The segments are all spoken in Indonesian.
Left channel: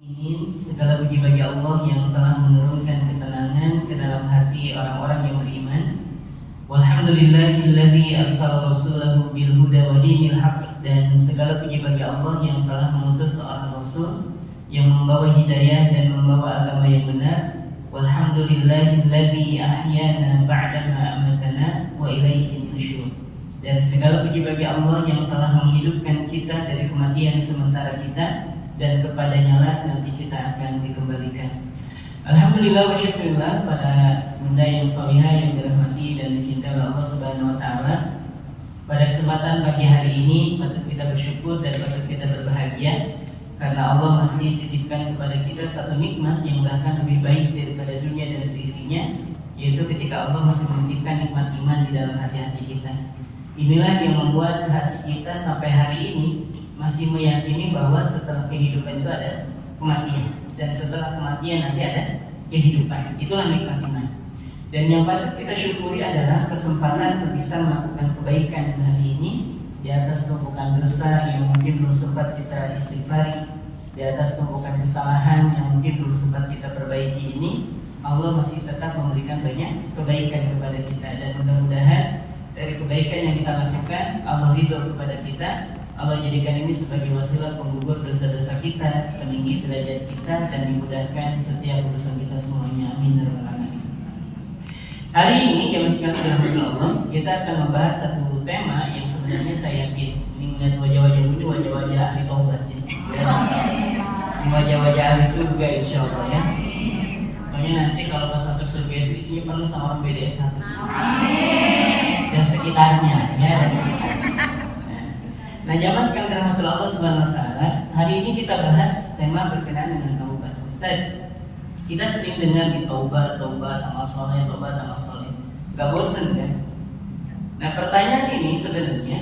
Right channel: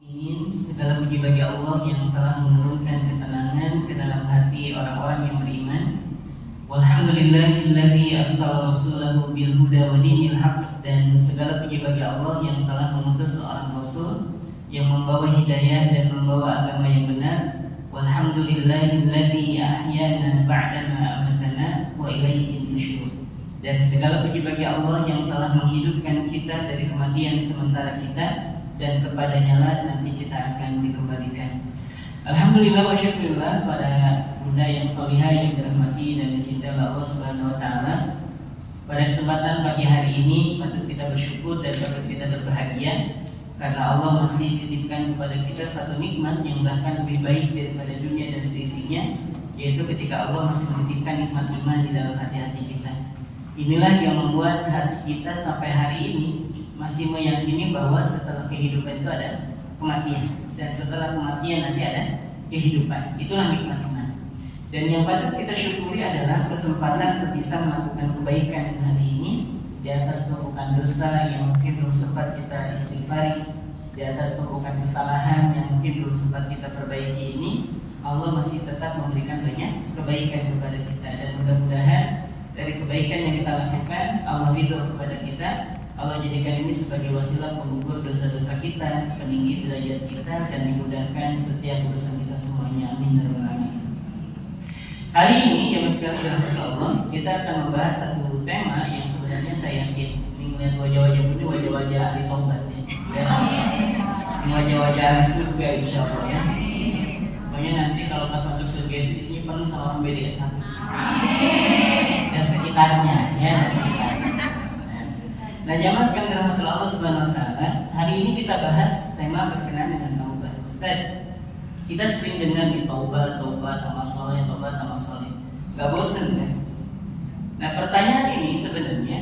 Segala puji bagi Allah yang telah menurunkan ketenangan ke dalam hati orang-orang yang beriman. Walhamdulillahilladzi arsala rasulahu bil huda wa dinil haq. Dan segala puji bagi Allah yang telah mengutus seorang rasul yang membawa hidayah dan membawa agama yang benar. Walhamdulillahilladzi ahyana ba'da ma amatana wa ilaihi nusyur. Dan segala puji bagi Allah yang telah menghidupkan kita dari kematian sementara kita, dan kepadanya lah nanti kita akan dikembalikan. Alhamdulillah wa syukurillah pada bunda yang salihah yang dirahmati dan dicintai oleh Allah Subhanahu wa taala. Pada kesempatan pagi hari ini patut kita bersyukur dan patut kita berbahagia karena Allah masih titipkan kepada kita satu nikmat yang bahkan lebih baik daripada dunia dan seisinya, yaitu ketika Allah masih menitipkan nikmat iman di dalam hati-hati kita. Inilah yang membuat hati kita sampai hari ini masih meyakini bahwa setelah kehidupan itu ada kematian, dan setelah kematian nanti ada kehidupan. Itulah nikmat iman. Dan yang patut kita syukuri adalah kesempatan untuk bisa melakukan kebaikan hari ini di atas tumpukan dosa yang mungkin belum sempat kita istighfari, di atas tumpukan kesalahan yang mungkin belum sempat kita perbaiki ini. Allah masih tetap memberikan banyak kebaikan kepada kita, dan mudah-mudahan dari kebaikan yang kita lakukan Allah ridho kepada kita. Allah jadikan ini sebagai wasilah penggugur dosa-dosa kita, peninggi derajat kita, dan dimudahkan setiap urusan kita semuanya. Amin ya rabbal alamin. Hari ini jamaah sekalian Allah, kita akan membahas satu tema yang sebenarnya saya yakin melihat wajah-wajah ini wajah-wajah ahli taubat ya. Wajah-wajah ahli surga insyaallah ya. Pokoknya nanti kalau pas masuk surga itu isinya penuh sama orang BDS 1 dan sekitarnya ya. Nah, jamaah sekalian rahmatullah Allah Subhanahu wa taala, hari ini kita bahas tema berkenaan dengan taubat. Ustaz, kita sering dengar nih taubat, amal soleh, taubat, amal soleh. Gak bosan kan? Nah, pertanyaan ini sebenarnya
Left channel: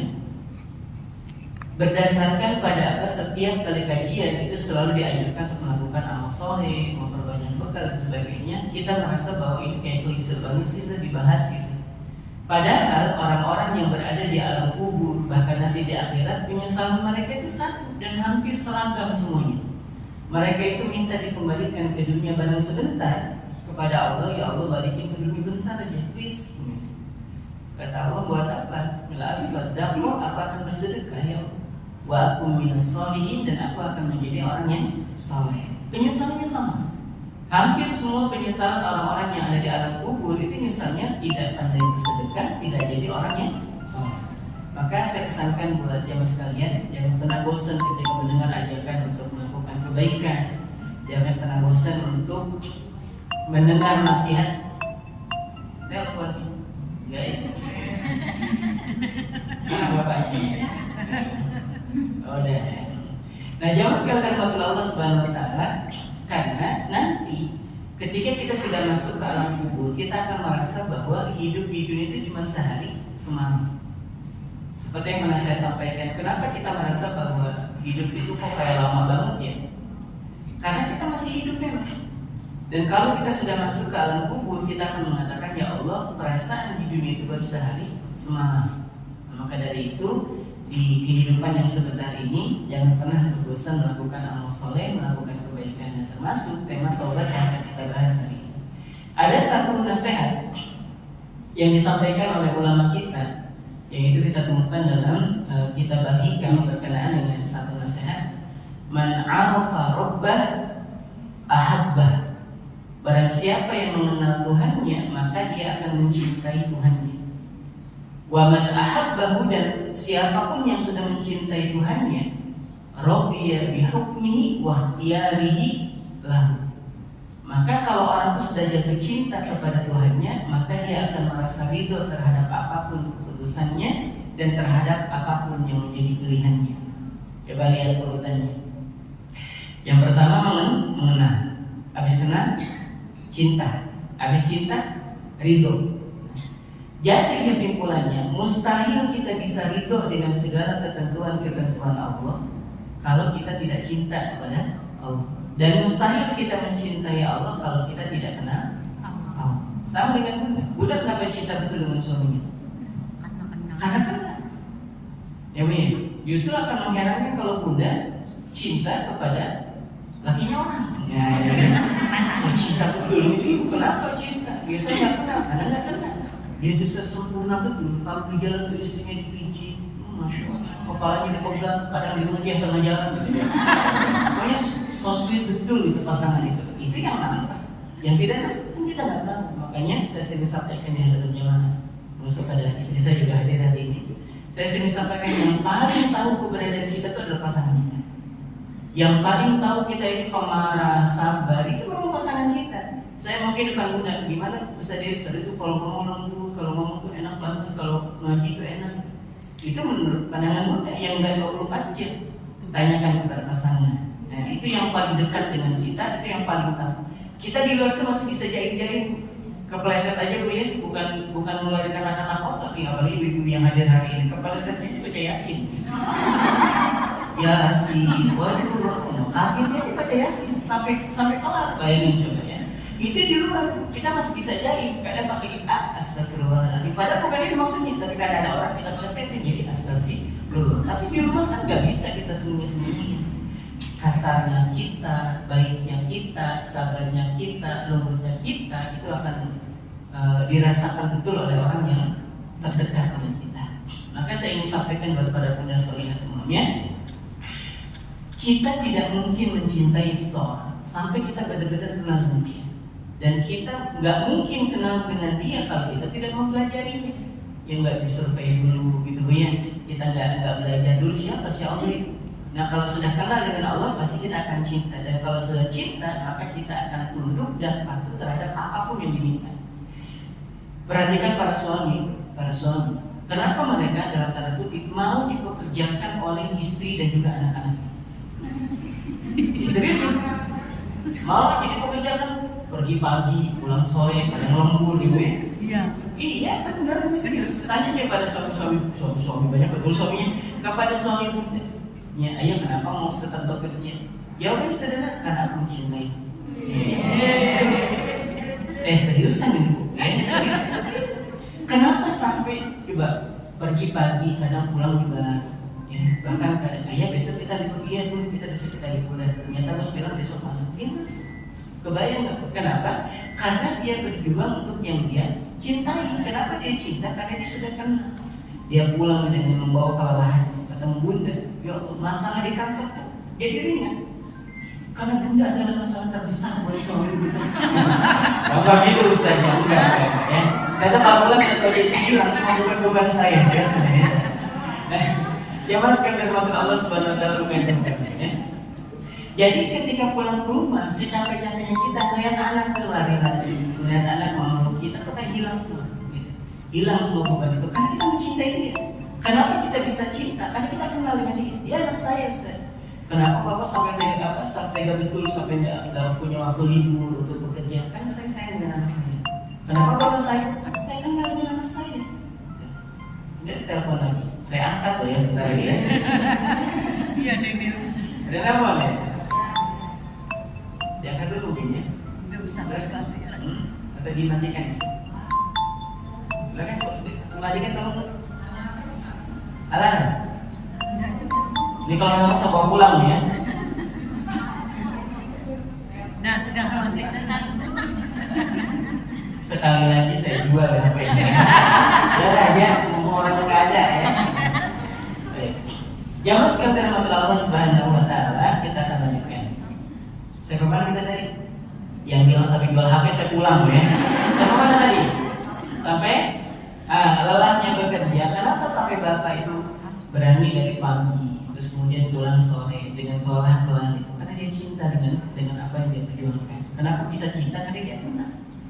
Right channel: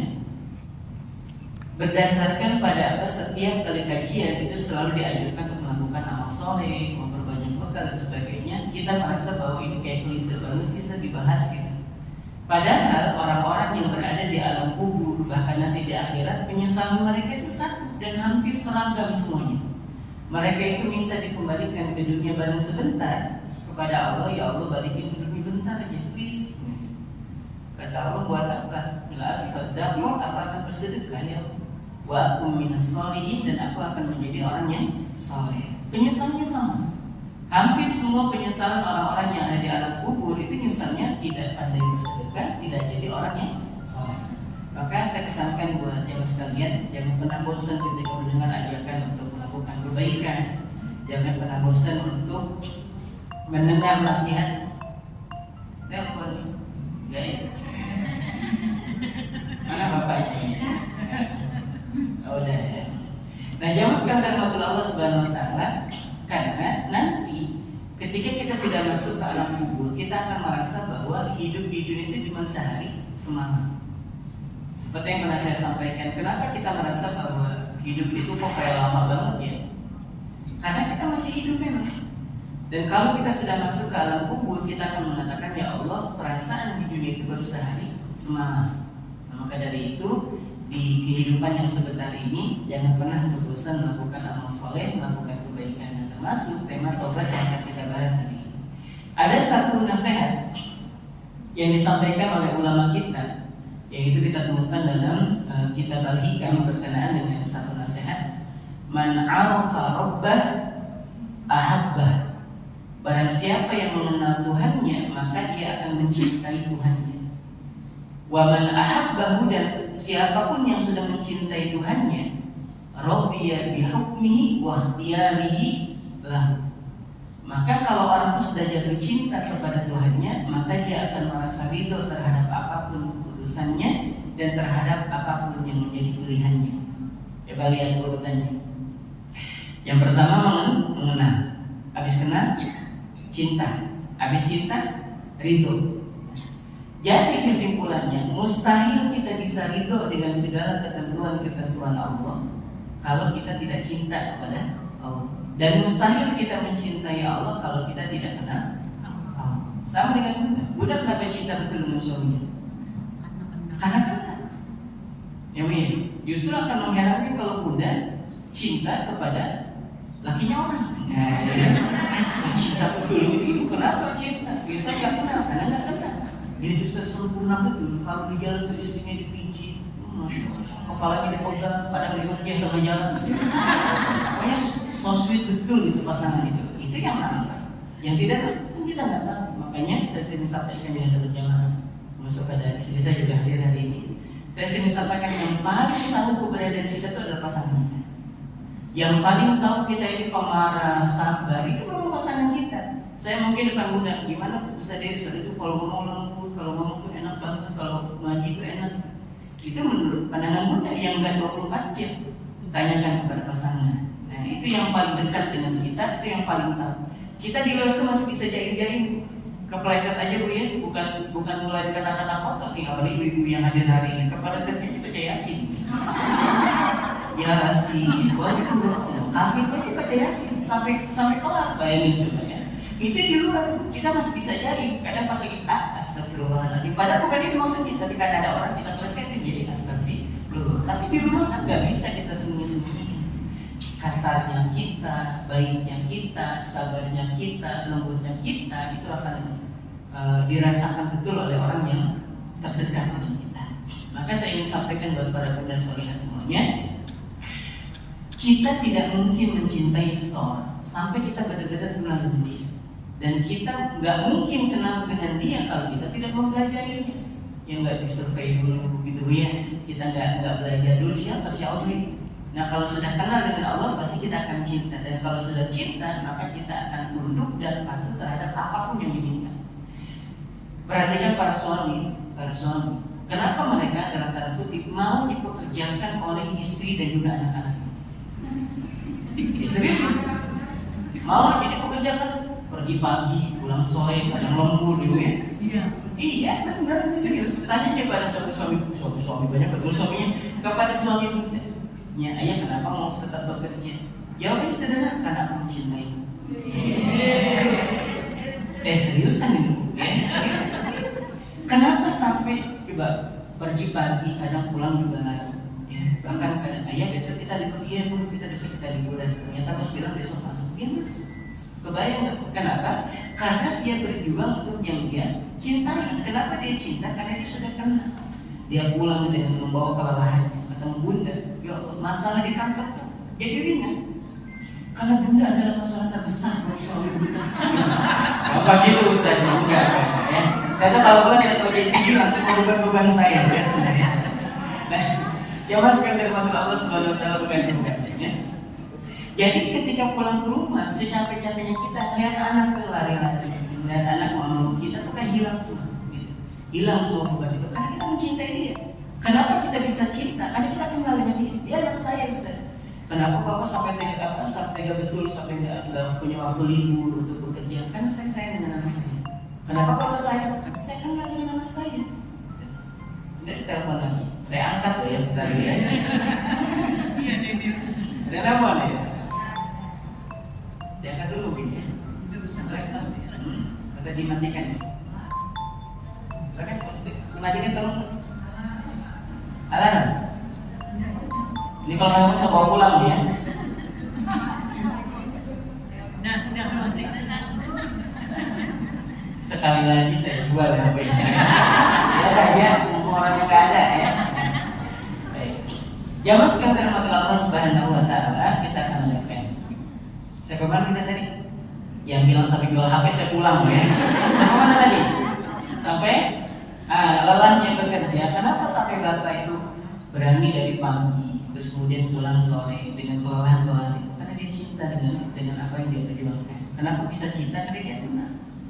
berdasarkan pada apa setiap kali kajian itu selalu dianjurkan untuk melakukan amal soleh, memperbanyak bekal dan sebagainya. Kita merasa bahwa ini kayak klise banget sih dibahas gitu. Padahal orang-orang yang berada di alam kubur, bahkan nanti di akhirat, penyesalan mereka itu satu dan hampir seragam semuanya. Mereka itu minta dikembalikan ke dunia bareng sebentar kepada Allah. Ya Allah, balikin ke dunia bentar aja, please. Kata Allah, buat apa? Bila as-sadaqah, apa akan bersedekah ya Allah. Wa akum minas sholihin, dan aku akan menjadi orang yang saleh. Penyesalannya sama. Hampir semua penyesalan orang-orang yang ada di alam kubur itu nyesalnya tidak pandai bersedekah, tidak jadi orang yang saleh. Maka saya kesankan buat jamaah sekalian, jangan pernah bosan ketika mendengar ajakan untuk melakukan kebaikan. Jangan pernah bosan untuk mendengar nasihat. Telepon, guys. Mana bapaknya? Oh, udah. Nah, jamaah sekalian terhormat Allah Subhanahu wa taala, karena nanti ketika kita sudah masuk ke alam kubur, kita akan merasa bahwa hidup di dunia itu cuma sehari semalam. Seperti yang pernah saya sampaikan, kenapa kita merasa bahwa hidup itu kok kayak lama banget ya? Karena kita masih hidup memang. Dan kalau kita sudah masuk ke alam kubur, kita akan mengatakan, ya Allah, perasaan di dunia itu baru sehari semalam. Nah, maka dari itu, di kehidupan yang sebentar ini, jangan pernah bosan melakukan amal soleh, melakukan kebaikan, dan termasuk tema taubat yang akan kita bahas hari ini. Ada satu nasihat yang disampaikan oleh ulama kita, yaitu kita temukan dalam kitab Al-Hikam berkenaan dengan satu nasihat. Man 'arafa rabbah ahabbah. Barang siapa yang mengenal Tuhannya, maka dia akan mencintai Tuhannya. Wa man ahabbahu, dan siapapun yang sudah mencintai Tuhannya, radiya bi hukmihi wa ikhtiyarihi lahu. Maka kalau orang itu sudah jatuh cinta kepada Tuhannya, maka dia akan merasa ridho terhadap apapun keputusannya dan terhadap apapun yang menjadi pilihannya. Coba lihat urutannya. Yang pertama mengenal, habis kenal cinta, habis cinta ridho. Jadi kesimpulannya, mustahil kita bisa ridho dengan segala ketentuan-ketentuan Allah kalau kita tidak cinta kepada Allah. Dan mustahil kita mencintai Allah kalau kita tidak kenal Allah. Sama dengan Bunda. Bunda kenapa cinta betul dengan suaminya? Karena kenal. Ya, justru akan mengherankan kalau Bunda cinta kepada lakinya orang. Ya, saya cinta betul. Kenapa cinta? Biasa nggak kenal, karena nggak kenal. Dia itu sesempurna betul. Kalau di jalan tuh istrinya dipijit, masya Allah, kepalanya dipegang, kadang dirukiah tengah jalan. Pokoknya so sweet betul itu pasangan itu. Itu yang mantap. Yang tidak kan kita nggak tahu. Makanya saya sering sampaikan di dalam perjalanan. Masuk ada istri saya juga hadir hari ini. Saya sering sampaikan yang paling tahu keberadaan kita itu adalah pasangan kita. Yang paling tahu kita ini pemarah, sabar, itu memang pasangan kita. Saya mungkin depan bunda, gimana bisa dia itu kalau ngomong lembut, kalau ngomong tuh enak banget, kalau ngaji itu enak. Itu menurut pandangan bunda yang enggak 24 jam. Tanyakan kepada pasangan. Nah, itu yang paling dekat dengan kita, itu yang paling tahu. Kita di luar itu masih bisa jaim-jaim, kepleset aja bu ya, bukan mulai kata-kata kotor nih, apalagi ibu-ibu yang hadir hari ini. Keplesetnya itu baca Yasin. Yasin, waduh, kakinya dibaca Yasin sampai kelar, bayangin coba ya. Itu di luar kita masih bisa jaim, kadang pas lagi astagfirullahaladzim. Padahal bukan itu maksudnya, tapi kadang ada orang kita plesetin jadi astagfirullah. Tapi di rumah kan nggak bisa kita sembunyi-sembunyiin. Kasarnya kita, baiknya kita, sabarnya kita, lembutnya kita, itu akan dirasakan betul oleh orang yang terdekat dengan kita. Maka saya ingin sampaikan kepada punya solihah semuanya, kita tidak mungkin mencintai seseorang sampai kita benar-benar kenal dengan dia. Dan kita nggak mungkin kenal dengan dia kalau kita tidak mempelajarinya. Yang nggak disurvei dulu gitu ya. Kita nggak belajar dulu siapa si Allah itu. Nah kalau sudah kenal dengan Allah pasti kita akan cinta. Dan kalau sudah cinta maka kita akan tunduk dan patuh terhadap apapun yang diminta. Perhatikan para suami. Kenapa mereka dalam tanda kutip mau dipekerjakan oleh istri dan juga anak-anaknya? Serius mau jadi pekerjaan, pergi pagi, pulang sore, kadang lembur ibu ya. Iya benar, serius. Tanya aja pada suami banyak betul suaminya kepada suami punya, ayah kenapa mau tetap bekerja? Jawabnya sederhana, karena aku mencintai. Serius kan ibu? Serius. Kenapa sampai coba pergi pagi, kadang pulang juga? Bahkan kadang ayah besok kita libur, iya pun kita besok kita liburan, ternyata bos bilang besok masuk, dia masuk. Kebayang nggak? Kenapa? Karena dia berjuang untuk yang dia cintai. Kenapa dia cinta? Karena dia sudah kenal. Dia pulang dengan membawa kelelahannya, ketemu bunda, ya Allah, masalah di kantor jadi ringan. Karena bunda adalah masalah terbesar buat suami bunda. Apa gitu ustaznya? Enggak ya. Saya tuh kalau pulang kalau jadi istri langsung beban saya ya sebenarnya. Nah, jamaah sekalian dari Allah Subhanahu wa taala ya. Jadi ketika pulang ke rumah, secapek-capeknya kita melihat anak tuh lari-lari, melihat anak memeluk kita tuh kayak hilang semua, gitu. Hilang semua beban itu karena kita mencintai dia. Kenapa kita bisa cinta? Karena kita kenal dengan dia. Dia anak saya, Ustaz. Kenapa Bapak sampai tega betul sampai nggak punya waktu libur untuk bekerja? Karena saya sayang dengan anak saya. Kenapa Bapak sayang? Karena saya kenal dengan anak saya. Jadi telepon lagi, saya angkat loh ya bentar ya. Ada telepon ya? Diangkat dulu mungkin ya. Atau dimatikan ya? Silakan kok dimatikan dong. Alarm. Ini kalau nggak bisa bawa pulang ya. Nah sudah mati. Sekali lagi saya jual HP-nya. Ya, untuk orang yang nggak ada ya. Baik. Jamaah sekalian dirahmati Allah Subhanahu wa taala, kita akan lanjutkan. Saya kemana kita tadi? Yang bilang sampai jual HP saya pulang ya. Kemana tadi? Sampai lelahnya bekerja. Kenapa sampai bapak itu berani dari pagi, terus kemudian pulang sore dengan kelelahan itu? Karena dia cinta dengan apa yang dia perjuangkan. Kenapa bisa cinta? Karena dia kenal.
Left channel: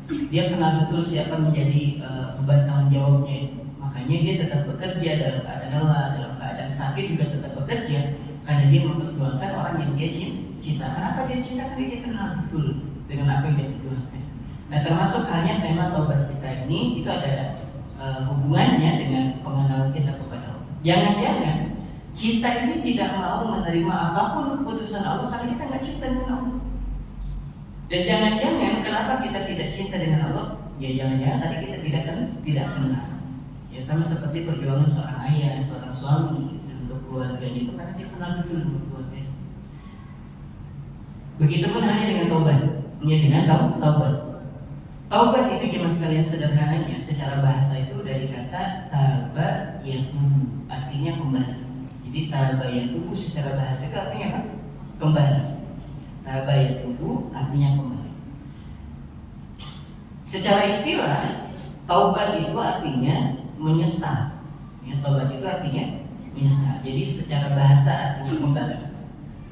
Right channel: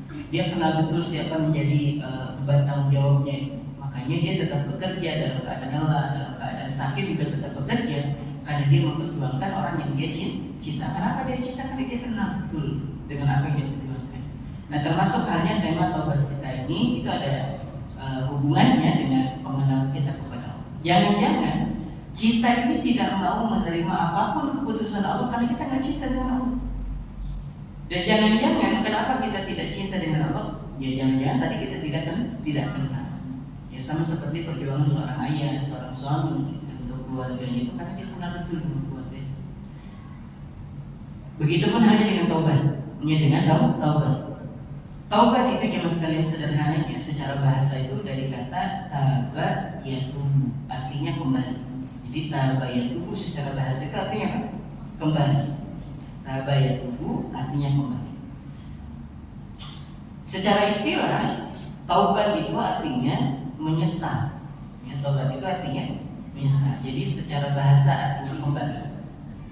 Dia kenal betul siapa menjadi beban tanggung jawabnya. Makanya dia tetap bekerja dalam keadaan lelah, dalam keadaan sakit juga tetap bekerja karena dia memperjuangkan orang yang dia cinta. Kenapa dia cinta? Karena dia kenal betul dengan apa yang dia perjuangkan. Nah, termasuk halnya tema taubat kita ini itu ada hubungannya dengan pengenalan kita kepada Allah. Jangan-jangan kita ini tidak mau menerima apapun keputusan Allah karena kita nggak cinta dengan Allah. Dan jangan-jangan kenapa kita tidak cinta dengan Allah? Ya jangan-jangan tadi kita tidak kenal. Ya sama seperti perjuangan seorang ayah, seorang suami untuk keluarganya itu karena dia kenal betul dengan keluarga. Begitupun halnya dengan taubat. Ya, dengan taubat. Taubat itu jemaah sekalian sederhananya secara bahasa itu dari kata taba yatubu, artinya kembali. Jadi taba yatubu secara bahasa itu artinya apa? Kembali. Taba yatubu artinya kembali. Secara istilah taubat itu artinya menyesal. Ya, taubat itu artinya menyesal. Jadi secara bahasa artinya kembali.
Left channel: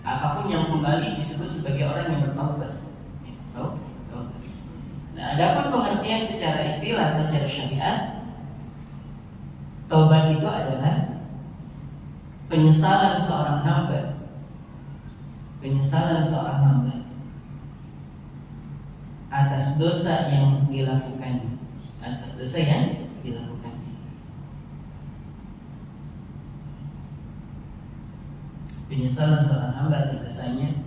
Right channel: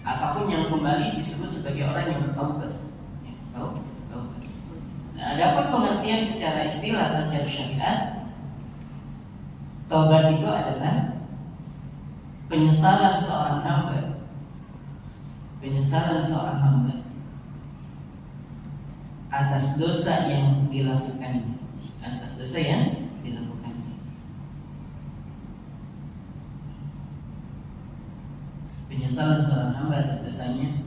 Apapun yang kembali disebut sebagai orang yang bertaubat. Ya, taubat. Nah, adapun pengertian secara istilah atau secara syariat, taubat itu adalah penyesalan seorang hamba. Penyesalan seorang hamba atas dosa yang dilakukannya, atas dosa yang dilakukannya. Penyesalan seorang hamba atas dosanya.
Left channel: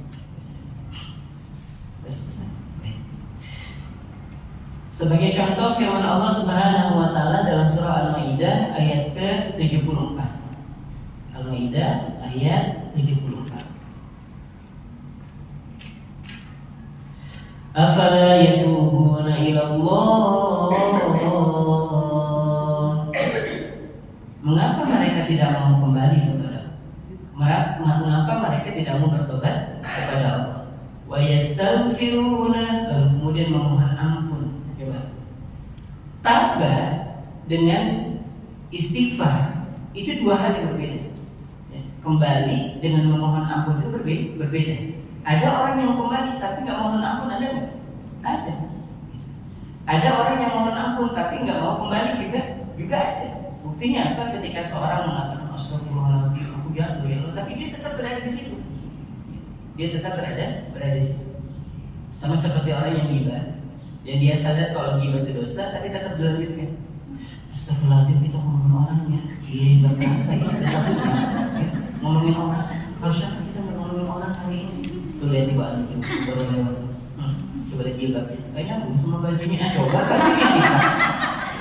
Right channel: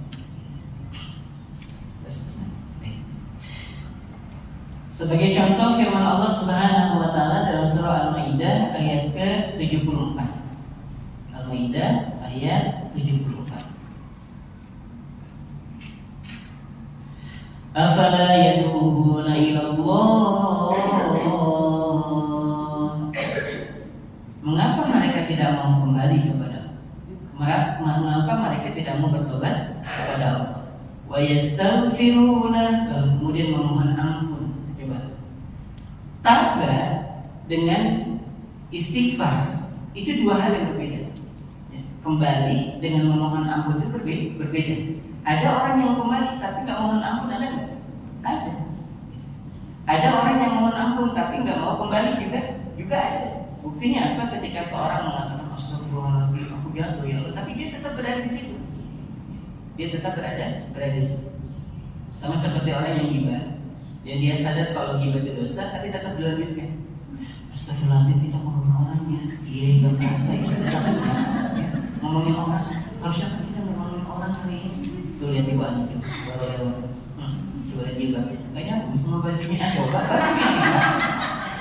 Sebagai contoh firman Allah Subhanahu wa taala dalam surah Al-Maidah ayat ke-74. Al-Maidah ayat 74. Afala yatubuna ila Allah. Mengapa mereka tidak mau kembali kepada Allah? Mengapa mereka tidak mau bertobat kepada Allah? Wa yastaghfiruna, lalu kemudian memohon ampun. Taubat dengan istighfar itu dua hal yang berbeda. Kembali dengan memohon ampun itu berbeda. Ada orang yang kembali tapi nggak mohon ampun, ada nggak? Ada. Ada orang yang mohon ampun tapi nggak mau kembali juga ada. Buktinya apa? Ketika seorang mengatakan astagfirullahaladzim, aku jatuh ya Allah, tapi dia tetap berada di situ. Dia tetap berada di situ. Sama seperti orang yang ghibah. Dan dia sadar kalau ghibah itu dosa, tapi tetap dilanjutkan. Astagfirullahaladzim, kita ngomongin orangnya. Iya, nggak terasa ya. Ngomongin orang. Harusnya kita nggak ngomongin orang kali ini. Tuh lihat di bawah itu, baru lewat. Coba lihat ghibah. Nggak nyambung sama bajunya.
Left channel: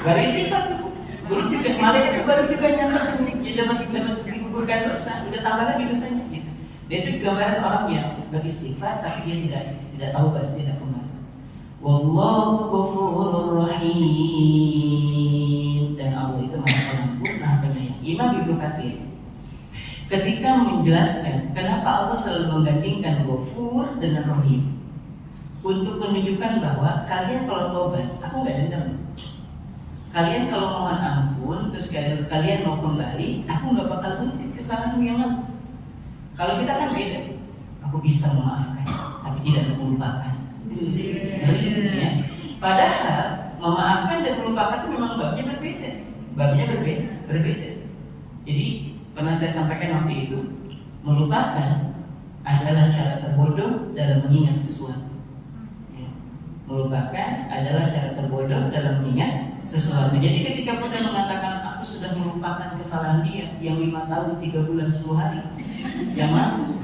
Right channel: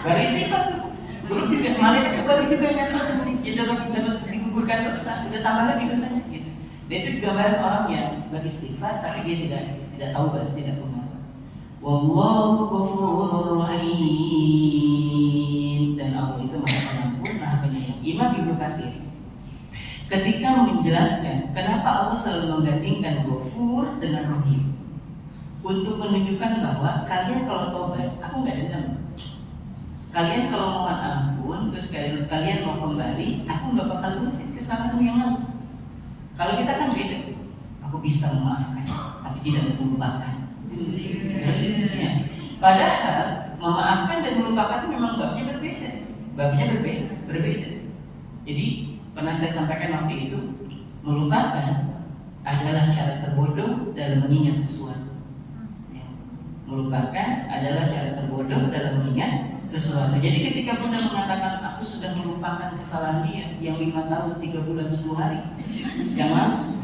Baru istighfar tuh. Baru juga malaikat baru juga nyata. Dia dapat digugurkan dosa. Udah tambah lagi dosanya. Gitu. Dan itu gambaran orang yang beristighfar, tapi dia tidak taubat, tidak kembali. Wallahu ghafurur rahim, dan Allah itu Maha Pengampun, Maha Penyayang. Imam Ibnu Katsir ketika menjelaskan kenapa Allah selalu menggandingkan ghafur dengan rahim untuk menunjukkan bahwa kalian kalau taubat, aku nggak dendam. Kalian kalau mohon ampun, terus kalian mau kembali, aku nggak bakal mungkin kesalahanmu yang lalu. Kalau kita kan beda, aku bisa memaafkan, tapi tidak melupakan. Ya. Padahal memaafkan dan melupakan itu memang babnya berbeda. Berbeda. Jadi pernah saya sampaikan waktu itu, melupakan adalah cara terbodoh dalam mengingat sesuatu. Ya. Melupakan adalah cara terbodoh dalam mengingat sesuatu. Jadi ketika Bunda mengatakan aku sudah melupakan kesalahan dia yang 5 tahun 3 bulan 10 hari, jangan,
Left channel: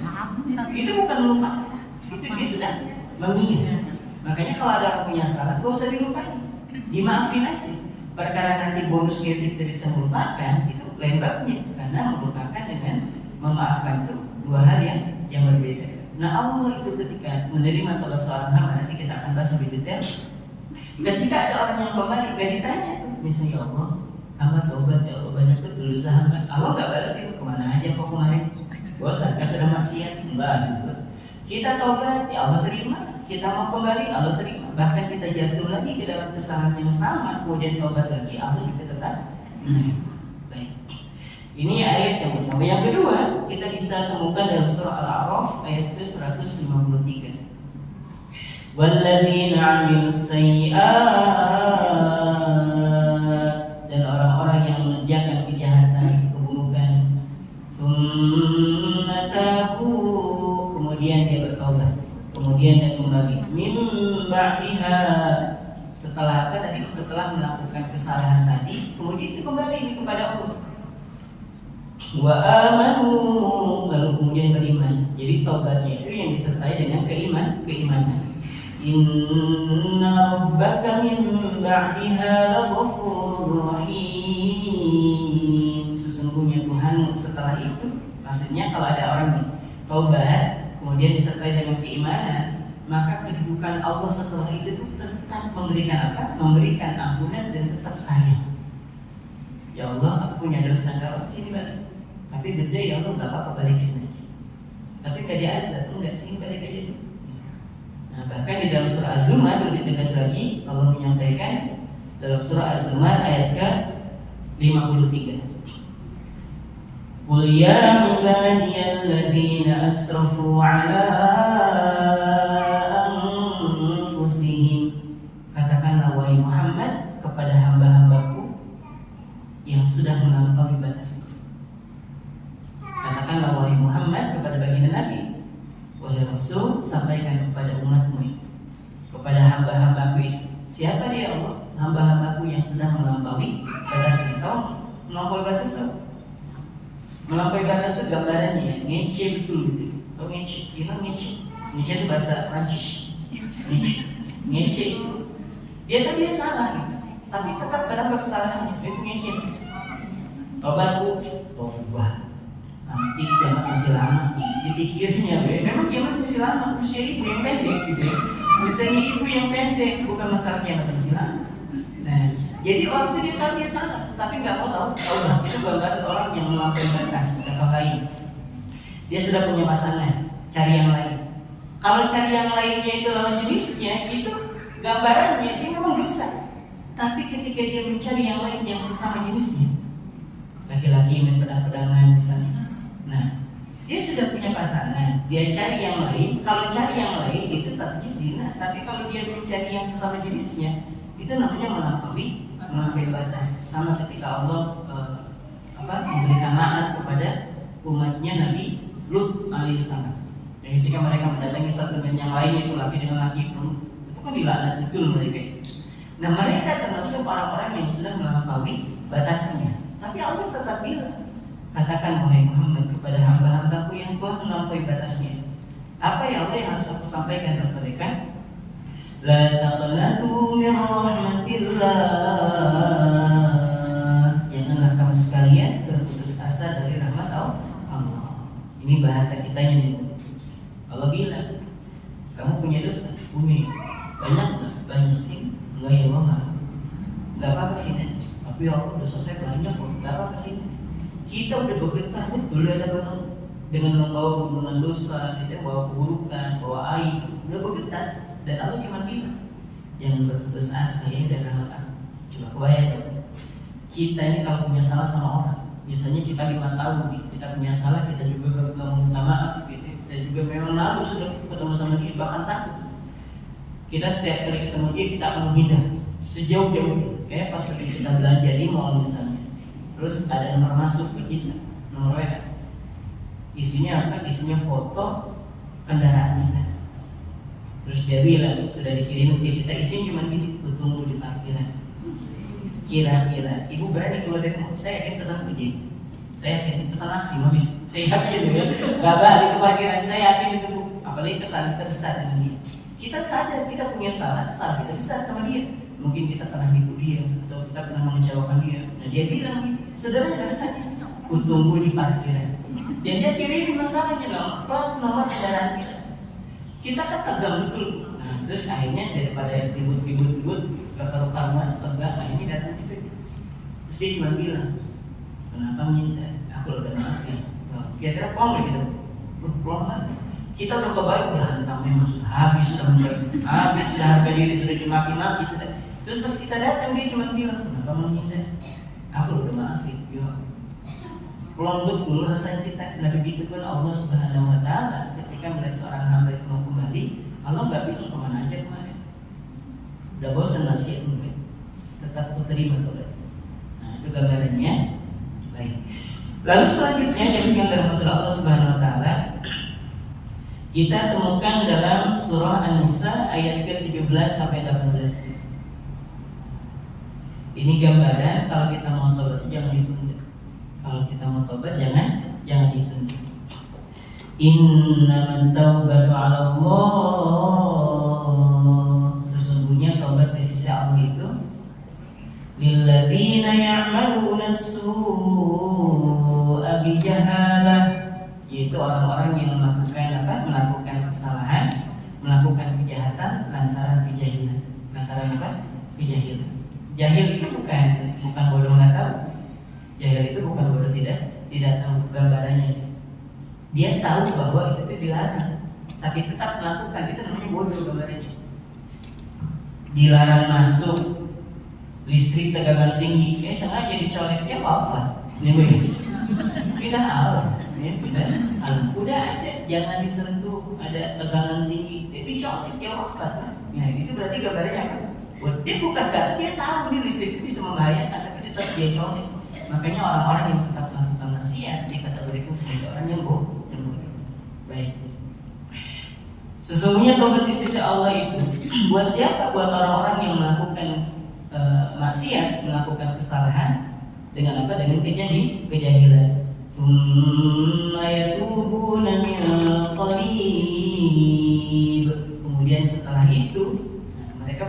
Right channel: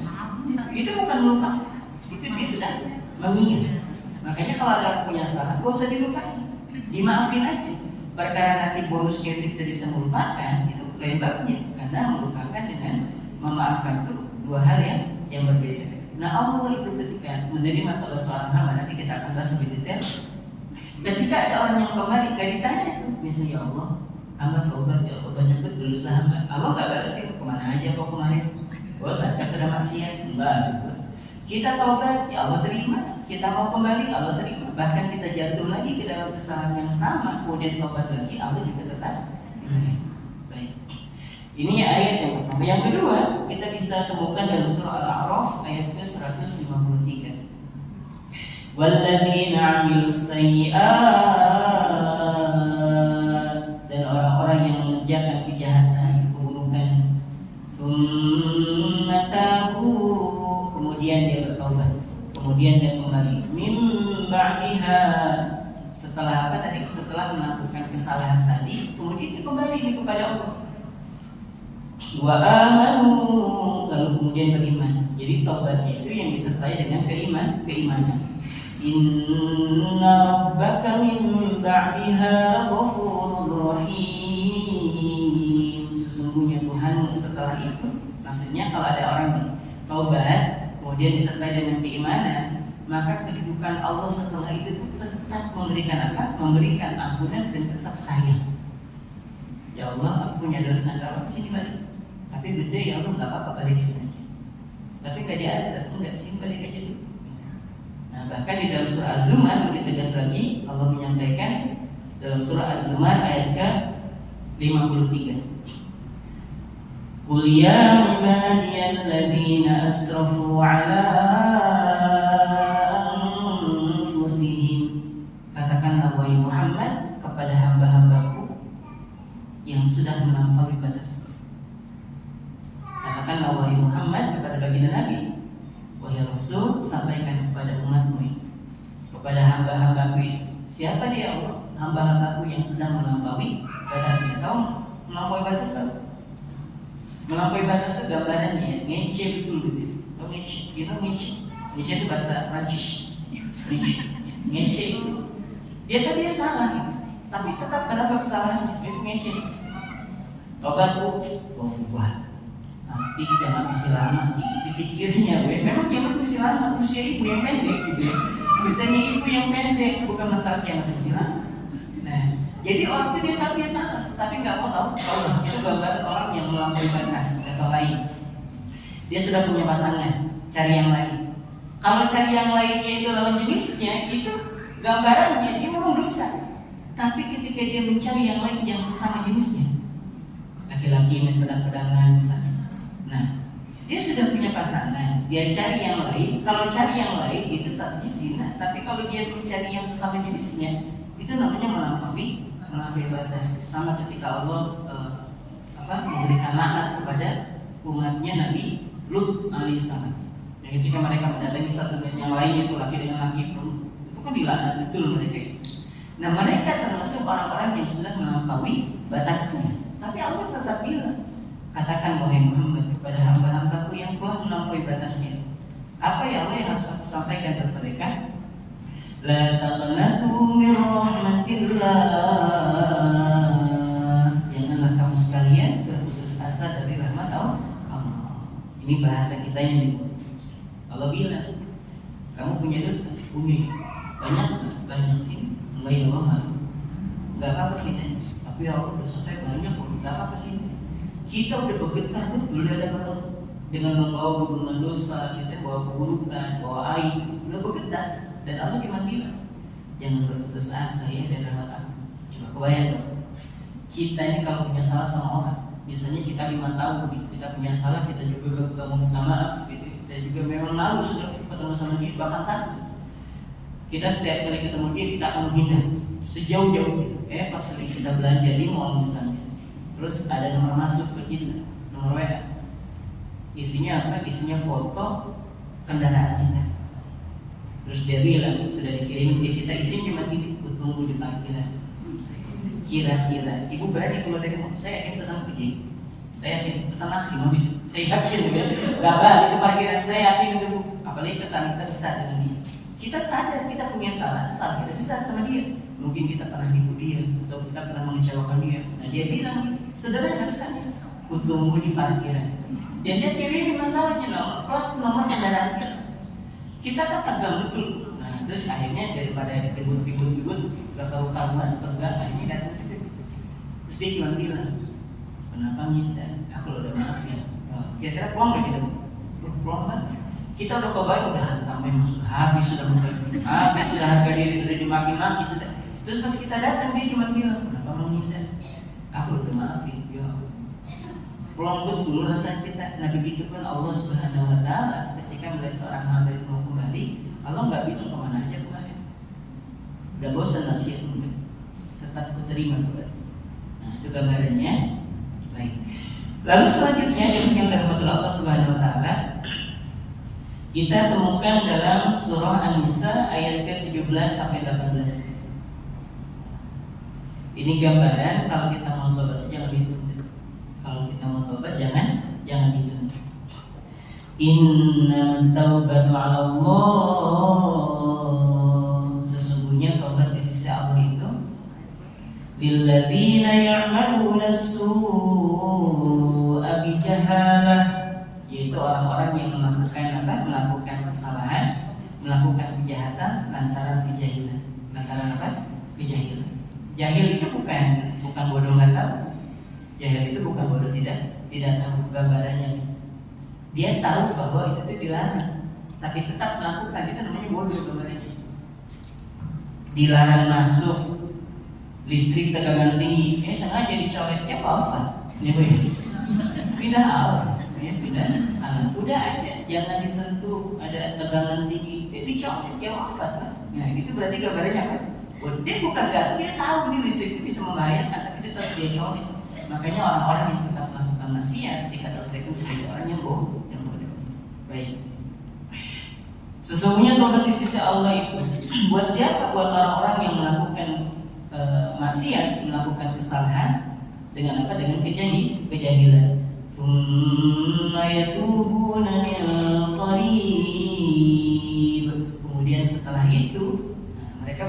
itu bukan lupa, itu dia sedang mengingat. Makanya kalau ada orang punya salah, gak usah dilupain, dimaafin aja. Perkara nanti bonusnya kita bisa melupakan, itu lebarnya. Karena melupakan dengan memaafkan itu dua hal yang berbeda. Nah Allah itu ketika menerima taubat seorang hamba, nanti kita akan bahas lebih detail. Ketika ada orang yang kembali, gak ditanya itu, misalnya Allah, hamba taubat ya Allah, banyak betul dosa hamba. Allah gak balas itu, kemana aja kok kemarin? Bosan, kan sudah maksiat, enggak. Kita taubat, ya Allah terima. Kita mau kembali, Allah terima. Bahkan kita jatuh lagi ke dalam kesalahan yang sama, kemudian taubat lagi, Allah juga tetap. Baik. Ini ayat yang pertama. Yang kedua, kita bisa temukan dalam surah Al-A'raf ayat ke-153. Walladzina 'amilus sayyi'at, dan orang-orang yang mengerjakan kejahatan, keburukan, tsumma tabu, kemudian dia bertaubat, kemudian dia kembali min ba'diha, setelah apa tadi? Setelah melakukan kesalahan tadi, kemudian dia kembali kepada Allah. Wa amanu, lalu kemudian beriman. Jadi taubatnya itu yang disertai dengan keimanan. Inna rabbaka min ba'diha laghafurur rahim. Sesungguhnya Tuhan setelah itu, maksudnya kalau ada orang nih taubat kemudian disertai dengan keimanan, maka kedudukan Allah setelah itu tetap memberikan apa? Memberikan ampunan dan tetap sayang. Ya Allah, aku punya dosa, kalau sini balik. Tapi gede ya Allah, nggak apa-apa, balik sini aja. Tapi nggak diazab, enggak sini balik aja dulu. Nah, bahkan di dalam surah Az-Zumar lebih tegas lagi Allah menyampaikan dalam surah Az-Zumar ayat ke 53. Qul ya ibadiyalladzina asrafu ala anfusihim, katakanlah wahai Muhammad kepada hamba-hambaku yang sudah melampaui batas. Katakanlah wahai Muhammad kepada baginda Nabi, wahai Rasul, sampaikan kepada umatmu, kepada hamba-hambaku itu. Siapa dia Allah? Hamba-hambaku yang sudah melampaui batasnya. Tahu melampaui batas tahu? Melampaui batas itu gambarannya ngece dulu. Tahu ngece? You know ngece? Ngece itu bahasa Prancis. Ngece itu dia tadi salah, tapi tetap menambah kesalahannya. Itu ngece. Tobat bu, tobat. Nanti kiamat masih lama. Dipikirnya, memang kiamat masih lama. Usia ibu yang pendek gitu ya. Usianya ibu yang pendek, bukan masalah kiamat masih lama. Nah, jadi orang itu dia tahu dia salah, tapi nggak mau tahu. Allah itu gambaran orang yang melampaui batas atau lain. Dia sudah punya pasangan, cari yang lain. Kalau cari yang lainnya itu lawan jenisnya, itu gambarannya dia memang dosa. Tapi ketika dia mencari yang lain yang sesama jenisnya, laki-laki main pedang-pedangan misalnya. Nah, dia sudah punya pasangan, dia cari yang lain. Kalau cari yang lain itu statusnya zina. Tapi kalau dia mencari yang sesama jenisnya, itu namanya melampaui batas. Sama ketika Allah memberikan laknat kepada umatnya Nabi Lut alaihissalam. Jadi ketika mereka mendatangi satu dengan yang lain, itu laki dengan laki pun, itu kan dilaknat betul mereka. Nah, mereka termasuk orang-orang yang sudah melampaui batasnya. Tapi Allah tetap bilang, katakan wahai Muhammad kepada hamba-hambaku yang telah melampaui batasnya. Apa ya Allah yang harus aku sampaikan kepada mereka? La taqnatu min rahmatillah. Janganlah kamu sekalian berputus asa dari rahmat Allah. Ini bahasa kita yang Allah bilang, kamu punya dosa, punya banyak sih, enggak ya Allah, enggak apa-apa sih, tapi Allah dosa saya banyak, enggak apa-apa sih. Kita udah bergetar betul ada banget dengan membawa hubungan dosa, kita bawa keburukan, bawa aib, udah bergetar. Dan Allah cuma bilang, jangan berputus asa ya dari rahmat aku. Coba kebayang, kita ini kalau punya salah sama orang, misalnya kita 5 tahun, kita punya salah, kita juga gak mau minta maaf, gitu. Dan juga memang malu sudah ketemu sama dia, bahkan takut. Kita setiap kali ketemu dia, kita akan menghindar sejauh-jauh. Pas lagi kita belanja di mall misalnya, terus ada nomor masuk ke kita, nomor WA. Isinya apa? Isinya foto kendaraan kita. Terus dia bilang, sudah dikirim ke kita, isinya cuma gini, tunggu di parkiran. Kira-kira, ibu berani kalau dari saya yakin pesan begini. Saya yakin pesan aksi, saya yakin ya. Gak balik ke parkiran, saya yakin itu bu. Apalagi kesan terbesar dengan dia. Kita sadar kita punya salah kita besar sama dia. Mungkin kita pernah nipu dia atau kita pernah mengecewakan dia. Nah dia bilang, sederhana saja, tunggu di parkiran. Dan dia kirim masalahnya plat nomor kendaraan kita. Kita kan tegang betul. Nah terus akhirnya daripada ribut gak karu-karuan, akhirnya datang gitu. Terus dia cuma bilang, kenapa minta? Aku udah maaf ya. Kira-kira pulang gak gitu? Pulang banget. Kita udah kebayang, udah hantam memang habis sudah harga diri sudah dimaki-maki sudah. Terus pas kita datang dia cuma bilang, kenapa menghindar? Aku udah maafin ya. Kalau betul rasa kita, nah begitu pun Allah Subhanahu Wa Taala ketika melihat seorang hamba itu mau kembali, Allah nggak bilang kemana aja kemarin. Udah bosan nasihat mungkin, tetap aku terima kembali. Nah itu gambarannya. Baik. Lalu selanjutnya yang disebutkan oleh Allah Subhanahu Wa Taala, kita temukan dalam surah An-Nisa ayat ke-17 sampai 18. Ini gambaran kalau kita mau tobat jangan ditunda. Kalau kita mau tobat jangan ditunda. Innamat taubatu 'ala Allah. Sesungguhnya taubat di sisi Allah itu lilladzina ya'maluna as-su'a bijahalah, yaitu itu orang-orang yang melakukan apa? Melakukan kesalahan, melakukan kejahatan lantaran kejahilan. Lantaran apa? Kejahilan. Jahil itu bukan bodoh nggak tahu. Jahil itu bukan bodoh tidak tahu gambarannya. Dia tahu bahwa itu dilarang, tapi tetap melakukan, itu namanya bodoh gambarannya. Dilarang masuk listrik tegangan tinggi, sengaja dicolek, wafat. Tidak alam, tidak alam. Udah aja, jangan disentuh, ada tegangan tinggi, dicolek, wafat. Nah itu berarti gambarnya apa? Dia bukan kata, dia tahu ini listrik itu bisa membahayakan, tapi dia tetap dia colek. Makanya orang-orang yang tetap melakukan maksiat dikategorikan sebagai orang yang bodoh. Baik. Sesungguhnya tobat di sisi Allah itu buat siapa? Buat orang-orang yang melakukan maksiat, melakukan kesalahan dengan apa? Dengan kejahilan. Tsumma yatubuna min qarib. Kemudian setelah itu mereka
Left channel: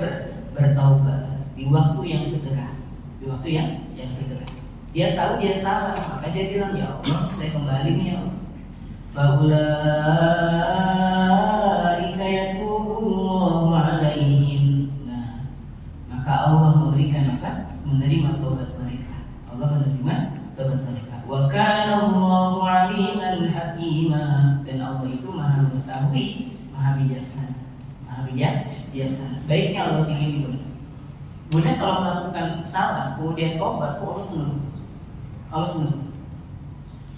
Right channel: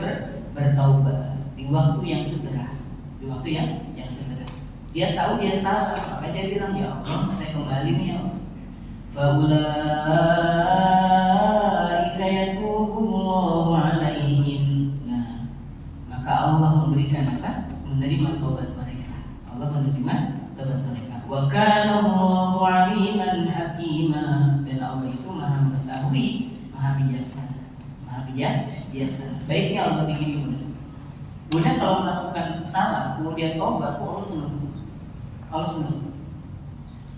bertaubat di waktu yang segera. Di waktu yang segera. Dia tahu dia salah, maka dia bilang, ya Allah, saya kembali nih ya Allah. Faulaika yatubullahu alaihim. Nah, maka Allah memberikan apa? Menerima taubat mereka. Allah menerima taubat mereka. Wa kana Allahu aliman hakima. Dan Allah itu Maha mengetahui, Maha bijaksana. Maha bijaksana. Baiknya Allah begini, Bunda kalau melakukan salah, kemudian taubat, Allah senang. Allah senang.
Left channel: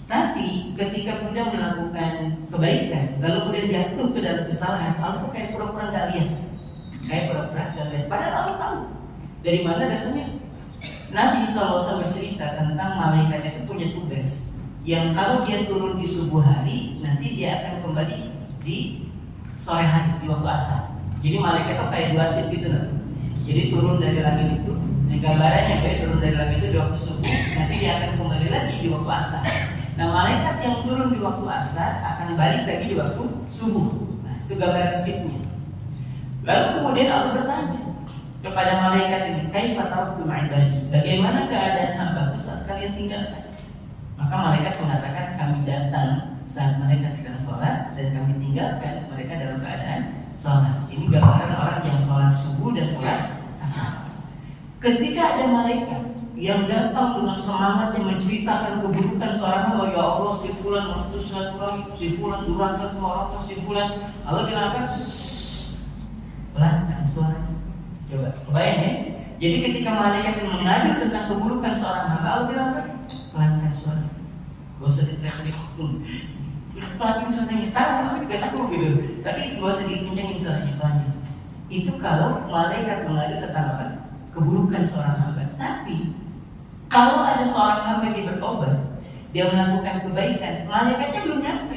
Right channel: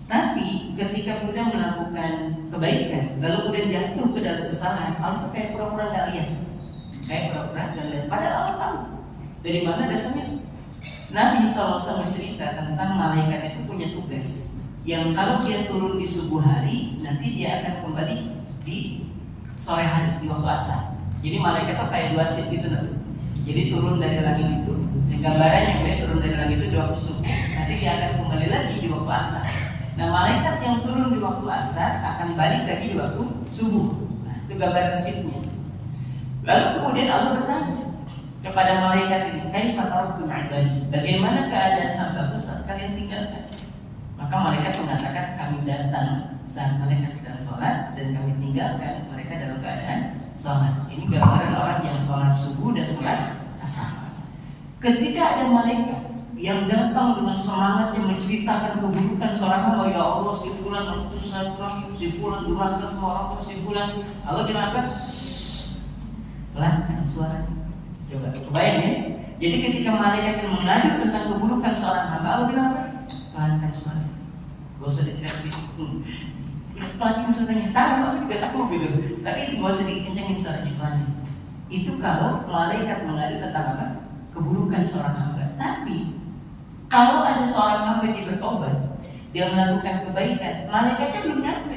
Tapi ketika Bunda melakukan kebaikan, lalu kemudian jatuh ke dalam kesalahan, Allah tuh kayak pura-pura nggak lihat, Padahal Allah tahu. Dari mana dasarnya? Nabi SAW bercerita tentang malaikat itu punya tugas, yang kalau dia turun di subuh hari, nanti dia akan kembali di sore hari, di waktu asar. Jadi malaikat itu kayak dua shift gitu loh. Jadi turun dari langit itu, gambarannya kayak turun dari langit itu di waktu subuh, nanti dia akan kembali lagi di waktu asar. Nah, malaikat yang turun di waktu asar akan balik lagi di waktu subuh. Nah, itu gambaran shiftnya. Lalu kemudian Allah bertanya kepada malaikat ini, kaifa taraktum ibadi? Bagaimana keadaan hamba saat kalian tinggalkan? Maka malaikat mengatakan, kami datang saat mereka sedang sholat dan kami tinggalkan mereka dalam keadaan sholat. Ini gambaran orang yang sholat subuh dan sholat asar. Ketika ada malaikat yang datang dengan semangat yang menceritakan keburukan seorang hamba, ya Allah, si fulan mengutus silaturahmi, si fulan durhaka sama orang, si fulan, Allah bilang apa? Pelankan suaranya. Coba kebayang ya. Jadi ketika malaikat mengadu tentang keburukan seorang hamba, Allah bilang apa? Pelankan suaranya. Gak usah diteriak-teriak. Udah pelanin suaranya. Tahu, Allah juga tahu gitu. Tapi gak usah dikencengin suaranya, pelanin. Itu kalau malaikat mengadu tentang apa? Keburukan seorang hamba. Tapi kalau ada seorang hamba yang bertobat, dia melakukan kebaikan, malaikatnya belum nyampe.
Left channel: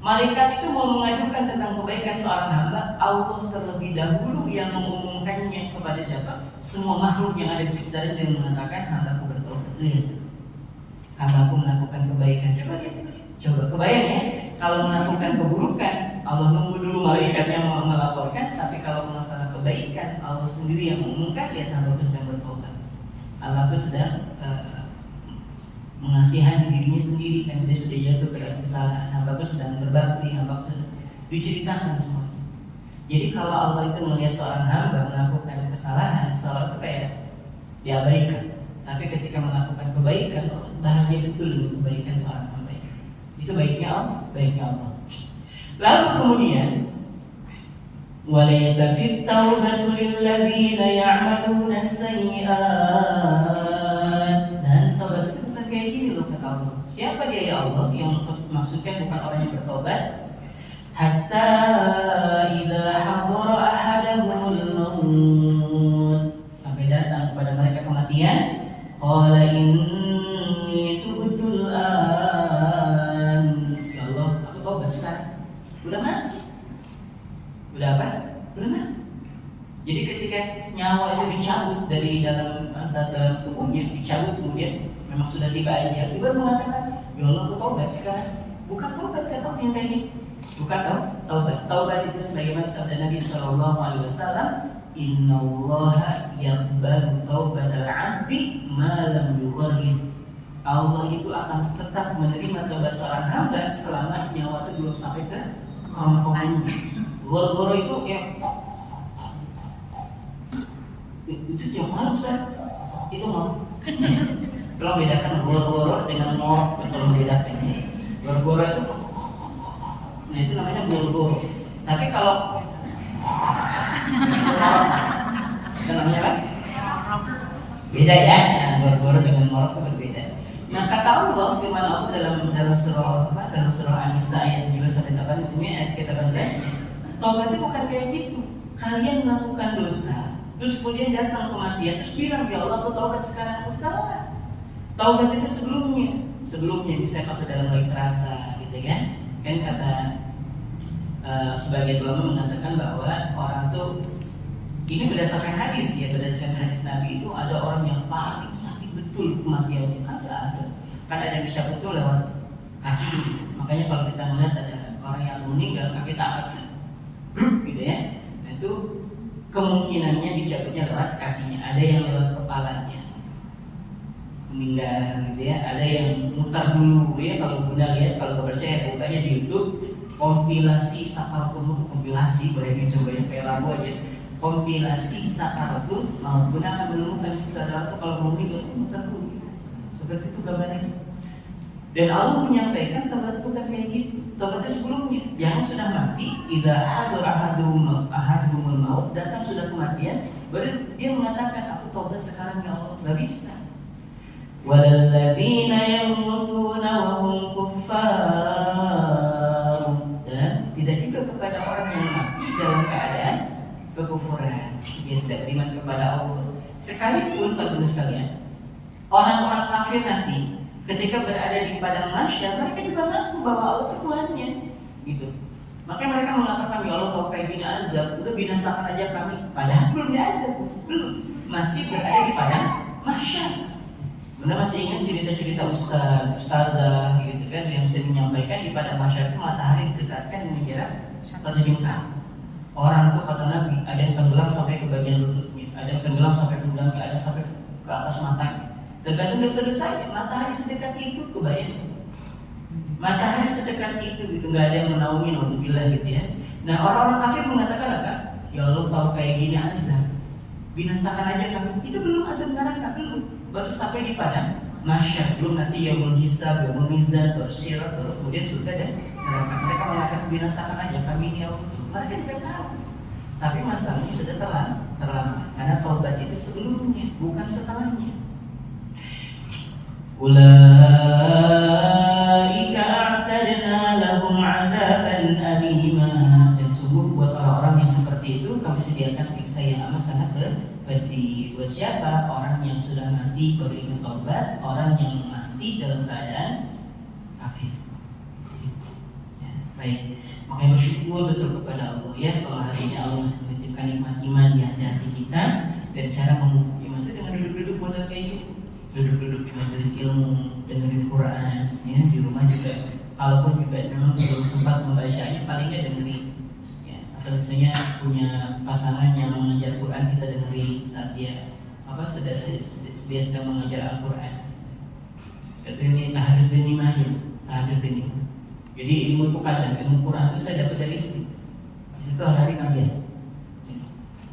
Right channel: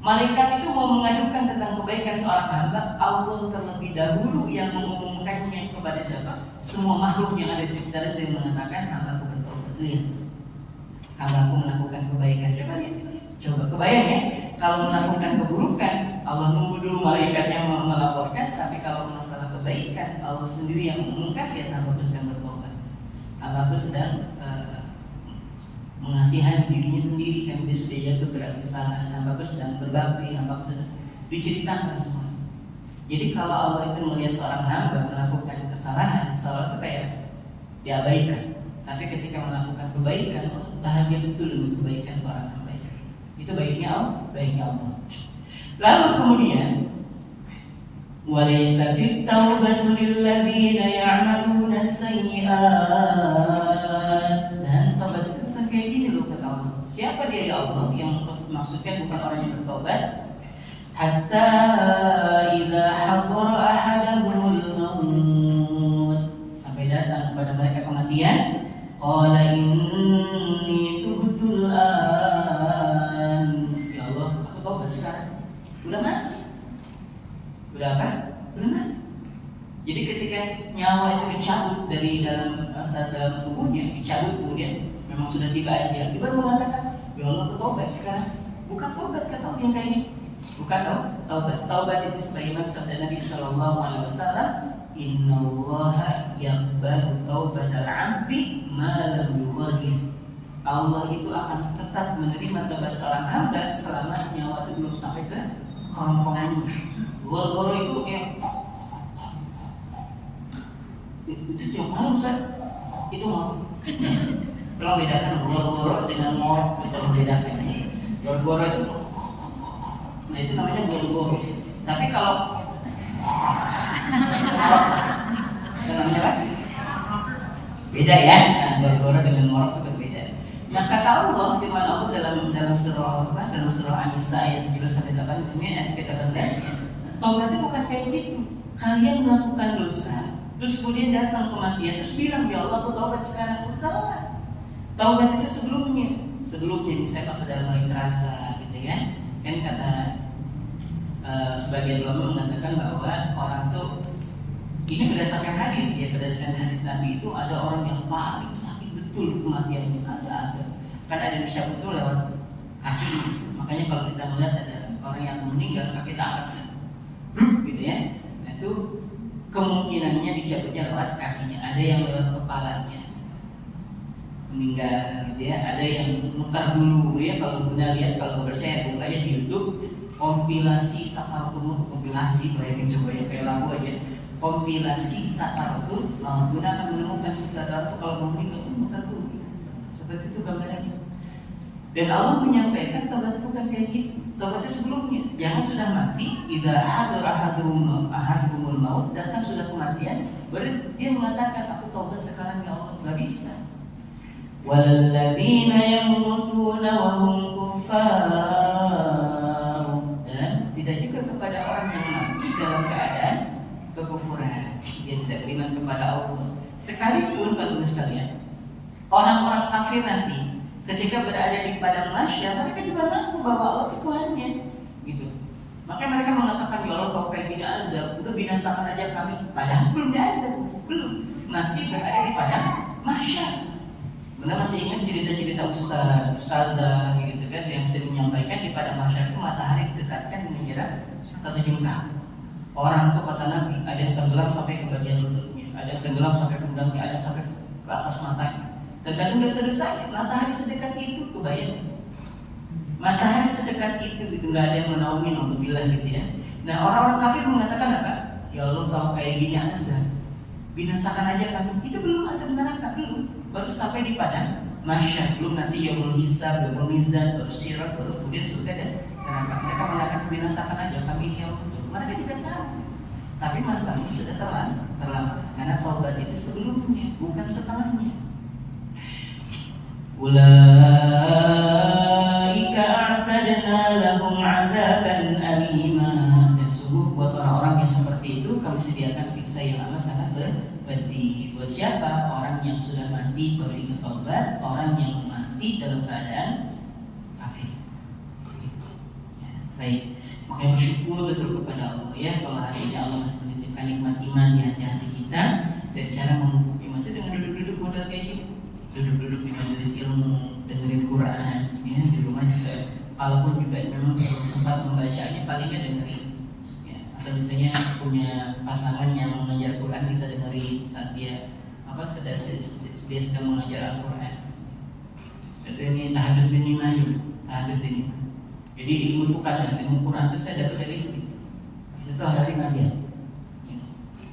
Malaikat itu mau mengadukan tentang kebaikan seorang hamba, Allah terlebih dahulu yang mengumumkannya kepada siapa? Semua makhluk yang ada di sekitarnya dan mengatakan, hambaku bertobat. Lihat, hambaku melakukan kebaikan. Coba lihat, coba kebayang ya. Kalau melakukan keburukan, Allah nunggu dulu malaikatnya melaporkan. Tapi kalau masalah kebaikan, Allah sendiri yang mengumumkan. Lihat, hambaku sedang bertobat. Hambaku sedang mengasihani dirinya sendiri, kan dia sudah jatuh ke dalam kesalahan. Hambaku sedang berbakti, hambaku sedang diceritakan semua. Jadi kalau Allah itu melihat seorang hamba melakukan kesalahan, seolah itu kayak diabaikan. Tapi ketika melakukan kebaikan, bahagia betul dengan kebaikan seorang hamba. Itu baiknya Allah, baiknya Allah. Lalu kemudian, walaysatit taubatu lilladzina ya'maluna as-sayyi'at. Dan taubat itu bukan kayak gini loh kata Allah. Siapa dia ya Allah? Yang maksudnya bukan orang yang bertobat. Hatta idza hadara ahadahumul maut, sampai datang kepada mereka kematian, qala inni tubtul an. Ya Allah, aku tobat sekarang. Udah mati. Udah apa? Udah mati. Jadi ketika nyawa itu dicabut dari dalam tubuhnya, dicabut kemudian memang sudah tiba aja, dia baru mengatakan, ya Allah, aku tobat sekarang. Bukan tobat kata Allah yang kayak ini. Bukan taubat. Taubat itu sebagaimana sabda Nabi Shallallahu Alaihi Wasallam, Innallaha yaqbalu taubatal 'abdi ma lam yughargir. Allah itu akan tetap menerima taubat seorang hamba selama nyawa itu belum sampai ke kerongkongannya. Goro-goro itu itu tiap malam itu mau. Tolong bedakan goro-goro dengan ngorok, tolong bedakan. Goro-goro itu, nah itu namanya goro-goro. Tapi kalau namanya apa? Beda ya, goro-goro dengan ngorok itu berbeda. Nah kata Allah, firman Allah dalam surah An-Nisa ayat 78 ini ayat ke-18, taubat itu bukan kayak gitu. Kalian melakukan dosa, terus kemudian datang kematian, terus bilang ya Allah aku taubat sekarang. Bukan. Taubat itu sebelumnya misalnya pas sudah mulai terasa gitu kan. Kan kata sebagian ulama mengatakan bahwa orang tuh ini berdasarkan hadis ya, berdasarkan hadis Nabi itu ada orang yang paling sakit betul kematiannya ada. Kan ada yang bisa betul lewat kaki. Makanya kalau kita melihat ada orang yang meninggal kaki tak angkat gitu ya. Nah itu kemungkinannya dicabutnya lewat kakinya. Ada yang lewat kepalanya meninggal gitu ya. Ada yang mutar dulu ya. Kalau Bunda lihat, kalau percaya bukanya di YouTube kompilasi sakaratul maut, kompilasi bayangin coba yang kayak lagu aja. Kompilasi sakaratul maut. Bunda akan menemukan situ ada orang kalau meninggal mutar dulu. Seperti itu gambarnya. Dan Allah menyampaikan taubat bukan kayak gitu. Taubatnya sebelumnya. Jangan sudah mati, idza ahadul maut, datang sudah kematian, baru dia mengatakan aku taubat sekarang ya Allah. Enggak bisa. Walladzina yamutuna wa hum kuffar. Dan tidak juga kepada orang yang mati dalam keadaan kekufuran. Dia tidak beriman kepada Allah. Sekalipun kalau sekalian, orang-orang kafir nanti ketika berada di padang mahsyar, mereka juga mengaku bahwa Allah itu Tuhannya, gitu. Maka mereka mengatakan ya Allah tahu kayak gini azab, udah binasakan aja kami. Padahal belum diazab, belum, masih berada di padang mahsyar. Benar masih ingat cerita-cerita ustazah gitu kan yang sering menyampaikan di padang mahsyar itu matahari ditetapkan mengira 1 jengkal. Orang tuh kata Nabi ada yang tenggelam sampai ke bagian lututnya, ada yang tenggelam sampai ke pinggangnya, ada sampai ke atas matanya. Tergantung dosa-dosanya. Matahari sedekat itu, kebayang. Matahari sedekat itu, gitu nggak ada yang menaungi, alhamdulillah gitu ya. Nah orang-orang kafir mengatakan apa? Ya Allah tahu kayak gini azab, binasakan aja kami. Itu belum azab neraka, belum. Baru sampai di padang mahsyar, belum nanti ya belum hisab, belum mizan, baru syirat, baru kemudian surga dan neraka. Mereka mengatakan binasakan aja kami ini. Mereka tidak tahu. Tapi masalahnya sudah terlambat. Karena taubat itu sebelumnya, bukan setelahnya. Ulaika a'tadna lahum 'adzaban alima. Dan sungguh buat orang-orang yang seperti itu kami sediakan siksa yang amat sangat pedih. Buat siapa? Orang yang sudah mati baru ingin taubat, orang yang mati dalam keadaan kafir. Baik, makanya bersyukur betul kepada Allah ya kalau hari ini Allah menitipkan nikmat iman di hati kita dan cara memupuk iman itu dengan duduk-duduk modal kayak gitu. Duduk-duduk di majelis ilmu, dengerin Quran, ya di rumah juga. Kalaupun juga memang belum sempat membacanya, paling nggak dengerin. Ya, atau misalnya punya pasangan yang mengajar Quran, kita dengerin saat dia sedang mengajar Al-Quran. Itu ini tahajud bin iman, tahajud bin iman. Jadi ilmu itu kadang ilmu Quran itu saya dapat dari istri. Di situ hari ngajar.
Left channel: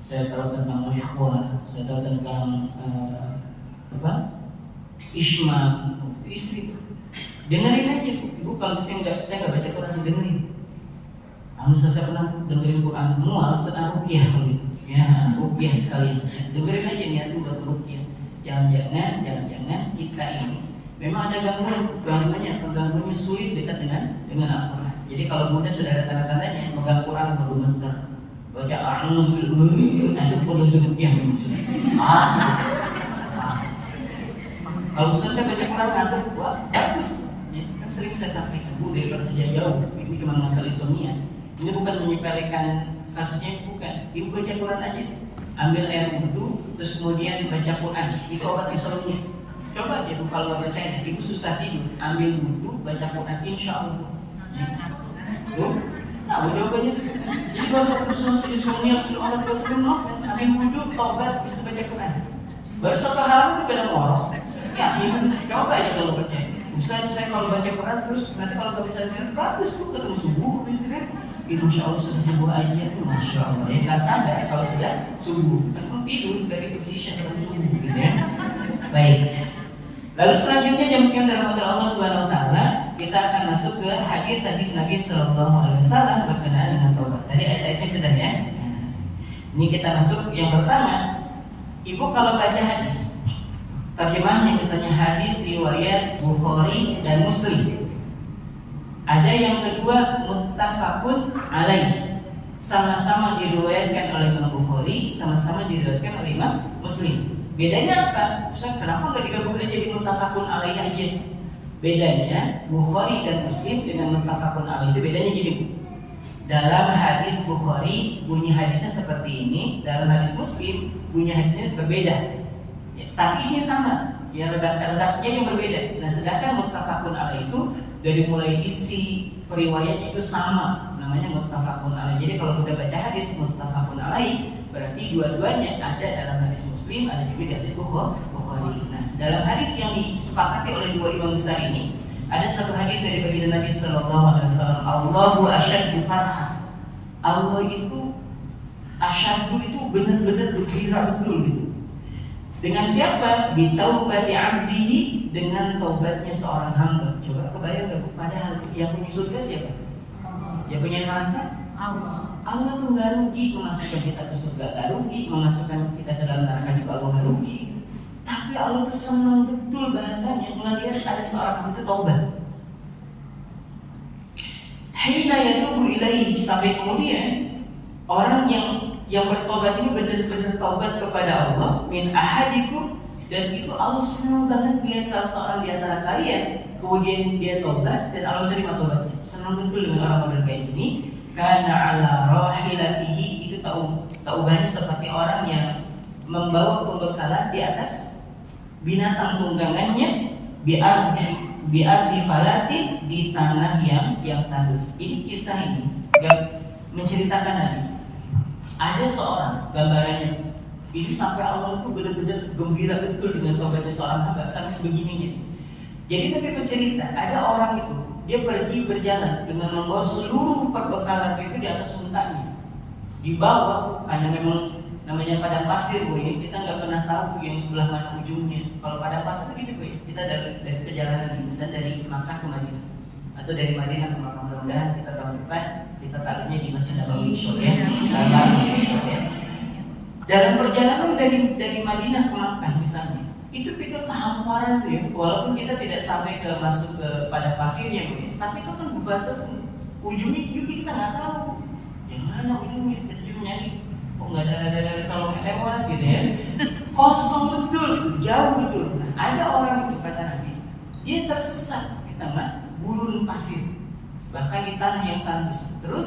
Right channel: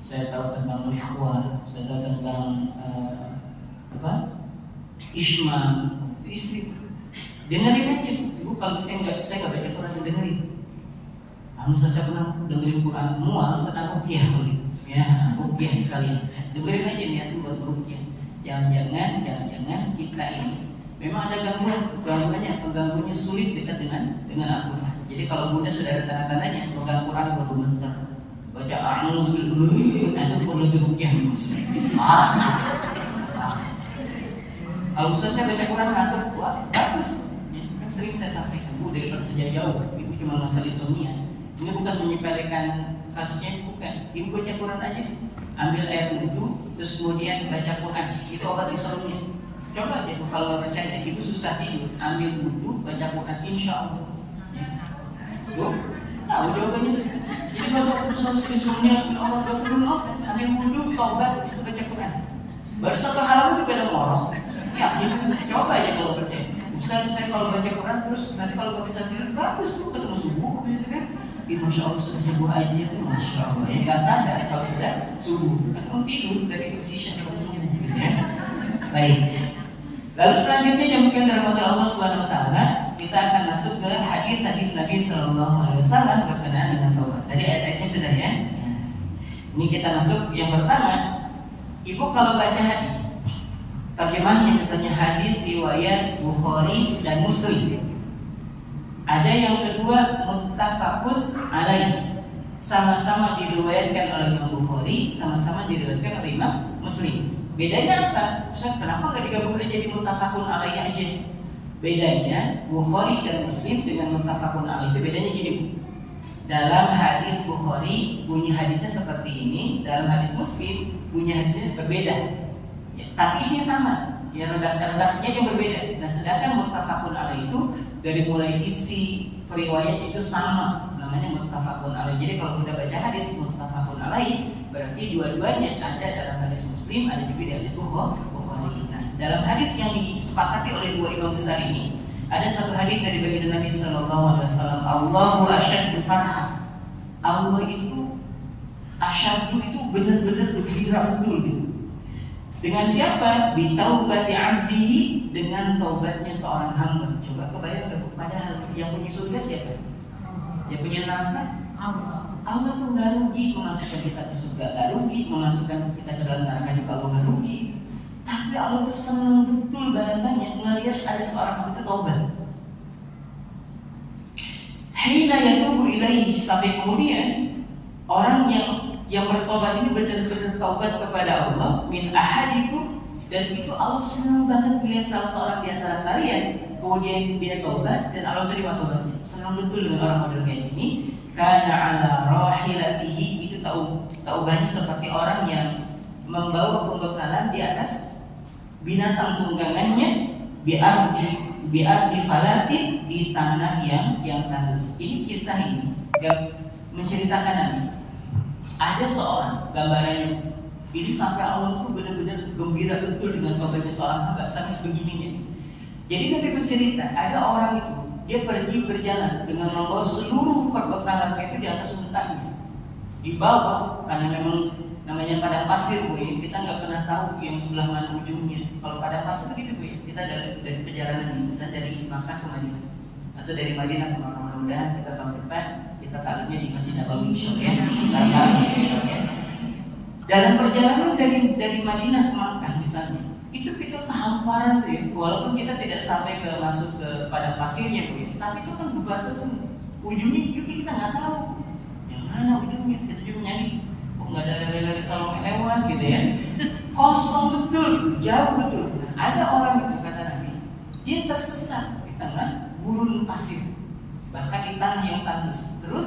Saya tahu tentang ikhwah, saya tahu tentang Isma, itu istri. Dengerin aja, ibu kalau saya nggak baca Quran, saya dengerin. Saya pernah dengerin Quran, mual, sedang rukyah gitu, ya rukyah sekalian. Dengerin aja niat itu buat rukyah. Jangan kita ini memang ada gangguannya sulit dekat dengan Al-Quran. Jadi kalau Bunda sudah ada tanda-tandanya pegang Quran bergemeter, baca a'udzu nanti perlu rukyah. Kalau saya baca Quran ngantuk, wah bagus. Ya, kan sering saya sampaikan, Bu, daripada kerja jauh, itu cuma masalah insomnia. Ini bukan menyepelekan kasusnya, bukan. Ibu baca Quran aja, ambil air wudhu, terus kemudian baca Quran, itu obat insomnia. Coba aja, kalau nggak percaya, ibu susah tidur, ambil wudhu, baca Quran, insya Allah. Ya. Tuh, nah jawabannya sih. Jadi kalau susah insomnia, orang ambil wudhu, taubat, terus baca Quran. Baru satu halaman juga ada ngorok. Ya, coba aja kalau percaya. Saya kalau baca Quran terus nanti kalau bisa tidur bagus tuh ketemu subuh gitu kan. Masya Allah sudah subuh aja, Masya Allah. Ya nggak sadar kalau sudah subuh. Kan tidur dari position yang subuh gitu ya. Baik. Lalu selanjutnya jam sekian dirahmati Allah Subhanahu Wa Taala, kita akan masuk ke hadis Nabi Sallallahu Alaihi Wasallam berkenaan dengan taubat. Tadi ayat-ayatnya sudah ya. Ini kita masuk yang pertama. Ibu kalau baca hadis, terjemahnya misalnya hadis riwayat Bukhari dan Muslim. Ada yang kedua muttafaqun alaih, sama-sama diriwayatkan oleh Imam Bukhari, sama-sama diriwayatkan oleh Imam Muslim. Bedanya apa? Kenapa nggak digabung jadi muttafaqun alaih aja? Bedanya Bukhari dan Muslim dengan muttafaqun alaih itu bedanya gini. Dalam hadis Bukhari bunyi hadisnya seperti ini, dalam hadis Muslim bunyi hadisnya berbeda. Ya, tapi isinya sama. Ya redaksinya yang berbeda. Nah, sedangkan muttafaqun alaih itu dari mulai isi periwayat itu sama, namanya muttafaqun alaih. Jadi kalau kita baca hadis muttafaqun alaih, berarti dua-duanya ada dalam hadis Muslim, ada juga di hadis Bukhari. Nah, dalam hadis yang disepakati oleh dua imam besar ini, ada satu hadis dari baginda Nabi Sallallahu Alaihi Wasallam, Allahu asyaddu farhah. Allah itu asyaddu itu benar-benar gembira betul gitu. Dengan siapa? Bitaubati abdihi, dengan taubatnya seorang hamba. Coba kebayang, padahal yang punya surga siapa? Yang punya neraka? Allah tuh nggak rugi memasukkan kita ke surga, nggak rugi memasukkan kita ke dalam neraka juga Allah nggak rugi. Tapi Allah tuh senang betul bahasanya ngelihat ada seorang itu taubat. Hina yatubu ilaihi, sampai kemudian orang yang bertobat ini benar-benar taubat kepada Allah min ahadikum, dan itu Allah senang banget lihat salah seorang di antara kalian kemudian dia taubat dan Allah terima taubatnya. Senang betul dengan orang model kayak gini. Karena ala rahilatihi, itu taubatnya seperti orang yang membawa pembekalan di atas binatang tunggangannya biarti falatin, di tanah yang tandus. Ini kisah ini menceritakan Nabi. Ada seorang, gambarannya ini sampai Allah itu benar-benar gembira betul dengan taubatnya seorang hamba sampai sebegininya. Jadi Nabi bercerita, ada orang itu dia pergi berjalan dengan membawa seluruh perbekalan itu di atas untanya. Dibawa karena memang namanya padang pasir, Bu ya. Kita nggak pernah tahu yang sebelah mana ujungnya. Kalau padang pasir begitu, Bu ya. Kita dari perjalanan ini, misalnya dari Makkah ke Madinah atau dari Madinah ke Makkah, mudah-mudahan kita tahun depan kita takluknya di Masjid Nabawi ya. Dalam perjalanan dari Madinah ke Makkah misalnya, itu hamparan tuh ya. Walaupun kita tidak sampai ke masuk ke padang pasirnya, Bu ya. Tapi itu kan bebatuan tuh ujungnya juga kita nggak tahu yang mana ujungnya. Kita juga nyanyi, nggak ada Salome lewat gitu ya. Kosong betul, jauh betul. Nah, ada orang itu kata Nabi, dia tersesat di tengah gurun pasir, bahkan di tanah yang tandus. Terus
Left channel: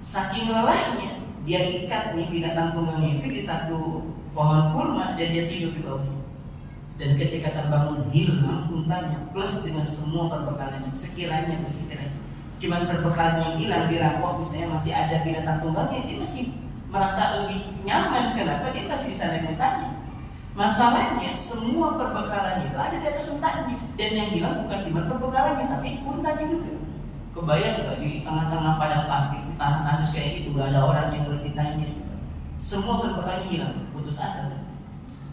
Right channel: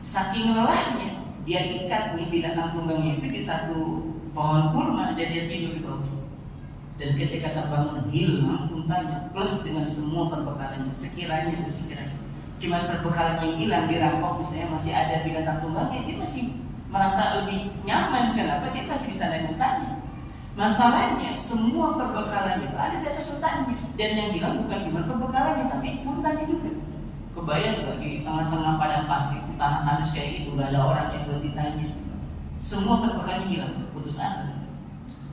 saking lelahnya dia ikat nih binatang tunggangnya itu di satu pohon kurma dan dia tidur di bawahnya. Dan ketika terbangun hilang untanya plus dengan semua perbekalannya, sekiranya cuman perbekalan yang hilang dirampok, misalnya masih ada binatang tunggangnya, dia masih merasa lebih nyaman. Kenapa? Dia masih bisa naik untanya. Masalahnya semua perbekalan itu ada di atas untanya, dan yang hilang bukan cuma perbekalannya tapi untanya juga. Kebayang gak di tengah-tengah padang pasir, tanah tandus kayak gitu, gak ada orang yang buat ditanya, semua perbekalannya hilang, putus asa.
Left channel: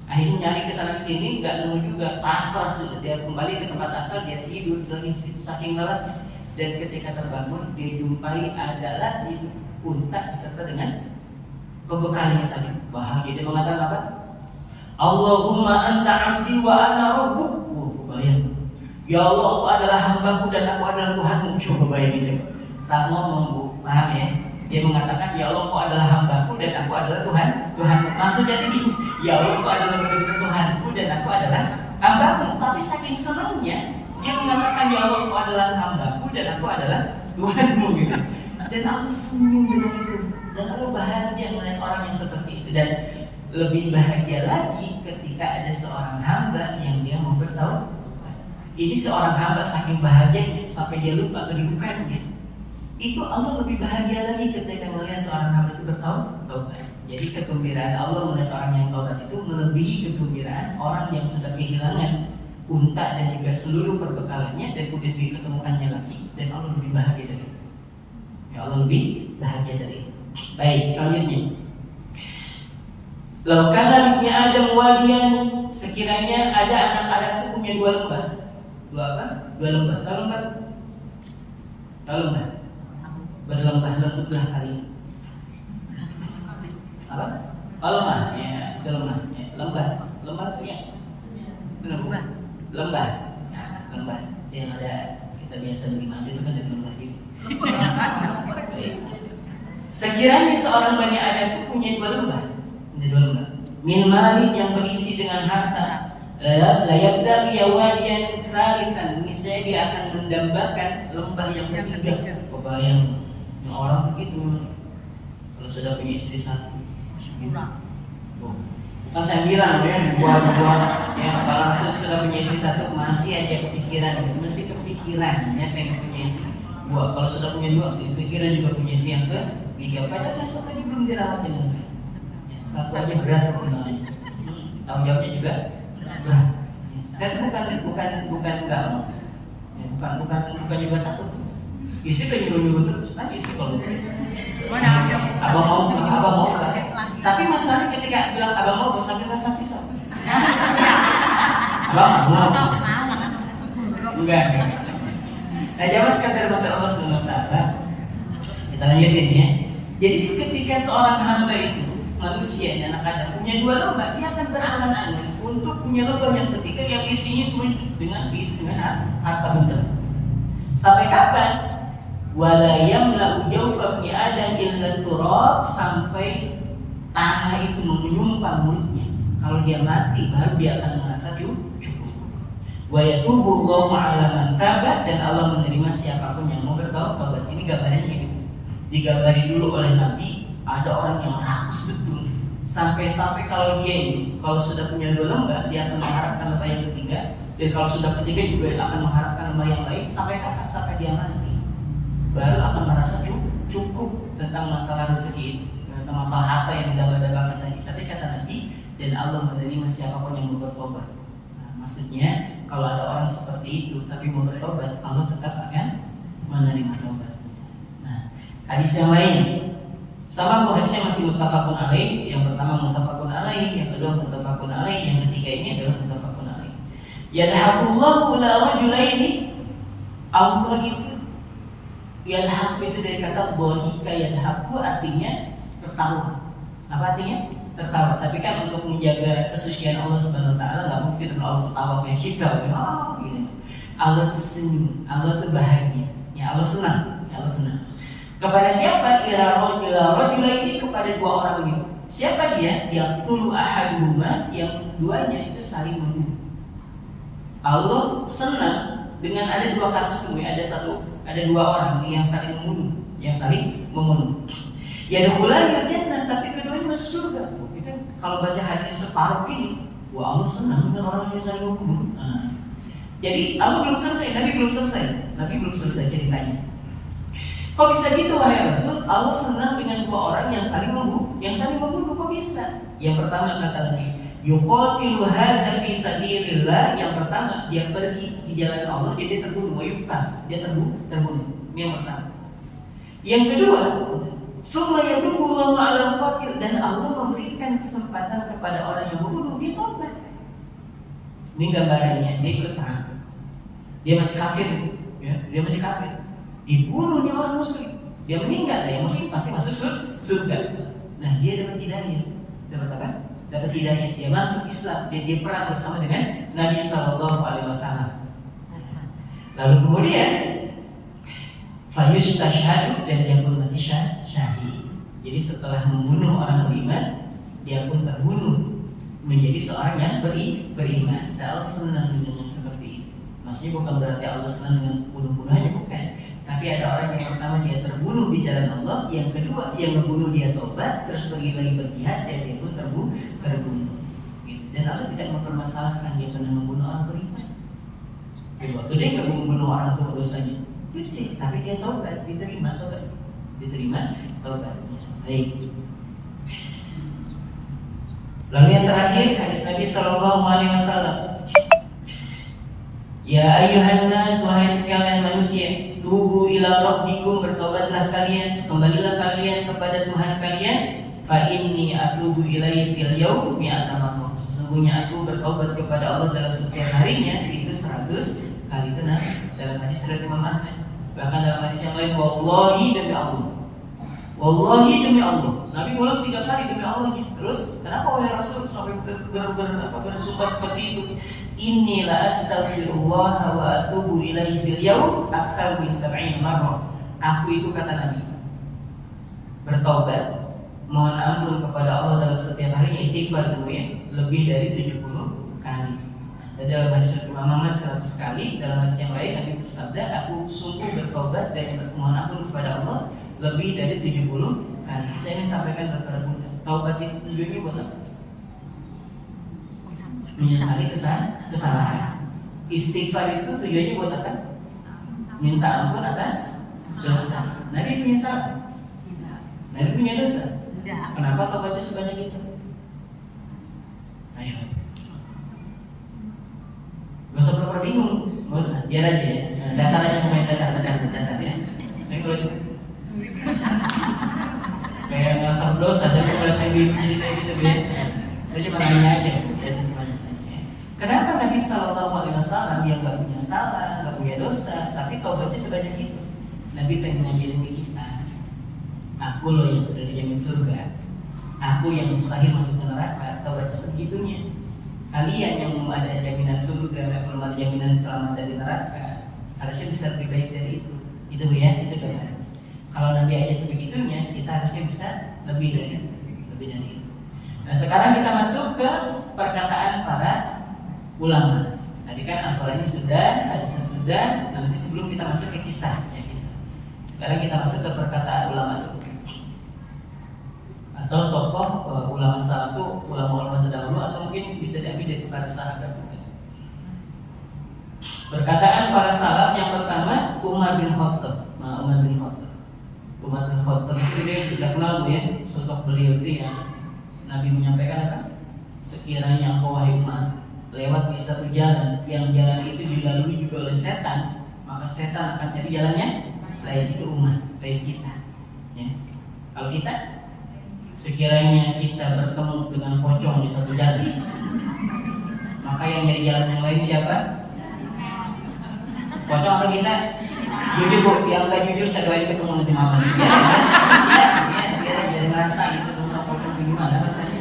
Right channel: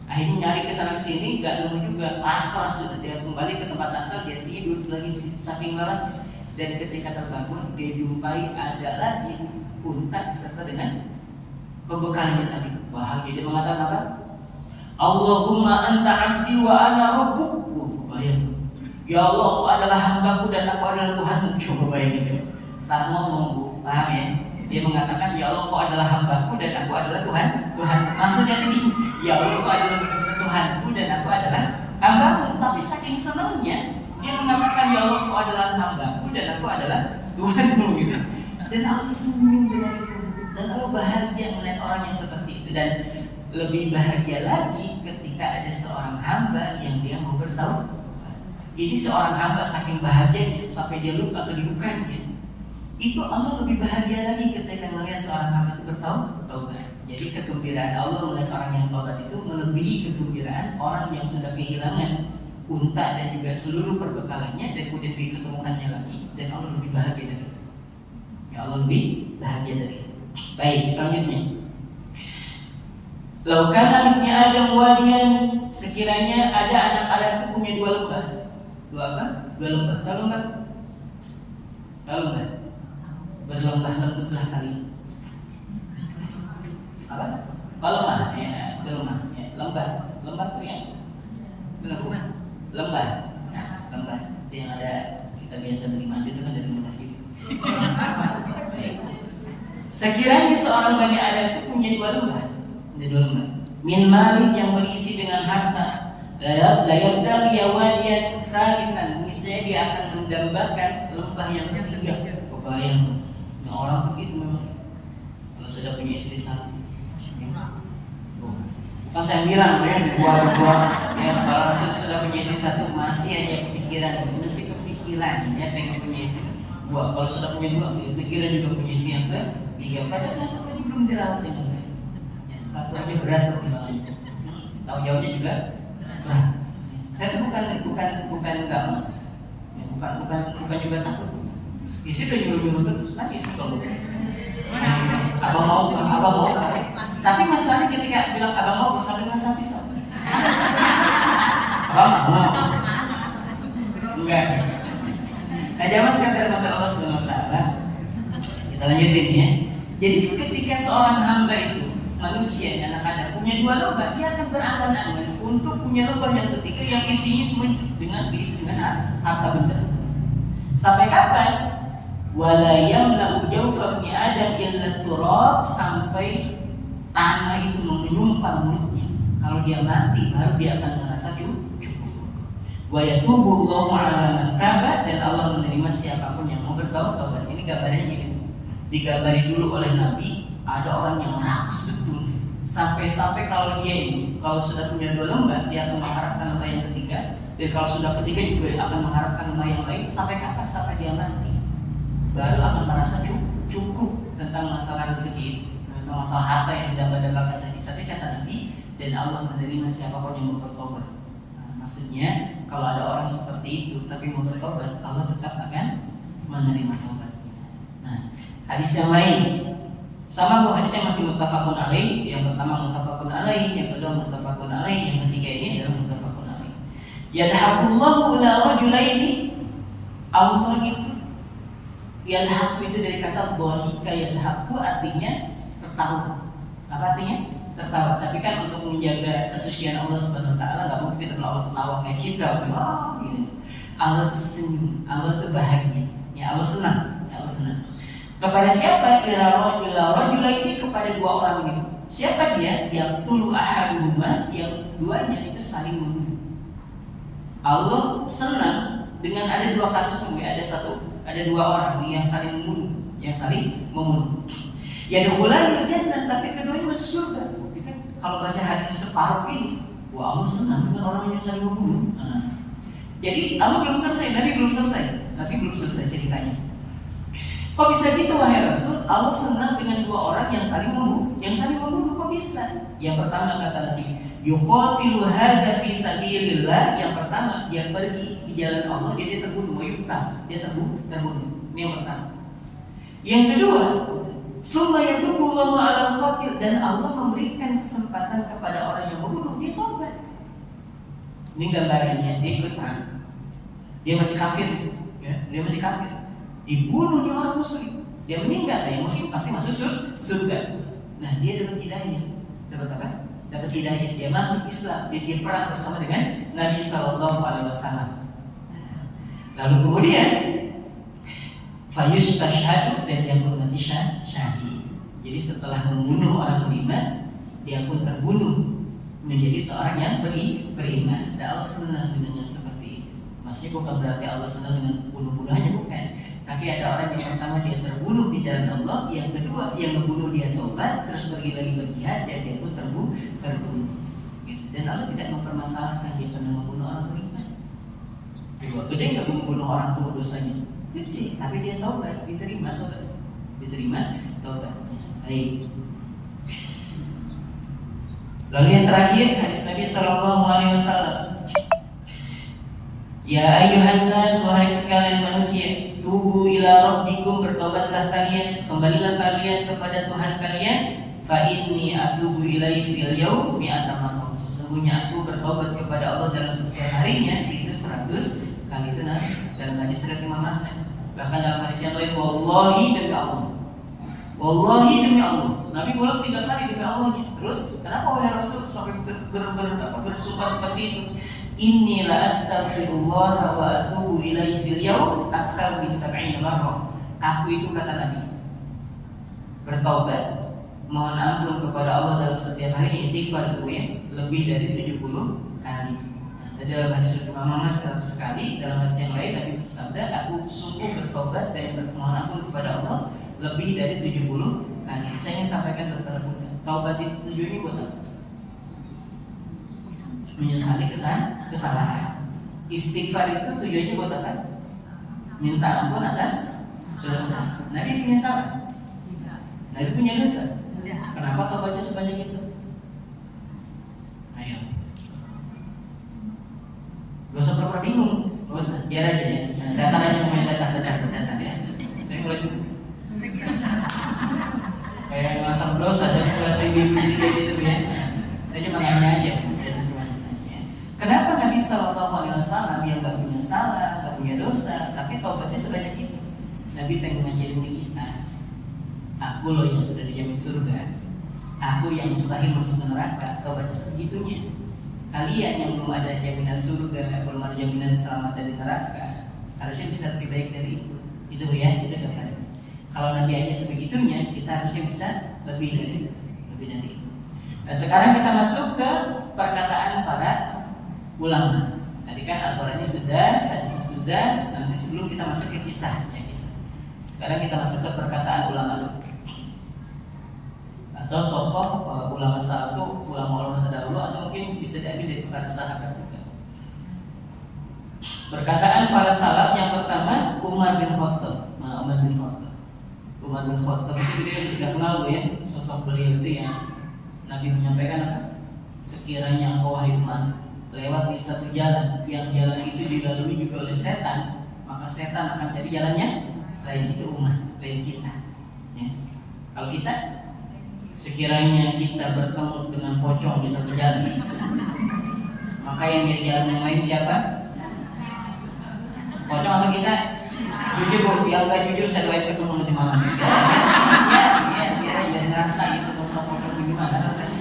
Akhirnya nyari kesana kesini nggak nemu juga, pasrah sudah, dia kembali ke tempat asal, dia tidur lagi di situ saking lelahnya. Dan ketika terbangun dia jumpai ada lagi unta beserta dengan pembekalannya tadi. Bahagia dia mengatakan apa? Allahumma anta abdi wa ana rabbuk. Bayang, ya Allah, Engkau adalah hambaku dan aku adalah Tuhanmu. Coba bayangin coba. Sama ngomong, Bu, paham ya? Dia mengatakan, ya Allah, Engkau adalah hambaku dan aku adalah Tuhan. Maksudnya ini, ya Allah, Engkau adalah benar-benar Tuhanku dan aku adalah hambamu. Tapi saking senangnya dia mengatakan, ya Allah, Engkau adalah hambaku dan aku adalah Tuhanmu gitu. Dan aku senyum dengan itu, dan aku bahagia melihat orang yang seperti itu. Dan lebih bahagia lagi ketika ada seorang hamba yang dia mau bertaubat. Ini seorang hamba saking bahagianya sampai dia lupa kedudukannya. Itu Allah lebih bahagia lagi ketika melihat seorang hamba itu bertaubat. Jadi kegembiraan Allah melihat orang yang taubat itu melebihi kegembiraan orang yang sudah kehilangan unta dan juga seluruh perbekalannya, dan kemudian diketemukannya lagi, dan Allah lebih bahagia dari itu. Ya Allah lebih bahagia dari itu. Baik, selanjutnya. Laukana libni Adam wadiyan, sekiranya ada anak Adam itu punya dua lembah. Dua apa? Dua lembah. Tahu lembah? Tahu lembah? Berlembah lembutlah kali. Apa? Oh, lembah, ya, itu lembah. Ya, lembah itu ya. Lembah. Lembah. Nah, lembah itu yang ada kita biasa beli madu itu kan dari lembah gitu. Baik. Sekiranya seorang Bani Adam itu punya dua lembah. Min malin yang berisi dengan harta, layabda liyawadiyan thalithan, niscaya dia akan mendambakan lembah yang ketiga. Kebayang, ya orang begitu memang. Kalau sudah punya istri satu, bukan saya bilang ya, ya kalau sudah punya istri satu masih aja kepikiran, ya pengen punya istri dua. Kalau sudah punya dua, pikiran juga punya istri yang ketiga. Padahal satu aja belum dirawat dengan baik. Satu aja berat hukumannya. Tanggung jawabnya juga berat. Saya tuh bukan enggak mau. Ya, bukan juga takut. Istri udah nyuruh terus kan istri kalau abang mau. Tapi masalahnya ketika bilang abang mau sambil ngasih pisau. Abang mau. Enggak. Nah, jamaah sekalian Allah Subhanahu wa taala. Kita lanjutin ya. Jadi ketika seorang hamba itu manusia yang anak Adam punya dua lembah, dia akan berangan-angan untuk punya lembah yang ketiga yang isinya semua diisi dengan harta benda. Sampai kapan? Wala yamla'u jawfa ibni Adam illa turab, sampai tanah itu menyumpah mulutnya. Kalau dia mati baru dia akan merasa cukup. Wa yatubu Allahu 'ala man taba, dan Allah menerima siapapun yang mau bertaubat. Ini gambarnya gitu. Digambari dulu oleh Nabi, ada orang yang rakus betul. Sampai-sampai kalau dia ini, kalau sudah punya dua lembah, dia akan mengharapkan lembah yang ketiga, dan kalau sudah ketiga juga akan mengharapkan lembah yang lain. Sampai kapan? Sampai dia mati, baru akan merasa cukup tentang masalah rezeki, tentang masalah harta yang didambakan tadi. Tapi kata Nabi, dan Allah menerima siapapun yang mau bertobat. Nah, maksudnya kalau ada orang seperti itu tapi mau bertobat, Allah tetap akan menerima tobat. Nah, hadis yang lain sama, hadisnya masih muttafaqun alaih. Yang pertama muttafaqun alaih, yang kedua muttafaqun alaih, yang ketiga ini adalah muttafaqun alaih. Yadhaqullahu la rajulaini, Allah itu yadhaqu itu dari kata dhahika yadhaqu, artinya tertawa. Apa artinya? Tertawa. Tapi kan untuk menjaga kesucian Allah Subhanahu wa taala enggak mungkin kita Allah tertawa kayak kita, gini. Allah tersenyum, Allah terbahagia. Ya Allah senang, ya Allah senang. Kepada siapa? Ila rajula ini, kepada dua orang ini. Siapa dia? Yang tulu ahaduhuma, yang duanya itu saling membunuh. Allah senang dengan ada dua kasus ini, ada dua orang yang saling membunuh. Ya dukhulanil jannah, tapi keduanya masuk surga. Kita kalau baca hadis separuh ini, wah Allah senang dengan orang yang saling membunuh. Jadi Allah belum selesai, Nabi belum selesai ceritanya. Kok bisa gitu wahai Rasul? Allah senang dengan dua orang yang saling membunuh. Kok bisa? Yang pertama kata Nabi, yuqatilu hadza fi sabilillah. Yang pertama dia pergi di jalan Allah, dia terbunuh, dia terbunuh. Ini yang pertama. Yang kedua, summa yatubu Allahu 'alal qatil, dan Allah memberikan kesempatan kepada orang yang membunuh, dia tobat. Ini gambarannya, dia ikut perang. Dia masih kafir, ya, dibunuhnya orang muslim, dia meninggal, yang muslim pasti masuk surga. Nah, dia dapat hidayah. Dapat apa? Dapat hidayah. Dia masuk Islam, dia perang bersama dengan Nabi Sallallahu Alaihi Wasallam. Lalu kemudian fayustashhadu, dan dia pun mati syahid. Jadi setelah membunuh orang beriman, dia pun terbunuh menjadi seorang yang beriman. Dan Allah senang dengan yang seperti itu. Maksudnya bukan berarti Allah senang dengan bunuh-bunuhannya, bukan. Tapi ada orang yang pertama dia terbunuh di jalan Allah, yang kedua yang membunuh dia tobat, terus pergi lagi berjihad, dan dia pun terbunuh. Gitu. Dan Allah tidak mempermasalahkan dia pernah membunuh orang beriman. Gede nggak membunuh orang tua dosanya? Gede, tapi dia tobat, diterima tobatnya. Baik. Lalu yang terakhir hadis Nabi Sallallahu Alaihi Wasallam, Ya ayuhan nas, wahai sekalian manusia, tubu ila rabbikum, bertobatlah kalian, kembalilah kalian kepada Tuhan kalian. Fa inni atubu ilaihi fil yaum mi'ata marrah. Sesungguhnya aku bertobat kepada Allah dalam setiap harinya itu 100 kali. Itu dalam hadis riwayat Imam Ahmad. Bahkan dalam hadis yang lain, wallahi demi Allah. Wallahi demi Allah. Nabi ulang 3 kali demi Allahnya. Terus kenapa wahai Rasul sampai bersumpah seperti itu? Inni la astaghfirullah wa atubu ilaihi fil yaum aktsar min 70 marrah. Aku itu, kata Nabi, bertobat, mohon ampun kepada Allah dalam setiap hari, istighfar dulu ya, lebih dari 70 kali. Dan dalam hadis Imam Ahmad 100 kali. Dalam hadis yang lain Nabi bersabda, aku sungguh bertobat dan mohon ampun kepada Allah lebih dari 70 kali. Saya ingin sampaikan kepada Bunda, taubat itu tujuannya buat apa? Menyesali kesalahan. Istighfar itu tujuannya buat apa? Minta ampun atas dosa. Nabi punya salah? Nabi punya dosa? Kenapa taubatnya sebanyak itu? Ayo, gak usah pura-pura bingung, gak usah, biar aja ya. Datang aja, punya data ya. Saya ngeliat kayak merasa berdosa, saya ngeliat TV kayak gitu ya. Saya cuma nanya aja, biasa cuma nanya. Kenapa Nabi SAW yang gak punya salah, gak punya dosa, tapi taubatnya sebanyak itu? Nabi pengen ngajarin ke kita, aku loh yang sudah dijamin surga, aku yang mustahil masuk neraka. Taubatnya sebegitunya. Kalian yang belum ada jaminan surga, belum ada jaminan selamat dari neraka, harusnya bisa lebih baik dari itu. Itu ya, itu kan. Kalau Nabi aja sebegitunya, kita harusnya bisa lebih dari itu. Nah, sekarang kita masuk ke perkataan para ulama. Tadi kan aturannya sudah, hadisnya sudah. Nanti sebelum kita masuk ke kisah. Sekarang kita masuk ke perkataan ulama dulu. Atau tokoh ulama salaf itu ulama-ulama terdahulu, atau mungkin bisa diambil dari para sahabat. Perkataan para salaf yang pertama, Umar bin Khattab. Umar bin Khattab itu dia tidak kenal ya, sosok beliau itu yang Nabi menyampaikan apa? Sekiranya engkau wahai Umar lewat di satu jalan yang jalan itu dilalui juga oleh setan, maka setan akan cari jalannya lain. Itu Umar, lain kita. Ya. Kalau kita, sekiranya kita bertemu dengan pocong di satu jalan, maka yang nyari jalan yang lain siapa? Pocong atau kita? Jujur bu, yang nggak jujur saya doain ketemu nanti malam. Biar jadi merasa itu dosa pocong gimana rasanya.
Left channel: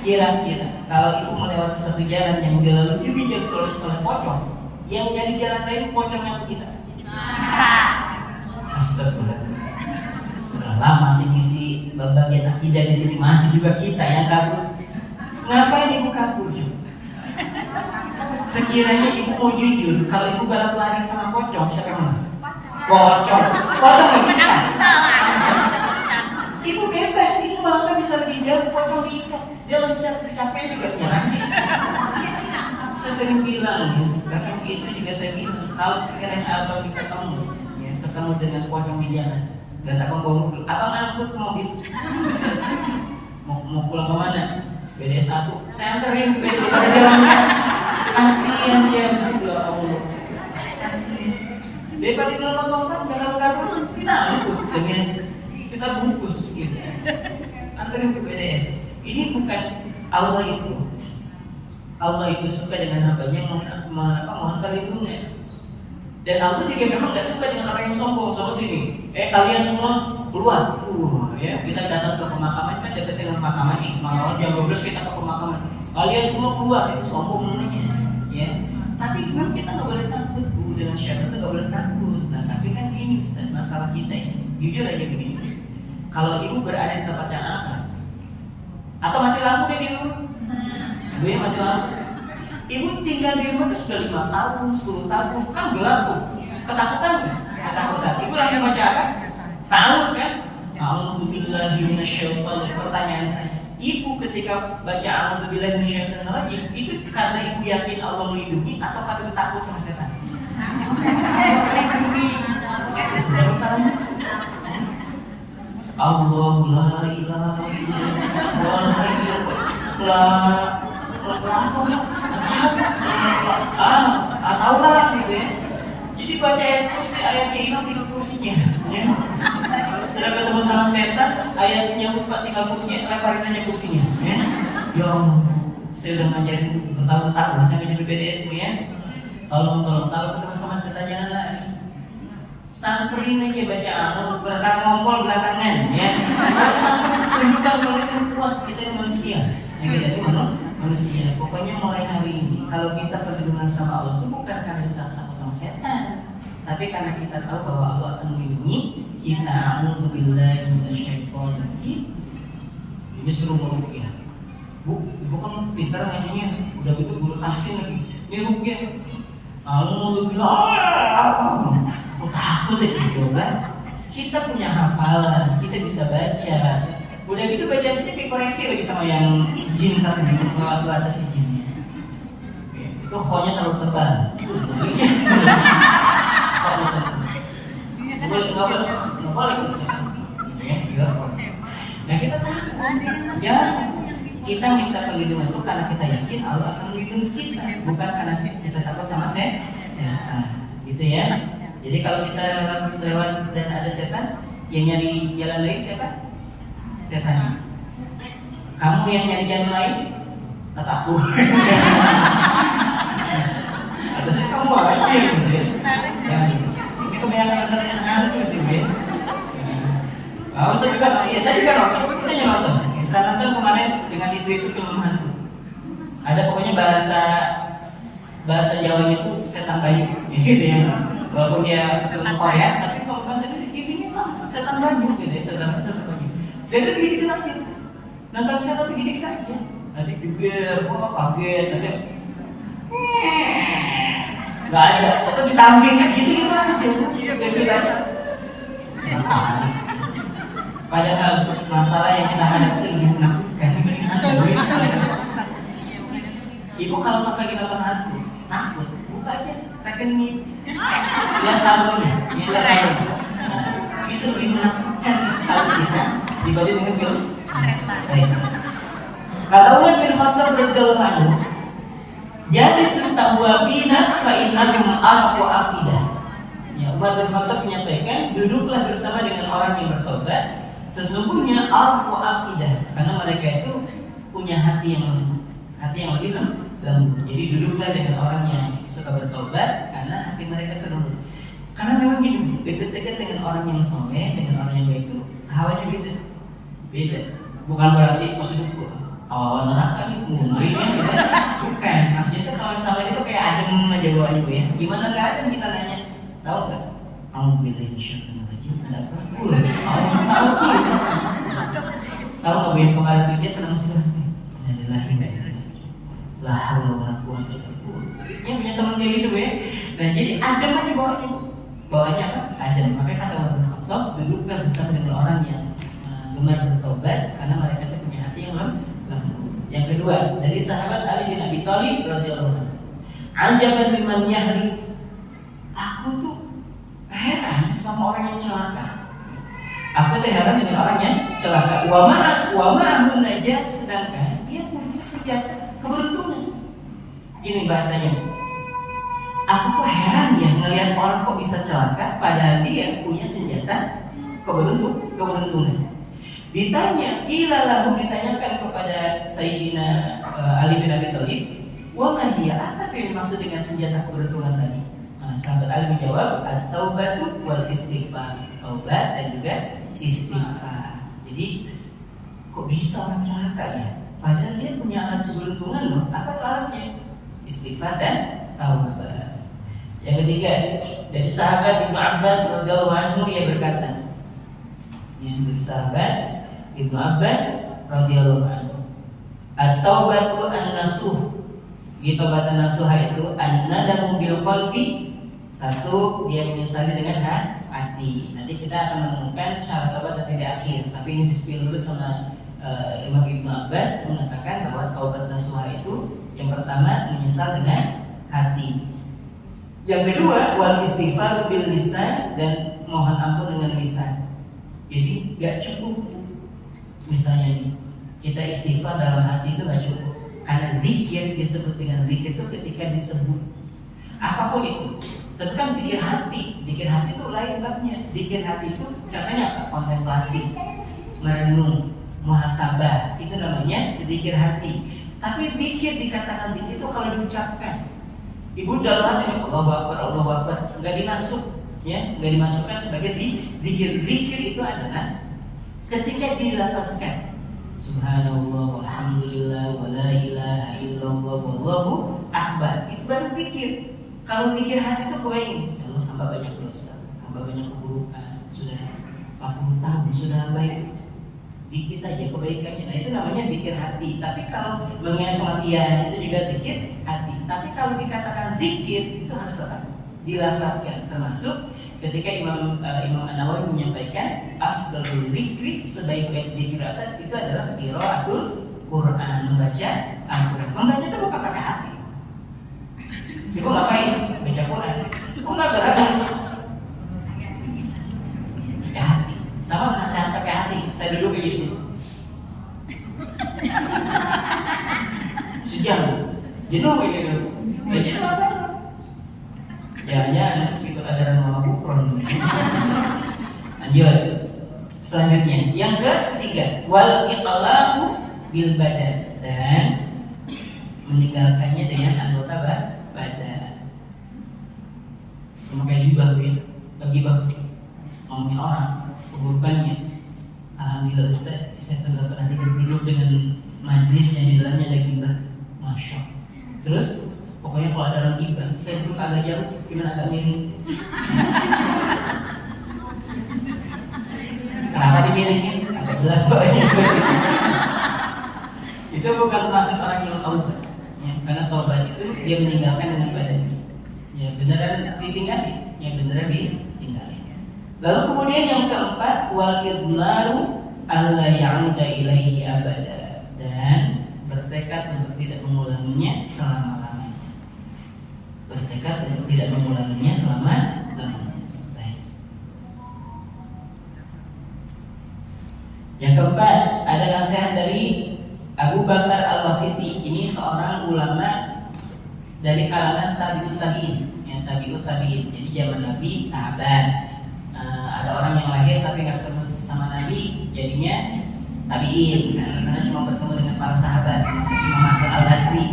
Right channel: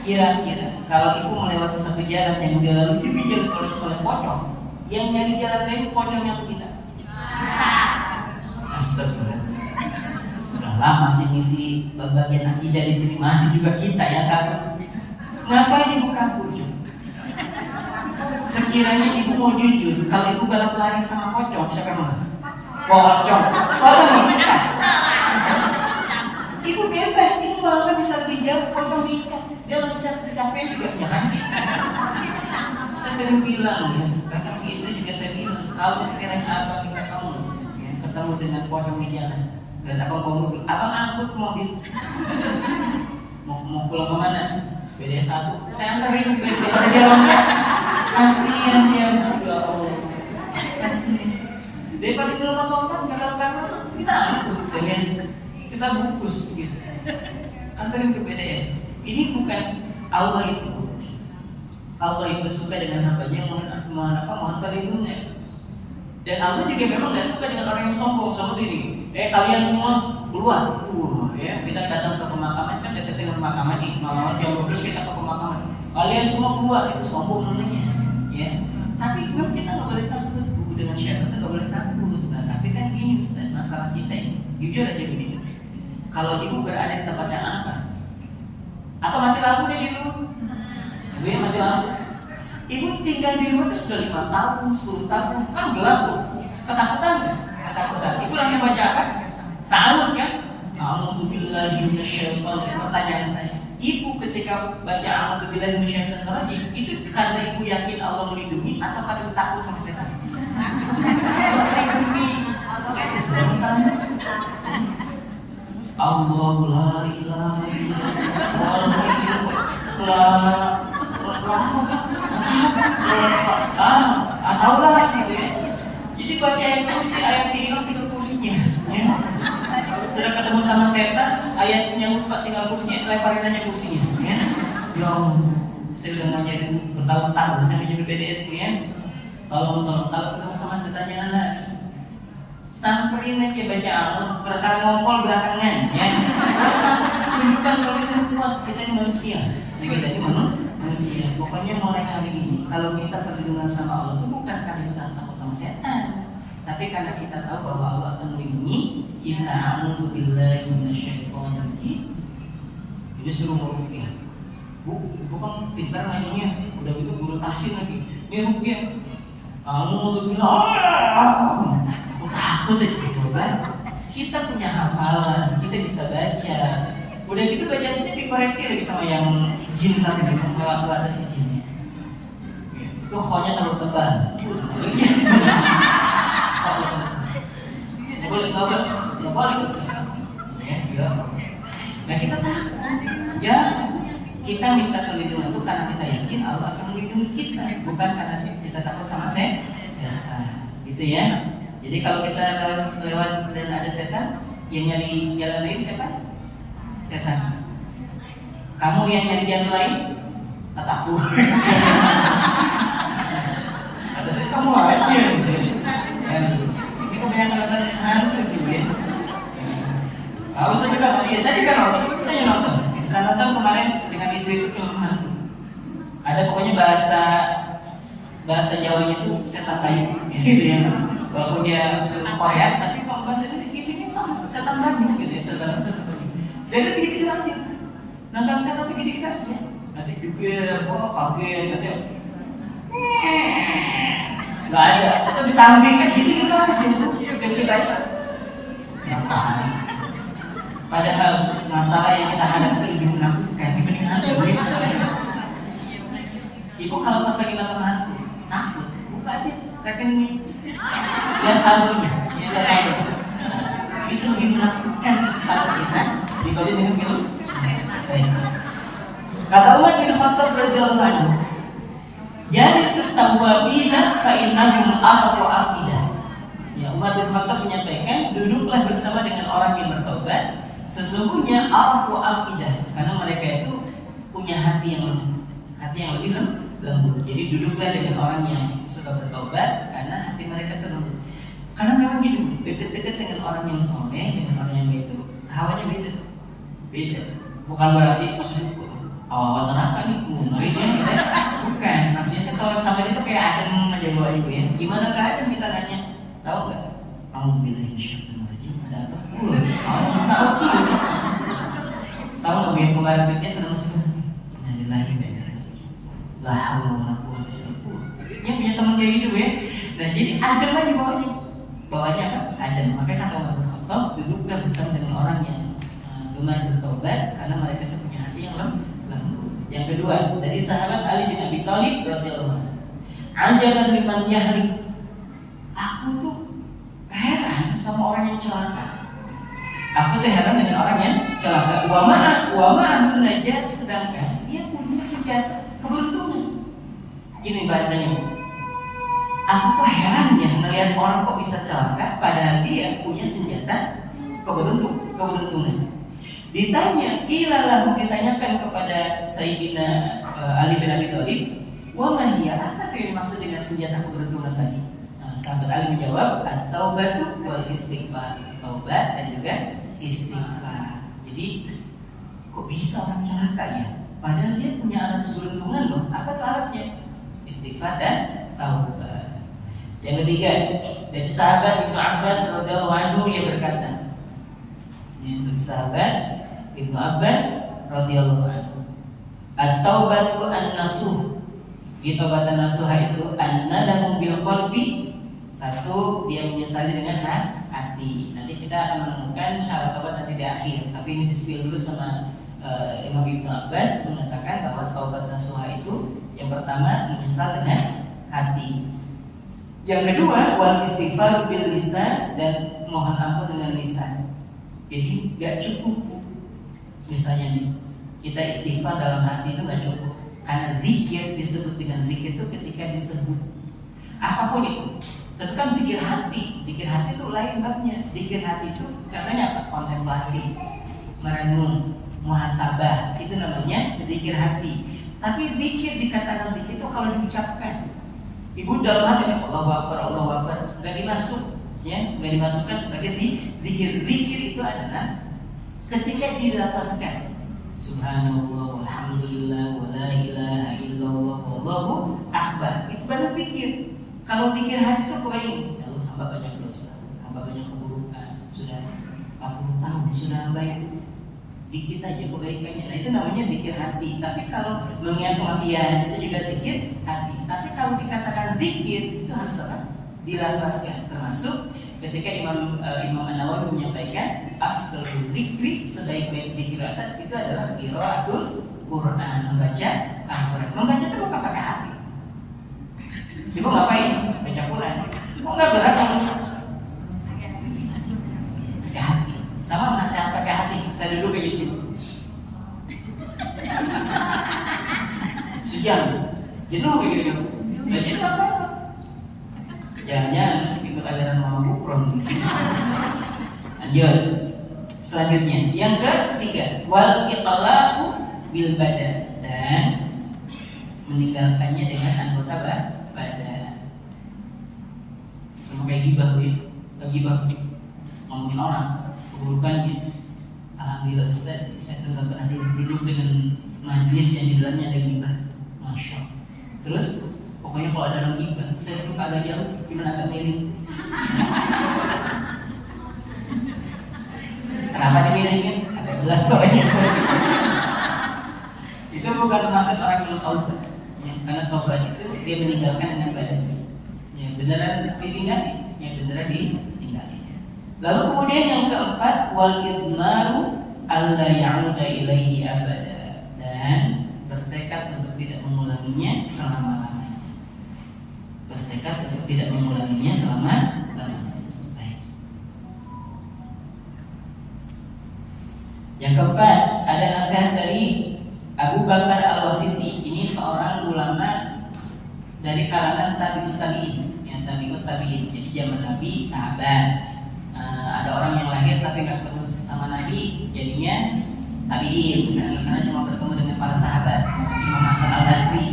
Kira-kira kalau ibu melewati satu jalan yang dilalui dibijak oleh pocong, yang nyari jalan lain pocongnya atau kita? Astagfirullah. Sudah lama sih ngisi bagian akidah di sini, masih juga kita yang kabur. Ngapain ibu kabur juga? Sekiranya ibu mau jujur, kalau ibu balap lari sama pocong, siapa yang menang? Pocong. Ibu bebas, ibu malah bisa lebih jauh, pocong diikat. Dia loncat, capek juga nyerang. Saya sering bilang ya, bahkan istri juga saya bilang, kalau sekiranya abang ketemu, ya, ketemu dengan pocong di jalan, dan abang bawa mobil, abang angkut ke mobil. Mau pulang kemana? BD1, saya anterin BD pada dia loncat. Kasihan dia berdua, kasihan. Daripada dia lompat, jalan-jalan, kita angkut dengan kita bungkus gitu. Anterin ke BDS. Ini bukan Allah itu suka dengan hambanya mohon perlindungan. Dan Allah juga memang gak suka dengan orang yang sombong seperti ini. Kalian semua keluar. Ya, kita datang ke pemakaman, kan dekat dengan pemakaman nih. Malam jam 12 kita ke pemakaman. Kalian semua keluar, itu sombong namanya. Ya. Tapi memang kita nggak boleh takut dengan syaitan, itu nggak boleh takut. Nah, tapi kan gini Ustaz, masalah kita ini. Jujur aja begini. Kalau ibu berada di tempat yang angker, atau mati lampu deh di rumah. Ibu ya mati lampu. Ibu tinggal di rumah itu sudah 5 tahun, 10 tahun, kan gelap tuh. Ketakutan nggak? Ketakutan. Ibu langsung baca apa? Salut kan? A'udzubillahi minasyaitonir. Pertanyaan saya, ibu ketika baca a'udzubillahi minasyaitonir rajim, itu karena ibu yakin Allah melindungi atau karena ibu takut sama setan? Allah la ilaha illallah. sudah ketemu sama setan, ayatnya lupa tinggal kursinya, leparin aja kursinya. Ya, ya saya udah ngajarin bertahun-tahun, saya menjadi BDS tuh ya. Tolong ketemu sama setan jangan lari. Samperin aja baca Al-Quran, berkata ngompol belakangan ya. Kita kalau kuat, kita ini manusia. Kita ini manusia. Pokoknya mulai hari ini, kalau kita berhubungan sama Allah itu bukan karena kita takut sama setan, tapi karena kita tahu bahwa Allah akan melindungi kita. A'udzubillahi minasyaitonir rajim. Ini suruh berpikir. Bu kan pintar ngajinya, udah gitu guru tafsir lagi. Ini rupiah. Alhamdulillah. Takut itu kan? Kita punya hafalan, kita bisa baca. Udah gitu baca kita dikoreksi lagi sama yang jin satu lewat atas jinnya. Itu khonya terlalu tebal. Nah kita takut. Ya kita minta perlindungan itu karena kita yakin Allah akan melindungi kita, bukan karena kita takut sama setan. Gitu ya. Jadi kalau kita lewat dan ada setan, yang nyari jalan lain setan. Kamu yang nyari jalan lain atau aku? Atau saya kamu aja gitu. Ini kebanyakan orang hantu sih ya. Saya juga nonton. Saya nonton kemarin dengan istri itu film hantu. Ada pokoknya bahasa Jawanya itu setan kayu, gitu ya. Walaupun dia film Korea, tapi kalau bahasa ini sama, setan banyu gitu ya, setan banyu. Dan itu gitu aja. Nonton setan gitu aja. Nanti juga, kaget, nanti nggak ada. Atau di samping kayak gitu aja. Gitu aja. Padahal masalah yang kita hadapi itu lebih menakutkan dibanding hantu. Ibu kalau pas lagi nonton hantu, takut, buka aja rekening lihat saldonya, itu lebih menakutkan saldo kita dibanding dengan film setan. Kata Umar bin Khattab radhiyallahu anhu, jadi sutawabina fa innahum arqu afidah. Ya, Umar bin Khattab menyampaikan, duduklah bersama dengan orang yang bertobat, sesungguhnya arqu afidah, karena mereka itu punya hati yang lebih lembut. Jadi duduklah dengan orang yang suka bertobat karena hati mereka terlembut. Karena memang hidup dekat-dekat dengan orang yang soleh, dengan orang yang baik itu hawanya beda. Bukan berarti maksudnya awal neraka nih mungkin gitu. Bukan, maksudnya kalau sama itu kayak adem aja bawa ibu ya. Gimana keadaan kita nanya, tahu nggak? Kamu pilih syukur lagi ada apa? Tahu nggak bu yang kemarin kerja pernah masuk? Artinya punya teman kayak gitu ya. Nah jadi adem aja bawahnya apa? Adem. Makanya kata Umar bin Khattab, duduklah bersama dengan orang yang gemar bertobat karena mereka itu punya hati yang lembut. Yang kedua dari sahabat Ali bin Abi Thalib radhiyallahu anhu, ajaban liman yahlik. Aku tuh heran sama orang yang celaka. Aku tuh heran dengan orang yang celaka. Wa ma'ahu najat, sedangkan dia punya senjata keberuntungan. Gini bahasanya, aku kok heran ya ngelihat orang kok bisa celaka padahal dia punya senjata keberuntungan. Ditanya, ditanyakan kepada Sayyidina Ali bin Abi Thalib, wa ma hiya, apa tuh yang dimaksud dengan senjata keberuntungan tadi? Sahabat Ali menjawab, at-taubatu wal istighfar, taubat dan juga istighfar. Jadi kok bisa orang celaka ya? Padahal dia punya alat keberuntungan loh. Apa alatnya? Istighfar dan taubat. Yang ketiga dari sahabat Ibnu Abbas radhiyallahu anhu, dia berkata, ini dari sahabat Ibnu Abbas radhiyallahu anhu, at-taubatu an-nasuh. Taubatan nasuha itu an-nadamu bil qalbi. Satu, dia menyesali dengan hati. Nanti kita akan menemukan syarat taubat nanti di akhir. Tapi ini spill dulu sama Imam Ibnu Abbas mengatakan bahwa taubat nasuha itu yang pertama menyesal dengan hati. Yang kedua wal istighfar bil lisan, dan mohon ampun dengan lisan. Jadi gak cukup misalnya nih kita istighfar dalam hati itu gak cukup, karena zikir disebut dengan zikir itu ketika disebut apapun itu, Tapi kan zikir hati itu lain babnya. Zikir hati itu katanya apa? Kontemplasi, merenung, muhasabah, itu namanya zikir hati. Tapi zikir dikatakan zikir itu kalau diucapkan. Ibu dalam hati Allahu Akbar, nggak dimasuk, ya, nggak dimasukkan sebagai zikir. Zikir itu adalah ketika dilafazkan. Subhanallah, alhamdulillah, wa la ilaha illallah, wallahu akbar. Itu baru zikir. Kalau zikir hati itu kebayang, ya Allah, hamba banyak dosa, hamba banyak keburukan, sudah 40 tahun, sudah hamba itu dikit aja kebaikannya. Nah itu namanya zikir hati. Tapi kalau mengingat kematian itu juga zikir hati. Tapi kalau dikatakan zikir itu harus apa? Dilafazkan. Termasuk ketika Imam An-Nawawi menyampaikan afdalul zikri, sebaik-baik zikir itu adalah qiraatul Quran, membaca Al-Quran. Membaca itu bukan pakai hati. Ibu ngapain? Baca Quran. Enggak berat. Pakai hati. Sama nasihat pakai hati. Saya duduk kayak sini. Sejam. Jenuh kayak gitu. Baca apa? Jangan-jangan ikut ajaran Mama Bukron. Lanjut. Selanjutnya, yang ketiga, wal itlaqu bil badan, dan meninggalkannya dengan anggota badan. Sama kayak gibah, ya. Gibah ngomongin orang, keburukannya. Alhamdulillah Ustaz, saya tidak pernah duduk dengan majlis yang di dalamnya ada gibah. Masya Allah. Terus pokoknya kalau ada orang gibah, saya duduk agak jauh, gimana agak miring. Kenapa dimiringin? Agak jelas pokoknya. Itu bukan maksud orang yang taubat, ya, karena taubat itu dia meninggalkan dengan badannya. Ya beneran ditinggali, yang beneran ditinggali. Lalu kemudian yang keempat, wal idmaru alla ya'uda ilaihi abada, dan bertekad untuk tidak mengulanginya selama-lamanya. Bertekad untuk tidak mengulanginya selama-lamanya. Yang keempat ada nasihat dari Abu Bakar Al-Wasiti. Ini seorang ulama dari kalangan tabi'in, ya, tabi'in. Jadi zaman Nabi sahabat. Ada orang yang lahir tapi nggak ketemu sama Nabi, jadinya tabi'in. Karena cuma bertemu dengan para sahabat. Maksud Imam Hasan Al-Basri.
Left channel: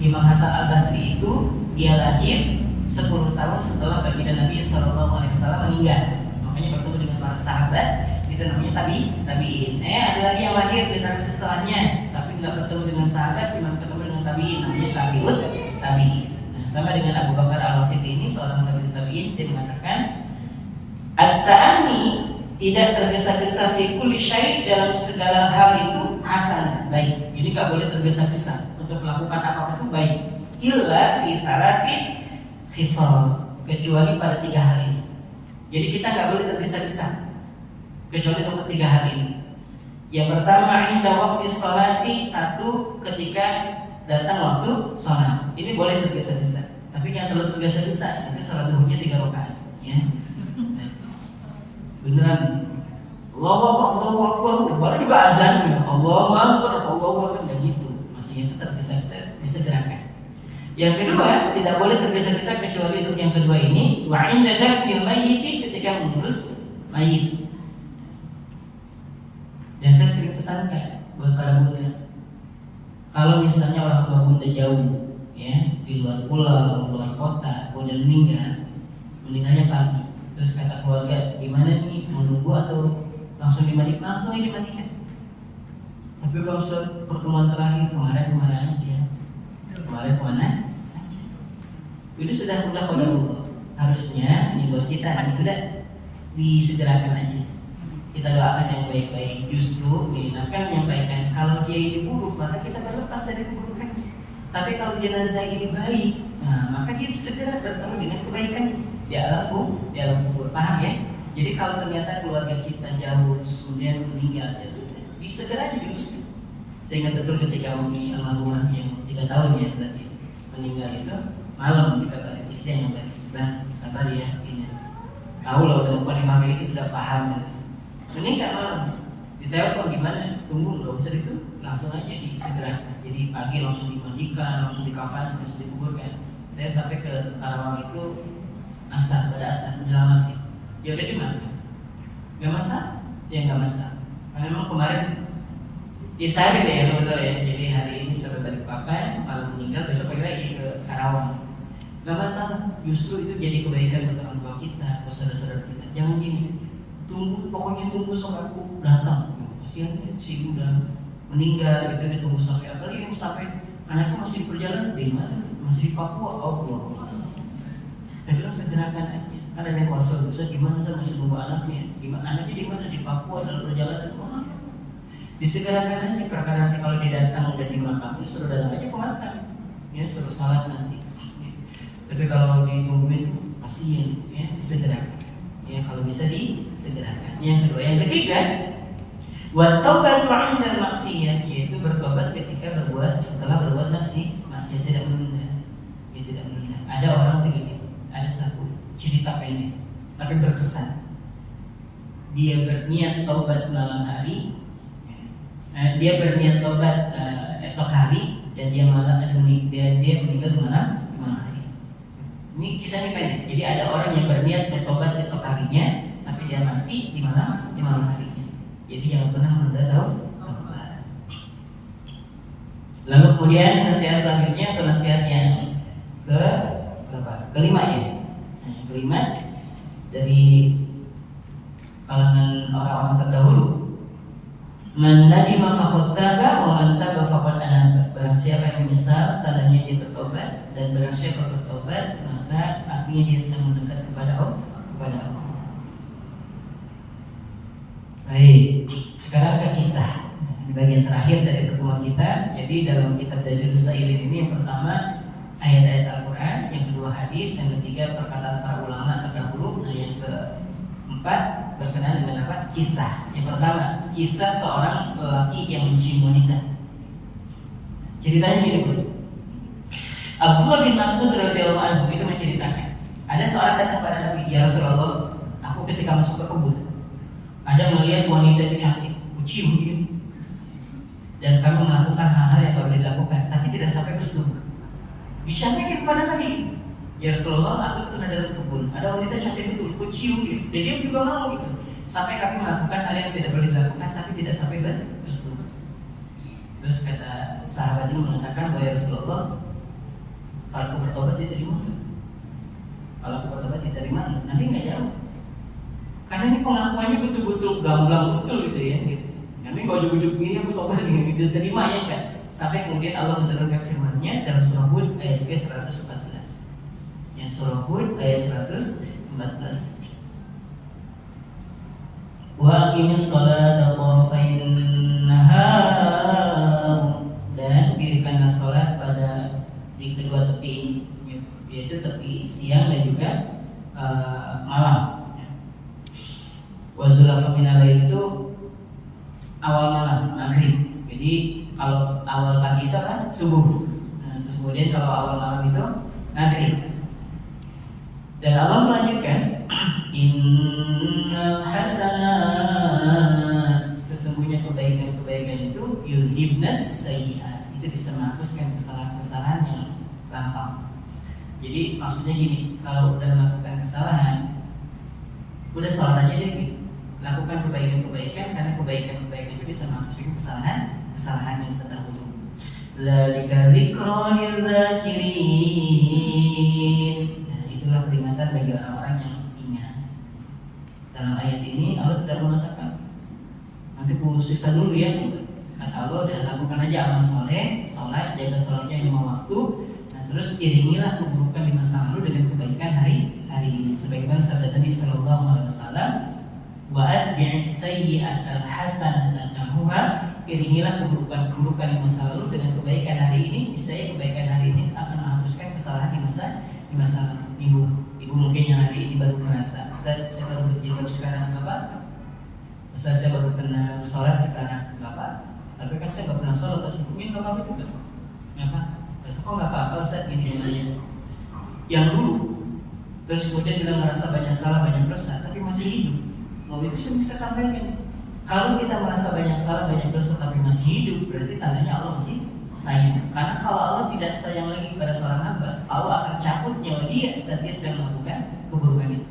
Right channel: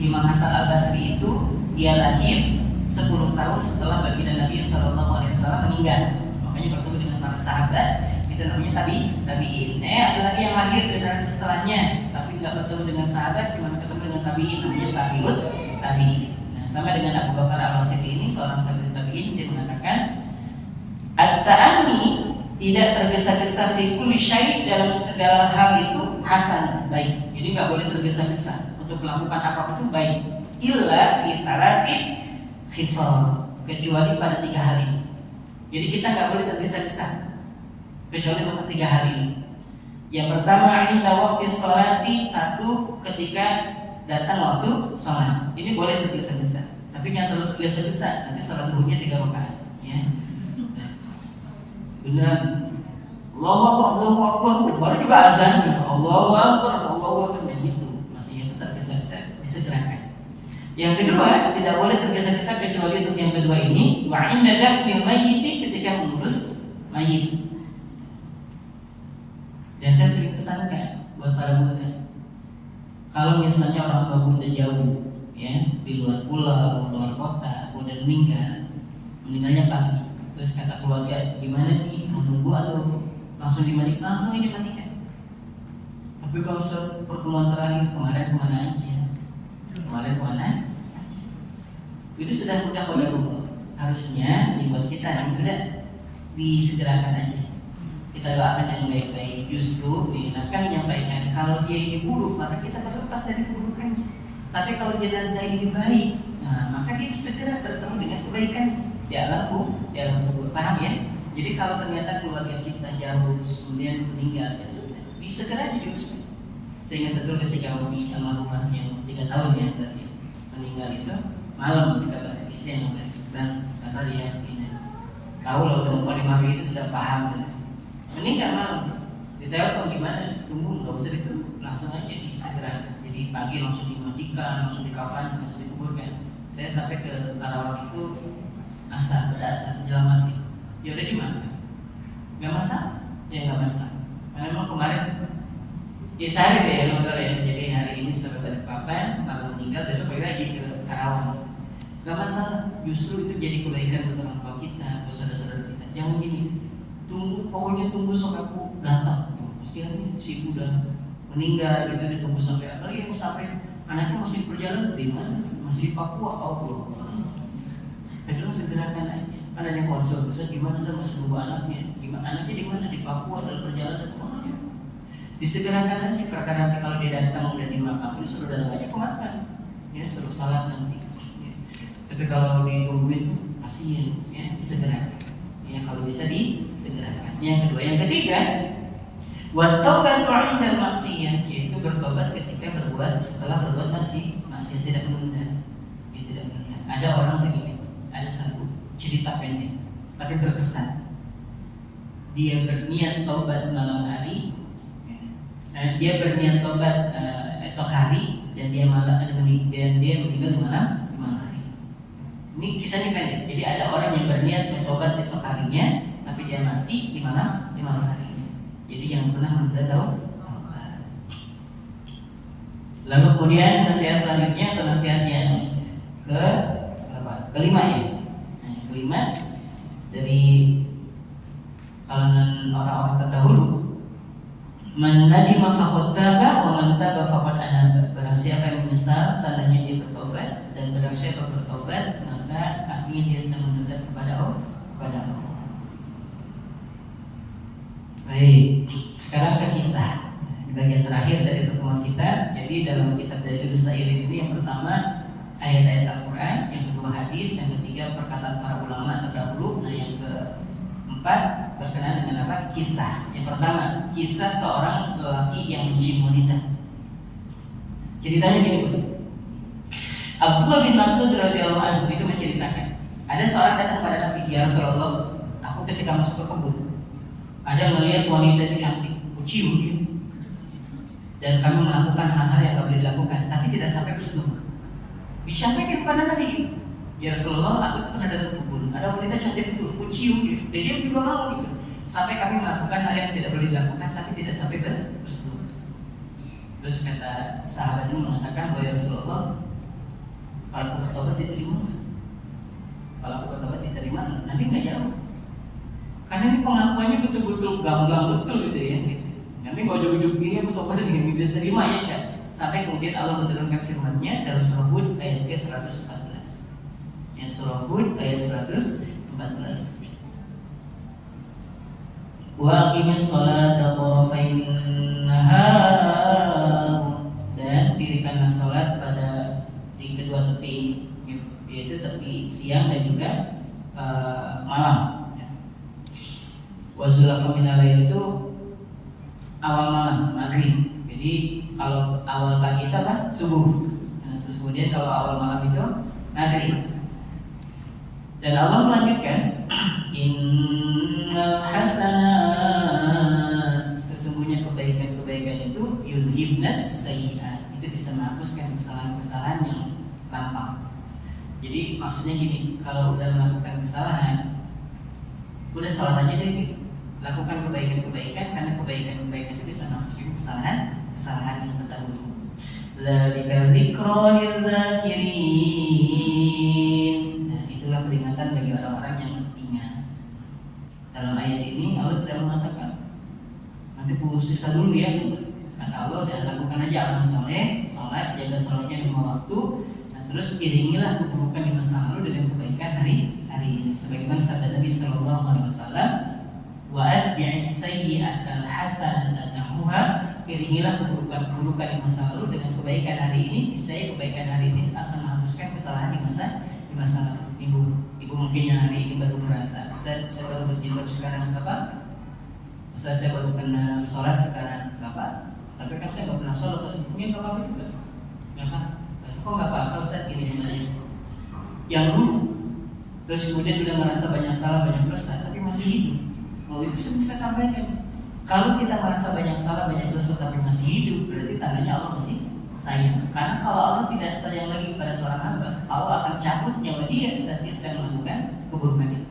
Imam Hasan Al-Basri itu dia lahir 10 tahun setelah baginda Nabi SAW meninggal. Makanya bertemu dengan para sahabat. Itu namanya tabi'in. Ada lagi yang lahir generasi setelahnya, tapi nggak bertemu dengan sahabat, cuma ketemu dengan tabi'in, namanya tabi'in. Nah, sama dengan Abu Bakar Al-Wasiti ini seorang tabi'in, dia mengatakan at-ta'anni, tidak tergesa-gesa fi kulli syai', dalam segala hal itu hasan, baik. Jadi nggak boleh tergesa-gesa untuk melakukan apapun itu baik. Illa fi thalathi khisal, kecuali pada 3 hal ini. Jadi kita nggak boleh tergesa-gesa kecuali untuk 3 hal ini. Yang pertama, inda waqti sholati, 1 ketika datang waktu sholat. Ini boleh tergesa-gesa, tapi jangan terlalu tergesa-gesa. Nanti sholat duhurnya 3 rakaat, ya. Beneran Allahu Akbar, baru juga azan, Allahu Akbar, gitu. Maksudnya itu tergesa-gesa, disegerakan. Yang kedua, tidak boleh tergesa-gesa kecuali untuk yang kedua ini, wa inda dafnil mayyit, ketika mengurus mayit. Dan saya sering pesankan buat para bunda, kalau misalnya orang tua bunda jauh, ya, di luar pulau, luar kota, bunda meninggalnya pagi, terus kata keluarga, gimana nih, menunggu atau langsung dimandikan? Langsung aja dimandikan. Tapi kalau pertemuan terakhir kemarin kemana aja? Kemarin kemana? Itu sudah pada Allah. Harusnya di bos kita tidak disegerakan aja. Kita doakan yang baik-baik. Justru diingatkan menyampaikan kalau dia ini buruk, maka kita berlepas dari keburukannya. Tapi kalau jenazah ini baik, nah maka dia segera bertemu dengan kebaikannya. Di alam kubur, paham ya? Jadi kalau ternyata keluarga kita jauh kemudian meninggal, ya sudah, disegera aja diuruskan. Saya ingat betul ketika Mumi almarhumah yang 3 tahun ya berarti meninggal itu, malam kita istri yang bilang, sabar ya, ini tahu loh penumpang yang hari itu sudah paham. Meninggal malam, ditelepon gimana? Tunggu, nggak usah itu, langsung aja disegera. Jadi pagi langsung dimandikan, langsung dikafan, langsung dikuburkan. Saya sampai ke Karawang itu asa pada asa menjelang maghrib, ya udah dimakan, nggak masalah, ya nggak masalah. Karena memang kemarin ya saya gitu ya betul ya. Jadi hari ini sudah balik papan, malam meninggal, besok lagi ke Karawang, nggak masalah. Justru itu jadi kebaikan buat orang tua kita, buat saudara-saudara kita. Jangan gini, pokoknya tunggu sampai aku datang. Kasihan si ibu udah meninggal gitu, ditunggu sampai apa yang sampai anaknya masih di perjalanan di mana? Masih di Papua, oh. Saya bilang segerakan aja. Ada yang konsul, gimana saya masih nunggu anaknya? Gimana anaknya di mana? Di Papua dalam perjalanan. Disegerakan aja, perkara nanti kalau dia datang udah dimakamin, suruh datang aja ke makan, ya suruh salat nanti. Ya. Tapi kalau ditungguin kasihan, ya disegerakan. Ya kalau bisa disegerakan. Yang kedua, yang ketiga, wa taubatu 'inda al-ma'siyah, yaitu bertobat ketika setelah berbuat maksiat, tidak menunda. Ya, tidak menunda. Ada orang begini, ada satu cerita pendek tapi berkesan. Dia berniat taubat malam hari, dia berniat tobat esok hari, dan dia meninggal di malam hari. Ini kisahnya kan ya. Jadi ada orang yang berniat bertobat esok harinya, tapi dia mati di malam harinya. Jadi yang pernah menunda taubat. Lalu kemudian nasihat selanjutnya atau nasihat yang kelima ya. Yang kelima dari kalangan orang-orang terdahulu. Man nadima faqad taba wa man taba faqad anaba. Barang siapa yang menyesal, tandanya dia bertobat, dan barang siapa bertobat, maka artinya dia sedang mendekat kepada Allah. Baik, sekarang ke kisah bagian terakhir dari pertemuan kita. Jadi dalam kitab Dalilus Sairin ini yang pertama ayat-ayat Al-Quran, yang kedua hadis, yang ketiga perkataan para ulama terdahulu, nah yang keempat berkenaan dengan apa? Kisah. Yang pertama, kisah seorang lelaki yang mencium wanita. Ceritanya gini, Abdullah bin Mas'ud radhiyallahu anhu itu menceritakan, ada seorang datang pada Nabi, ya Rasulullah, aku ketika masuk ke kebun, ada melihat wanita yang cantik, aku cium dia, dan kami melakukan hal-hal yang tak boleh dilakukan, tapi tidak sampai bersetubuh. Disampaikan kepada Nabi, ya Rasulullah, aku pernah datang ke kebun, ada wanita cantik itu, aku cium dia, dan dia juga mau gitu. Sampai kami melakukan hal yang tidak boleh dilakukan, tapi tidak sampai bersetubuh. Terus kata sahabat ini mengatakan, bahwa Rasulullah, kalau aku bertobat diterima nggak? Kalau aku bertobat diterima nggak? Nabi nggak jawab. Karena ini pengakuannya betul-betul gamblang betul gitu ya. Nabi kalau ujuk-ujuk gini bertobat diterima ya kan? Sampai kemudian Allah menurunkan firman-Nya dalam surah Hud ayat ke-114. Ya, surah Hud ayat 114. Wa aqimis sholata tarafayn nahar, dan dirikanlah salat pada di kedua tepi, yaitu tepi siang dan juga malam. Wa zulafa minal lail itu awal malam, maghrib. Jadi kalau awal pagi itu kan subuh. Nah, terus kemudian kalau awal malam itu maghrib. Dan Allah melanjutkan, innal hasanat, sesungguhnya kebaikan-kebaikan itu yudhibnas sayyi'at, itu bisa menghapuskan kesalahan-kesalahan yang lampau. Jadi maksudnya gini, kalau udah melakukan kesalahan, udah sholat aja deh gitu. Lakukan kebaikan-kebaikan, karena kebaikan-kebaikan itu bisa menghapuskan kesalahan yang terdahulu. Dzalika dzikra lidzakirin. Nah, itulah peringatan bagi orang-orang yang ingat. Dalam ayat ini Allah tidak mengatakan nanti siksa dulu ya. Kata Allah, dan lakukan aja amal soleh, sholat, jaga sholatnya 5 waktu. Nah, terus iringilah keburukan di masa lalu dengan kebaikan hari ini. Sebagaimana sabda Nabi Sallallahu Alaihi Wasallam, wa atbi'is sayyi'atal hasanata tamhuha, iringilah keburukan di masa lalu dengan kebaikan hari ini. Niscaya kebaikan hari ini akan menghapuskan kesalahan di masa lalu. Ibu mungkin yang hari ini baru merasa, Ustaz, saya baru berjilbab sekarang Bapak. Ustaz, saya baru kenal sholat sekarang Bapak. Tapi kan saya nggak pernah sholat, sebelumnya Bapak juga. Kenapa? Kok nggak apa-apa Ustaz, ini gimana? Yang dulu, terus kemudian udah merasa banyak salah, banyak dosa, tapi masih hidup. Mau itu saya sampaikan. Kalau kita merasa banyak salah, banyak dosa, tapi masih hidup, berarti tandanya Allah masih sayang. Karena kalau Allah tidak sayang lagi pada seorang hamba, Allah akan cabut nyawa dia saat dia sedang melakukan keburukan itu.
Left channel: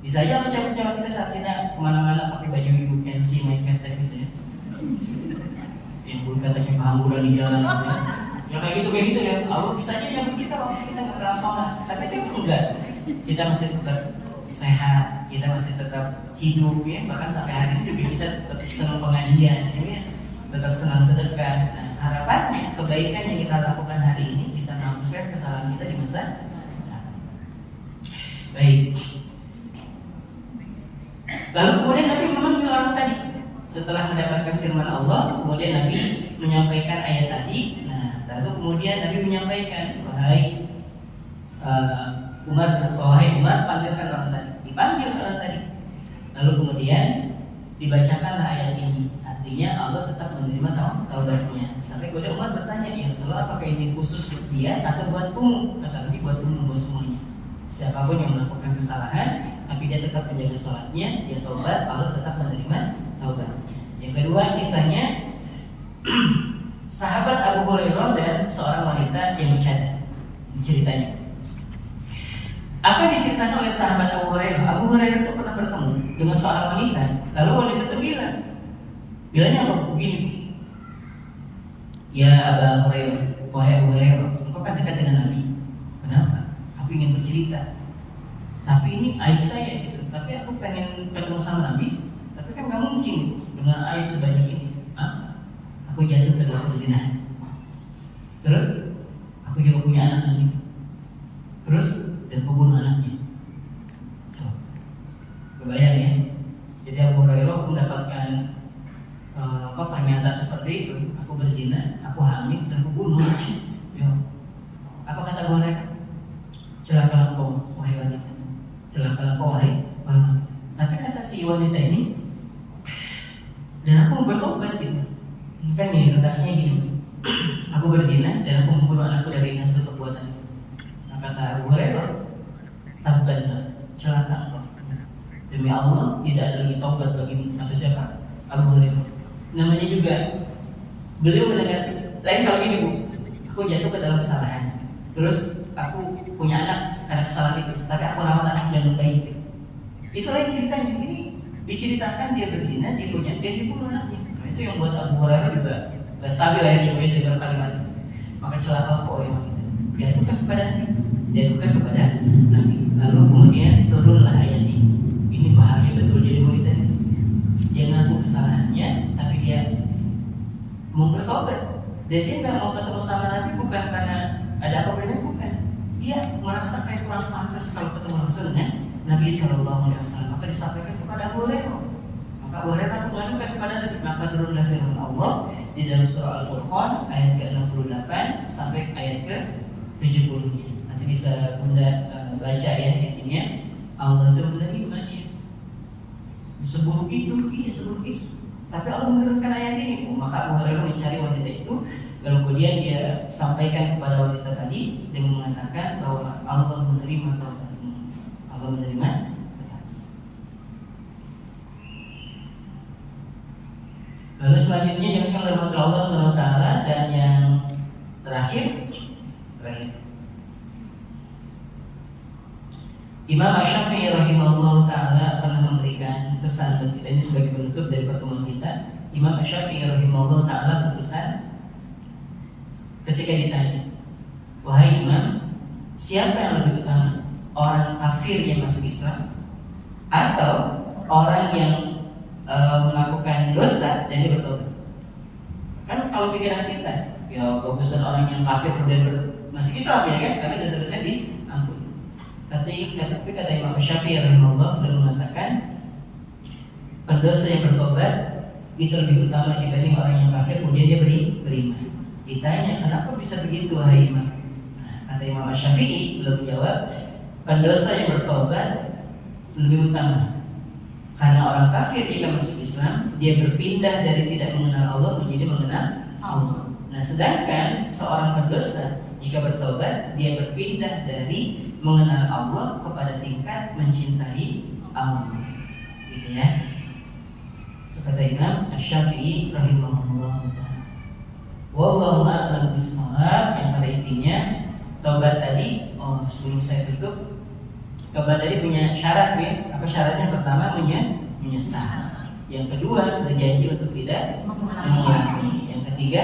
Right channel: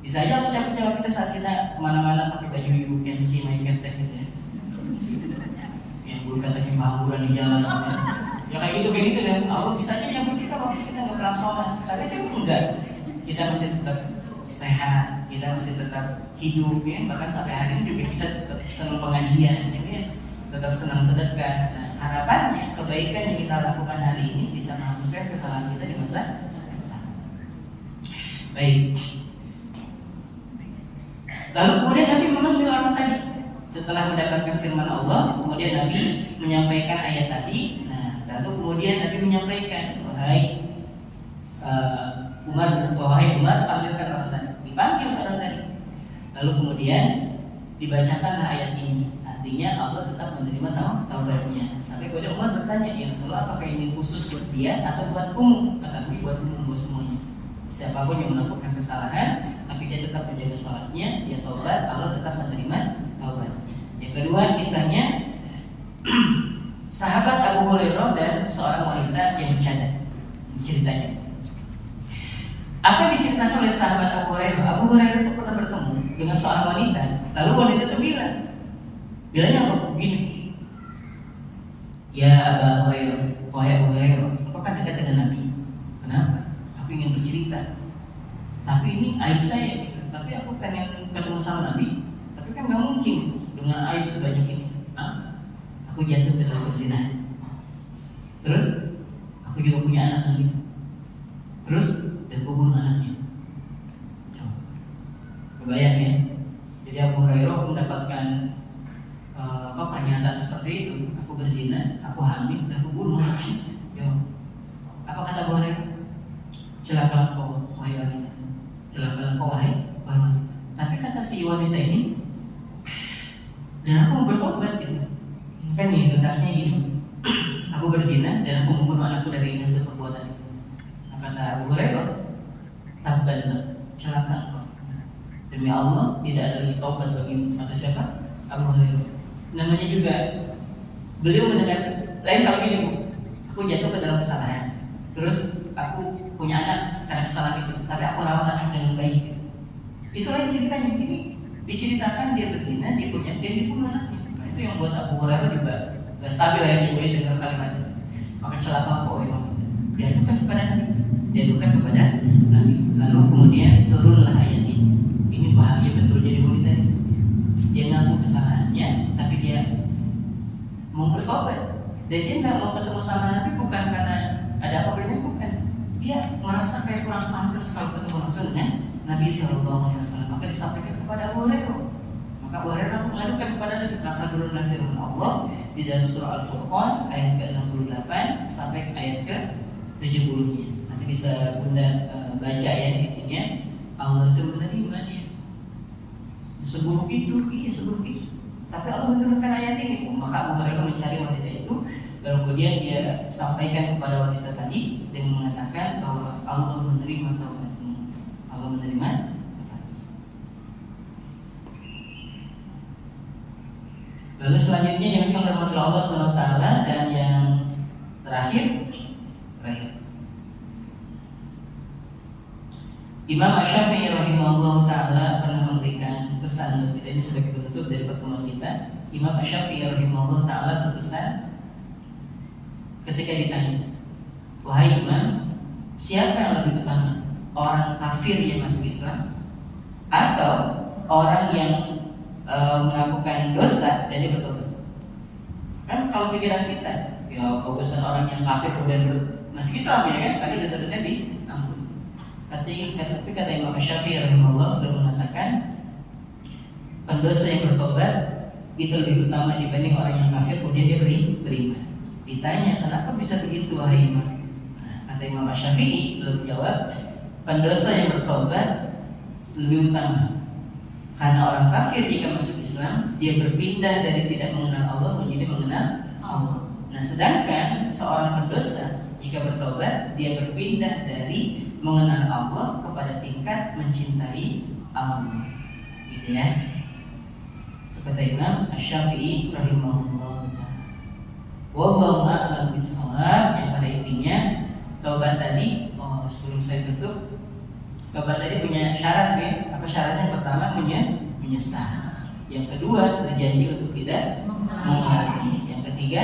Bisa aja ucapan kita saat kita kemana-mana pakai baju you can see my cat gitu ya. Yang bukan lagi pengangguran di jalan ya. Ya kayak gitu ya. Allah bisa aja nyambut kita waktu kita nggak pernah sholat. Tapi kan enggak. Kita masih tetap sehat, kita masih tetap hidup ya. Bahkan sampai hari ini juga kita tetap senang pengajian ya. Tetap senang sedekah. Nah, harapannya kebaikan yang kita lakukan hari ini bisa menghapuskan kesalahan kita di masa depan. Baik. Lalu kemudian Nabi memang bilang tadi, setelah mendapatkan firman Allah, kemudian Nabi menyampaikan ayat tadi. Nah, lalu kemudian Nabi menyampaikan, wahai Umar, panggilkan orang tadi. Dipanggil orang tadi. Lalu kemudian dibacakanlah ayat ini. Artinya Allah tetap menerima taubatnya. Sampai kemudian Umar bertanya, ya Rasulullah, apakah ini khusus buat dia atau buat umum? Kata Nabi, buat umum, buat semuanya. Siapapun yang melakukan kesalahan, tapi dia tetap menjaga sholatnya, dia taubat, Allah tetap menerima taubat. Yang kedua kisahnya sahabat Abu Hurairah dan seorang wanita yang bercanda. Ceritanya. Apa yang diceritakan oleh sahabat Abu Hurairah? Abu Hurairah itu pernah bertemu dengan seorang wanita. Lalu wanita itu bilangnya apa? Begini. Ya Abu Hurairah, wahai Abu Hurairah, engkau kan dekat dengan Nabi. Kenapa? Aku ingin bercerita. Tapi ini aib saya, tapi aku pengen ketemu sama Nabi. Tapi kan gak mungkin dengan aib sebanyak ini. Aku jatuh ke dalam zina. Terus aku juga punya anak Nabi. Terus dan aku bunuh anaknya. Kebayang ya. Jadi Abu Hurairah mendapatkan pernyataan seperti itu. Aku berzina, aku hamil, dan aku bunuh anaknya. Apa kata Abu Hurairah? Celakalah kau, wahai wanita. Celakalah kau, wahai wanita. Tapi kata si wanita ini, dan aku bertobat gitu. Ini kan nih kertasnya gini. Aku berzina dan aku membunuh anakku dari hasil perbuatan itu. Nah, kata Abu Hurairah, tabban, celaka kau. Demi Allah tidak ada lagi taubat bagi atau siapa? Abu Hurairah. Namanya juga beliau mendengar lain kalau gini, Bu. Aku jatuh ke dalam kesalahan. Terus aku punya anak karena kesalahan itu, tapi aku rawat dan lukai itu. Itu lain ceritanya. Ini diceritakan dia berzina, dia punya, dia dibunuh anaknya. Nah, itu yang buat Abu Hurairah juga gak stabil ya dia dengar kalimat itu. Maka celaka kau ya wanita. Dia bukan kepada Nabi, dia bukan kepada Nabi. Lalu kemudian turunlah ayat ini. Ini bahagia betul jadi wanita. Dia ngaku kesalahannya, tapi dia mau bertobat. Dan dia nggak mau ketemu sama Nabi bukan karena ada apa bedanya, bukan. Dia merasa kayak kurang pantas kalau ketemu langsung dengan Nabi Sallallahu Alaihi Wasallam. Maka disampaikan kepada Abu Hurairah. Maka Abu Hurairah mengadukan kepada Nabi. Maka turunlah firman Allah di dalam surah Al-Furqan ayat ke-68 sampai ayat ke-70. Nanti bisa Bunda baca ya, intinya Allah itu menerima dia. Seburuk itu, iya seburuk itu. Tapi Allah menurunkan ayat ini. Maka Abu Hurairah mencari wanita itu. Lalu kemudian dia sampaikan kepada wanita tadi dengan mengatakan bahwa Allah menerima taubatmu. Allah menerima. Lalu selanjutnya yang sekalian rahmat Allah SWT dan yang terakhir Imam Asy-Syafi'i rahimahullah ta'ala pernah memberikan pesan buat kita. Ini sebagai penutup dari pertemuan kita. Imam Asy-Syafi'i rahimahullah ta'ala berpesan ketika ditanya, wahai Imam, siapa yang lebih utama? Orang kafir yang masuk Islam atau orang yang melakukan dosa dan dia bertobat? Kan kalau pikiran kita, ya bagusan orang yang kafir kemudian masuk Islam ya kan, karena dosa-dosa diampuni. Tapi kata Imam Syafi'i rahimahullah sudah mengatakan pendosa yang bertobat itu lebih utama dibanding orang yang kafir kemudian dia beriman. Ditanya, kenapa bisa begitu wahai Imam? Kata Imam Syafi'i belum jawab, pendosa yang bertobat lebih utama karena orang kafir jika masuk Islam dia berpindah dari tidak mengenal Allah menjadi mengenal Allah. Nah, sedangkan seorang pendosa jika bertobat dia berpindah dari mengenal Allah kepada tingkat mencintai Allah. Gitu ya. Kata Imam Asy-Syafi'i rahimahullah. Wallahu a'lam bishawab. Yang pada intinya taubat tadi, sebelum saya tutup, Tobat tadi punya syarat ya. Apa syaratnya? Yang pertama menyesal. Yang kedua berjanji untuk tidak mengulangi. Yang ketiga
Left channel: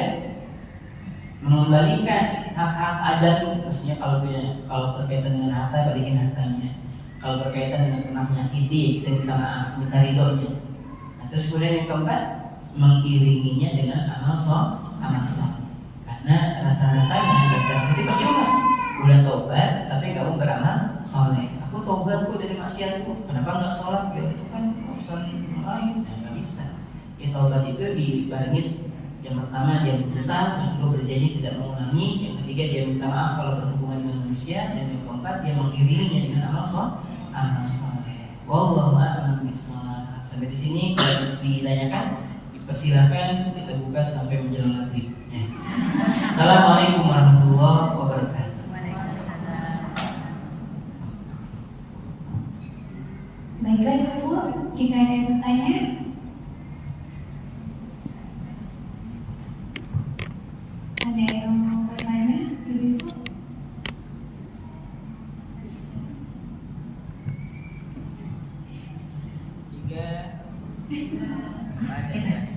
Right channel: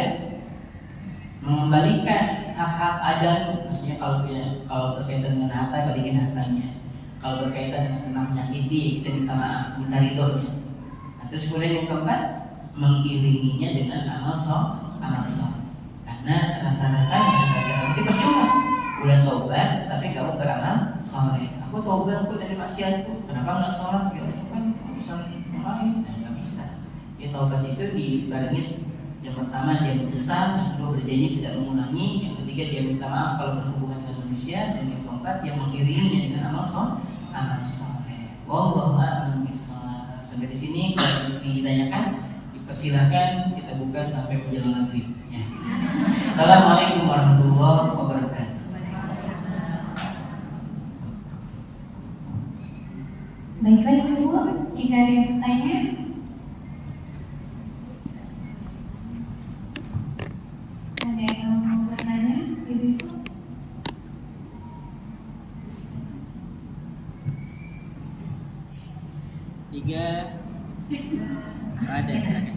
mengembalikan hak-hak adami. Maksudnya kalau berkaitan dengan harta, balikin hartanya. Kalau berkaitan dengan pernah menyakiti, kita minta maaf, minta ridhonya. Nah, terus kemudian yang keempat mengiringinya dengan amal soleh. Karena rasa-rasanya nanti percuma udah tobat tapi kamu beramal soleh. Aku tobat kok dari maksiatku, kenapa nggak sholat? Gitu kan urusan lain, nggak bisa. Ya tobat itu dibarengi yang pertama dia menyesal, yang kedua berjanji tidak mengulangi, yang ketiga dia minta maaf kalau berhubungan dengan manusia, dan yang keempat dia mengiringinya dengan amal soleh. Wallahu a'lam bishawab. Sampai di sini kalau ditanyakan, dipersilakan kita buka sampai menjelang maghrib. Assalamualaikum warahmatullahi wabarakatuh. Baiklah Ibu, jika ada yang bertanya. Ada yang mau bertanya, Ibu? Tiga, ada Ustaz.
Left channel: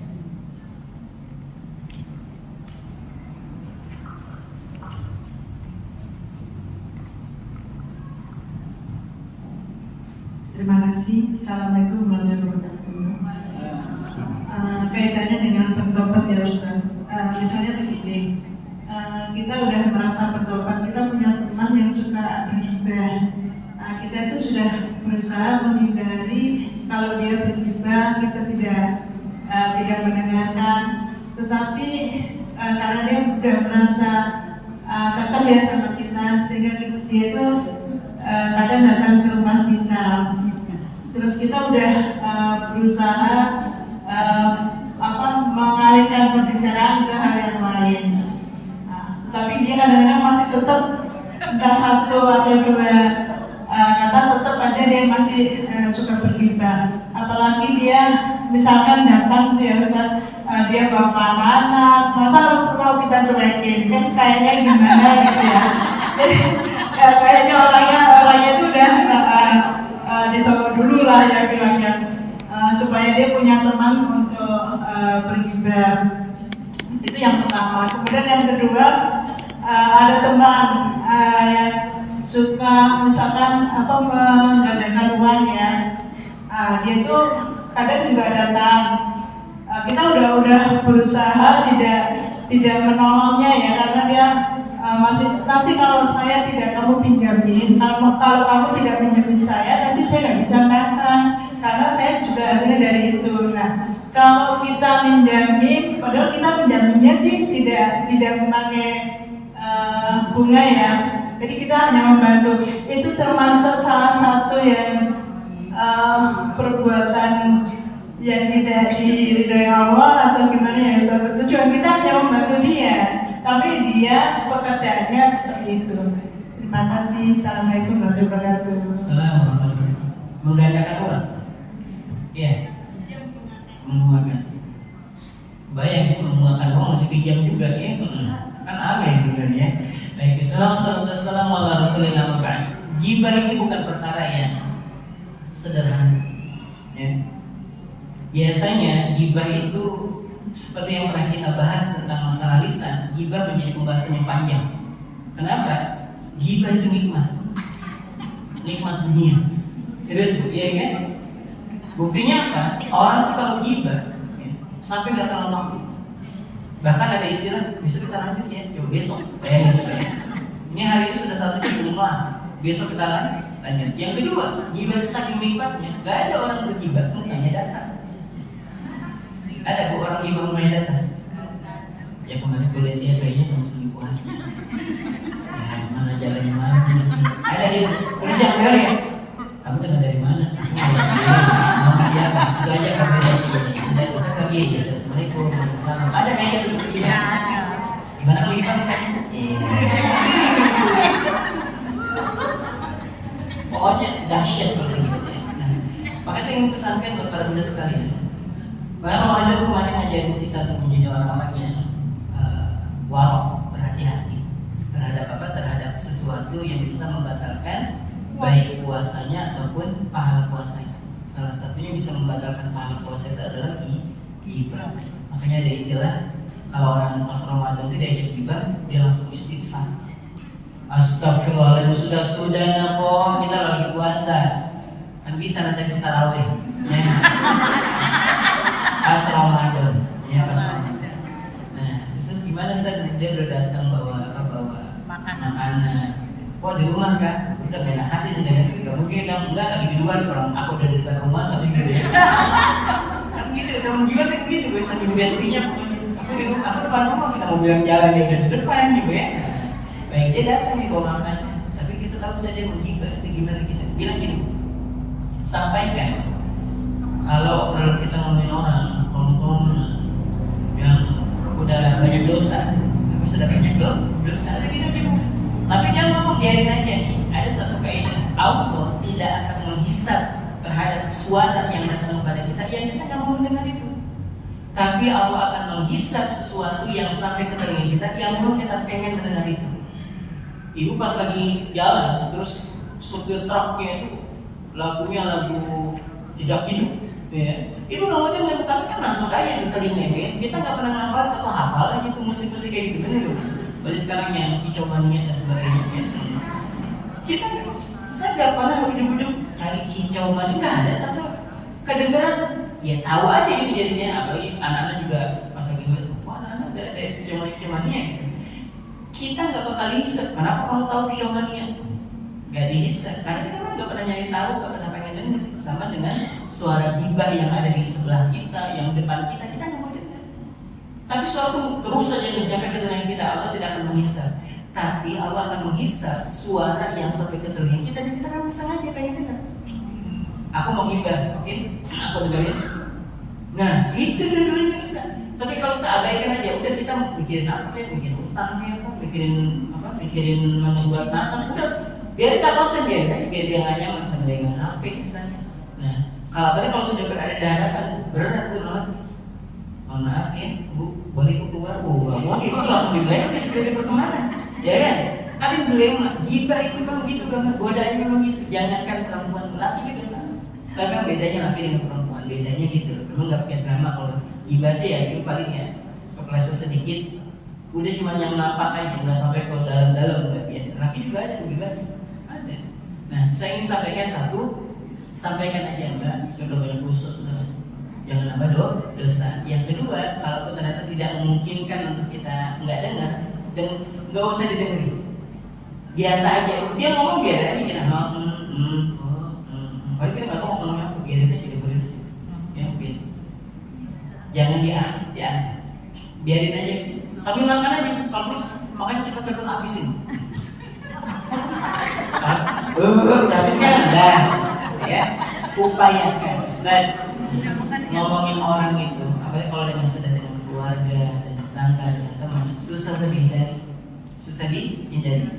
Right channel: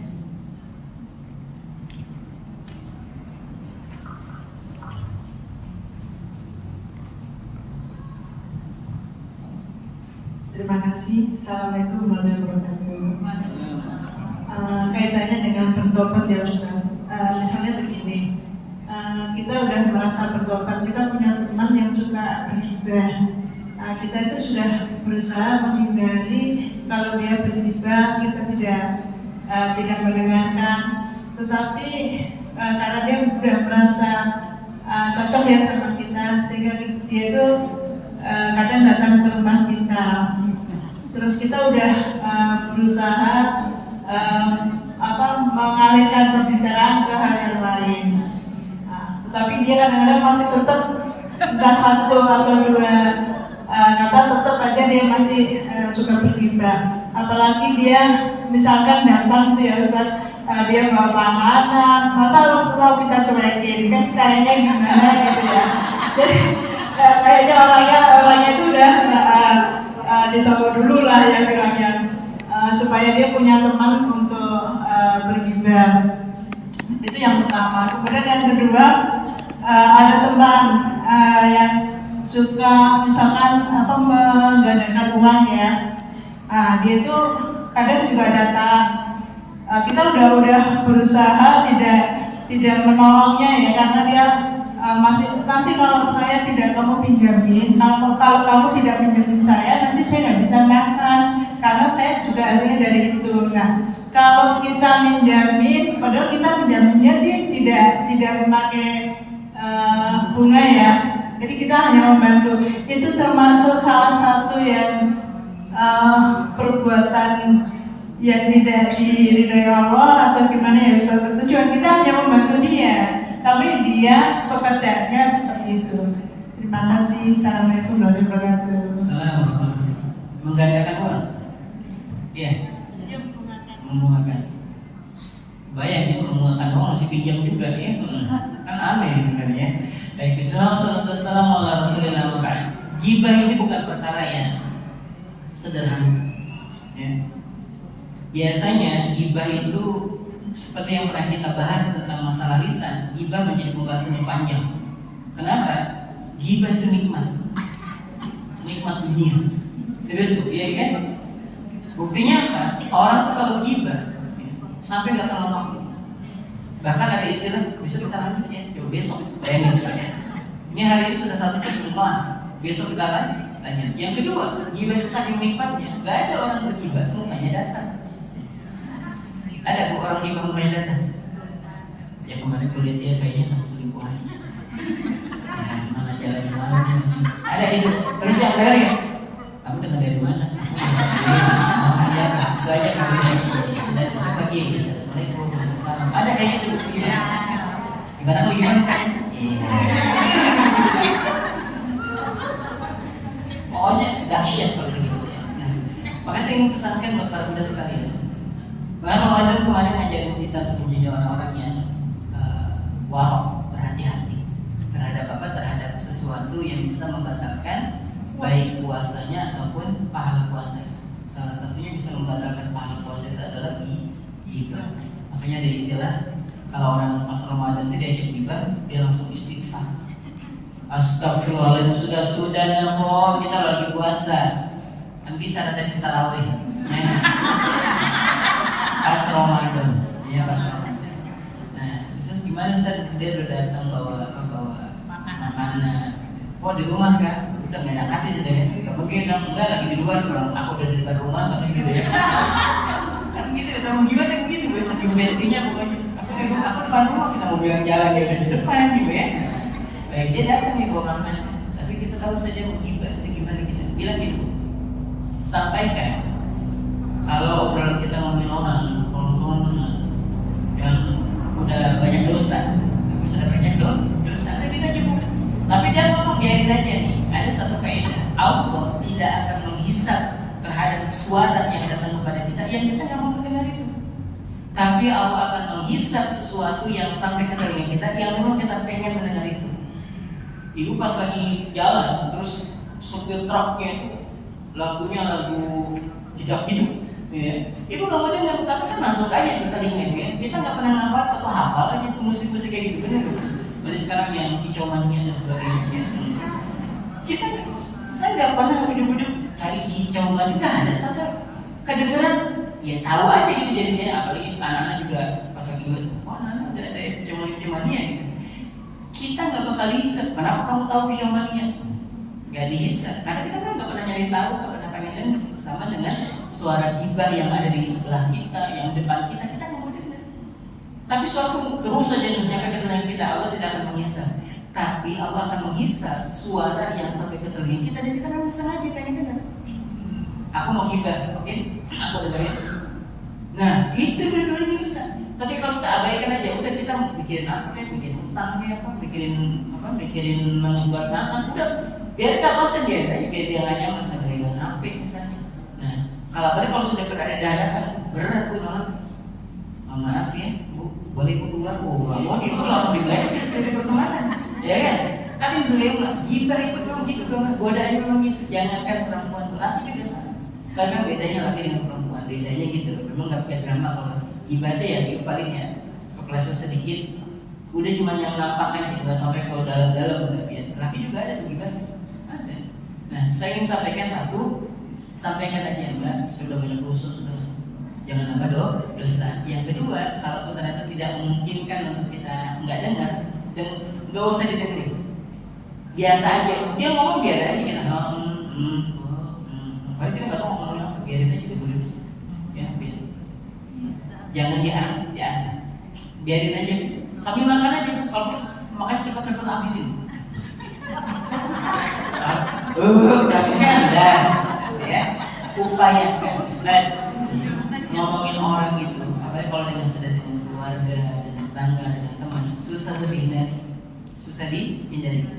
Terima kasih. Assalamualaikum warahmatullahi wabarakatuh. Kaitannya dengan bertobat ya Ustaz. Misalnya begini, kita udah merasa bertobat, kita punya teman yang suka bergibah. Kita itu sudah berusaha menghindari kalau dia bergibah, kita tidak mendengarkan. Tetapi karena dia sudah merasa cocok ya sama kita, sehingga dia itu kadang datang ke rumah kita. Terus kita udah berusaha mengalihkan pembicaraan ke hal yang lain. Tetapi dia kadang-kadang masih tetap entah satu atau dua kata, tetap aja dia masih suka bergibah. Apalagi dia misalkan datang tuh ya Ustaz, dia bawa makanan, masa mau kita cuekin, kan kayaknya gimana gitu ya. Jadi kayaknya orangnya itu udah dicoba dulu lah ya bilangnya, supaya dia punya teman untuk bergibah. Itu yang pertama. Kemudian yang kedua, ada teman yang suka misalkan menggandakan uang ya. Dia tuh kadang juga datang. Kita udah berusaha tidak menolongnya ya, karena dia masih nanti kalau saya tidak kamu pinjamin, kalau kamu tidak pinjamin saya, nanti saya nggak bisa makan karena saya juga hasilnya dari itu. Nah, kalau kita minjamin, padahal kita minjaminnya tidak memakai bunga ya, jadi kita hanya membantu. Itu termasuk salah satu yang perbuatan yang tidak diridhoi Allah atau gimana ya Ustaz? Tujuan kita hanya membantu dia, tapi dia pekerjaannya seperti itu. Terima kasih. Assalamualaikum warahmatullahi wabarakatuh. Assalamualaikum. Menggandakan uang? Iya. Menguatkan. Bayangin menguatkan uang masih pinjam juga ya? Kan aneh sebenarnya. Baik, Bismillahirrahmanirrahim. Gibah ini bukan perkara yang sederhana. Ya. Biasanya gibah itu seperti yang pernah kita bahas tentang masalah lisan, gibah menjadi pembahasan yang panjang. Kenapa? Gibah itu nikmat dunia. Serius Bu, iya kan? Buktinya apa? Orang tuh kalau gibah sampai nggak terlalu waktu. Bahkan ada istilah besok kita lanjut ya, besok. Bayangin saja. Ini hari ini sudah satu jam rumah, besok kita lanjut. Yang kedua, gibah itu saking nikmatnya, nggak ada orang bergibah tuh hanya datang. Ada orang gibah rumahnya datang. Ya kemarin tuh lihat dia kayaknya sama selingkuhan. Mana jalannya mana? Ada gitu. Terus yang kedua ya, kamu dengar dari mana? Dia banyak yang saya pergi. Assalamualaikum. Ada kayak gitu. Iya. Gimana lu gimana? Pokoknya dahsyat kalau gitu. Maka saya ingin pesankan buat para pemuda sekalian. Bahwa Ramadan kemarin ngajarin kita untuk menjadi orang-orang yang warok, berhati-hati terhadap sesuatu yang bisa membatalkan baik puasanya ataupun pahala puasanya. Salah satunya bisa membatalkan pahala puasa itu adalah ghibah. Makanya ada istilah kalau orang pas Ramadan itu diajak ghibah, dia langsung istighfar. Astagfirullahaladzim, sudah namo, kita lagi puasa. Kan bisa nanti di tarawih. Pas Ramadan, ya pas Ramadan. Nah, terus gimana Ustaz? Dia udah datang bawa makanan. Wah di rumah kan, udah beda hati sudah ya. Gak mungkin enggak lagi di luar orang. Aku udah di depan rumah, tapi gitu ya. Kan gitu, temen juga kan gitu, gue saking bestinya pokoknya. Aku di rumah, aku depan rumah kita mau bilang jalan dia udah di depan gitu ya. Baik dia datang nih bawa makan, tapi kita tahu saja menggibah itu gimana gitu. Bilang gini, sampaikan kalau kita ngomongin orang yang udah banyak dosa, tapi sudah banyak dosa lagi aja. Tapi dia ngomong biarin aja nih. Ada satu kaidah, Allah tidak akan menghisab terhadap suara yang datang kepada kita yang kita nggak mau mendengar itu. Tapi Allah akan menghisab sesuatu yang sampai ke telinga kita yang memang kita pengen mendengar itu. Ibu pas lagi jalan, terus supir truknya itu lagunya lagu tidak hidup, ya. Ibu nggak mau dengar, tapi kan masuk aja ke telinga. Kita nggak pernah ngapal atau hafal lagi tuh musik-musik kayak gitu, bener. Berarti sekarang yang kicau mania dan sebagainya. Kita, saya nggak pernah hidup-hidup cari kicau mania, nggak ada. Tapi kedengeran, ya tahu aja gitu jadinya. Apalagi anak-anak juga pas lagi lihat, wah anak udah ada kicau mania gitu. Kita nggak bakal dihisab. Kenapa kamu tahu kicau mania? Nggak dihisab, karena kita kan nggak pernah nyari tahu, nggak pernah pengen dengar. Sama dengan suara ghibah yang ada di sebelah kita, yang depan kita nggak mau dengar. Tapi suatu terus saja menjaga ke telinga kita, Allah tidak akan menghisab. Tapi Allah akan menghisab suara yang sampai ke telinga kita dan kita nggak sengaja pengen dengar. Aku mau ghibah, oke? Aku dengerin. Nah, itu dua-duanya bisa. Tapi kalau kita abaikan aja, udah kita mikirin apa, mikirin utang apa, mikirin membuat tanah, udah biar kita konsen biar dia nggak nyaman sama dengan HP misalnya. Nah, kalau sudah berada di hadapan berat tuh nolak. Mohon maaf ya, Bu, boleh keluar? Mau itu langsung dibayar di studi pertemanan, ya kan? Ada dilema, ghibah itu memang gitu banget, godaannya memang gitu. Jangankan perempuan, laki juga sama. Tapi kan bedanya laki dengan perempuan, bedanya gitu loh. Memang nggak pakai drama kalau ghibah ya, itu paling ya kepleset sedikit, udah cuma yang nampak aja, nggak sampai ke dalam-dalam udah biasa. Laki juga ada ghibah, ada. Nah, saya ingin sampaikan satu, sampaikan aja Mbak, sudah banyak khusus sudah. Jangan nambah dosa. Yang kedua, kalau ternyata tidak memungkinkan untuk kita nggak dengar dan nggak usah didengerin, biasa aja. Dia ngomong biar aja kita kalau kita nggak tahu ngomongnya apa, biarin aja dulu. Ya, jangan diangkat, biarin aja. Sambil makan aja, kalau makan cepat habisin. Udah habis kan, udah, ya. Upayakan, dan ngomongin orang itu, apalagi kalau dengan sudah dengan keluarga, dan tetangga, dan teman, susah dihindari.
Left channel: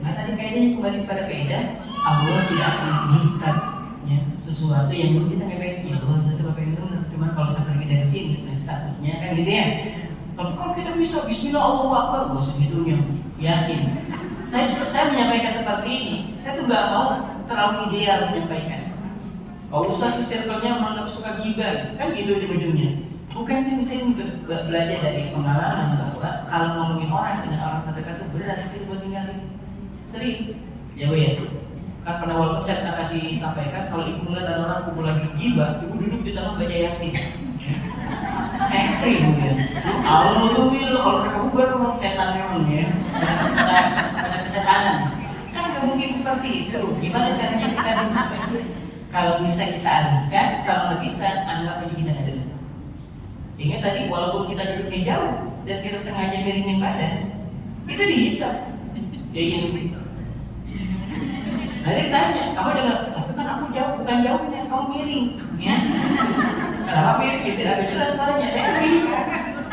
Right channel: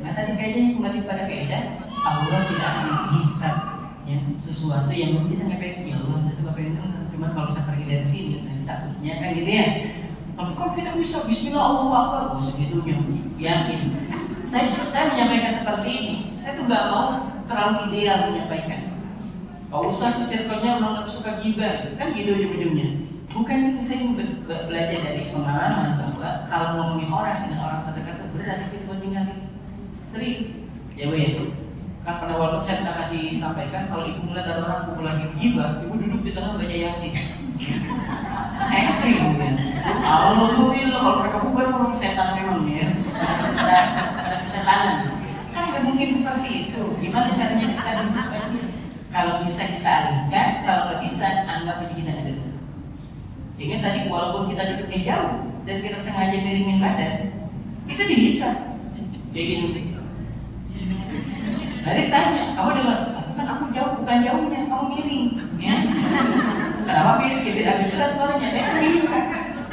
Nah tadi kaidahnya kembali pada kaidah Allah tidak akan menghisab ya, sesuatu yang kita nggak pengen. Ya Allah, saya nggak pengen dengar. Cuma kalau saya pergi dari sini, takutnya kan gitu ya. Tapi kalau kita bisa Bismillah Allahu Akbar, nggak segitunya, yakin. Saya menyampaikan seperti ini. Saya tuh nggak mau terlalu ideal menyampaikan. Kalau usah si circle-nya menganggap suka ghibah, kan gitu ujung-ujungnya. Bukan saya belajar dari pengalaman bahwa kalau ngomongin orang dengan orang terdekat itu berat itu buat tinggalin. Serius, ya Bu ya. Kan pada waktu saya pernah kasih sampaikan kalau ibu melihat ada orang kumpul lagi ghibah, ibu duduk di tengah baca Yasin. Ekstrim ya. Alhamdulillah kalau mereka bubar memang setan memang ya. Ada kesetanan. Kan nggak mungkin seperti itu. Gimana caranya kita dengar itu? Kalau bisa kita alihkan, kalau nggak bisa anggap aja kita nggak dengar. Ingat tadi walaupun kita duduknya jauh dan kita sengaja miringin badan, itu dihisab. Dia gitu. Nanti tanya, kamu dengar? Kan aku jauh, bukan jauhnya, kamu miring. Ya. Kenapa miring? Tidak jelas suaranya. Dia kan bisa.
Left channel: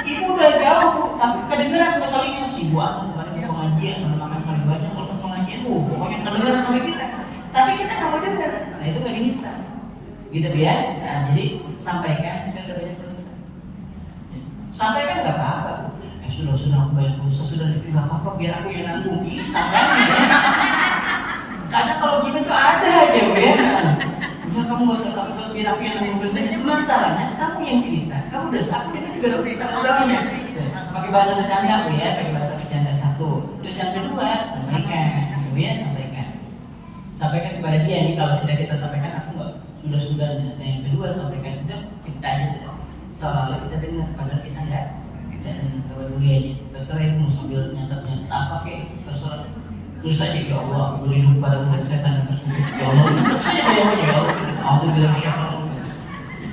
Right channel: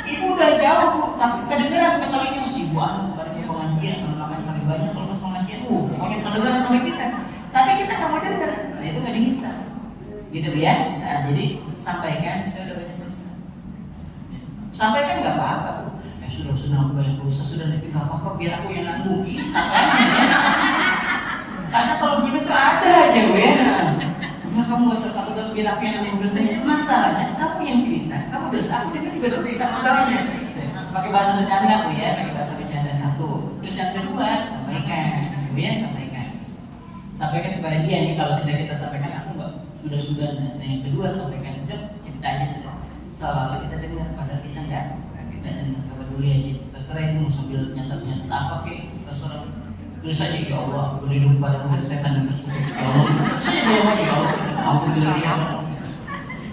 Ibu udah jauh, Bu, tapi kedengeran kalau itu si Bu anu pada pengajian, makan paling banyak kalau pengajian, pokoknya kedengeran sama kita. Tapi kita nggak mau dengar. Nah itu nggak dihisab. Gitu ya. Nah, jadi sampaikan, saya udah banyak dosa. Sampaikan nggak apa-apa, Bu. Sudah senang banyak dosa, sudah tapi nggak apa-apa, biar aku yang nanggung. Bisa. Karena kalau gini tuh ada aja kira aku yang nanggung dosanya. Masalahnya kamu yang cerita, kamu dosa, aku dengar juga dosa. Masalahnya pakai bahasa bercanda aku ya, pakai bahasa bercanda satu. Terus yang kedua sampaikan, kemudian sampaikan kepada dia nih kalau sudah kita sampaikan aku nggak sudah. Nah yang kedua sampaikan udah cerita aja sudah. Soalnya kita dengar padahal kita enggak, kita dengar peduli aja. Terserah itu mau sambil nyatat apa kek, terserah. Terus aja ya Allah, beri hidup pada murid setan. Ya Allah, terus aja dia ya Allah. Aku bilang ya Allah.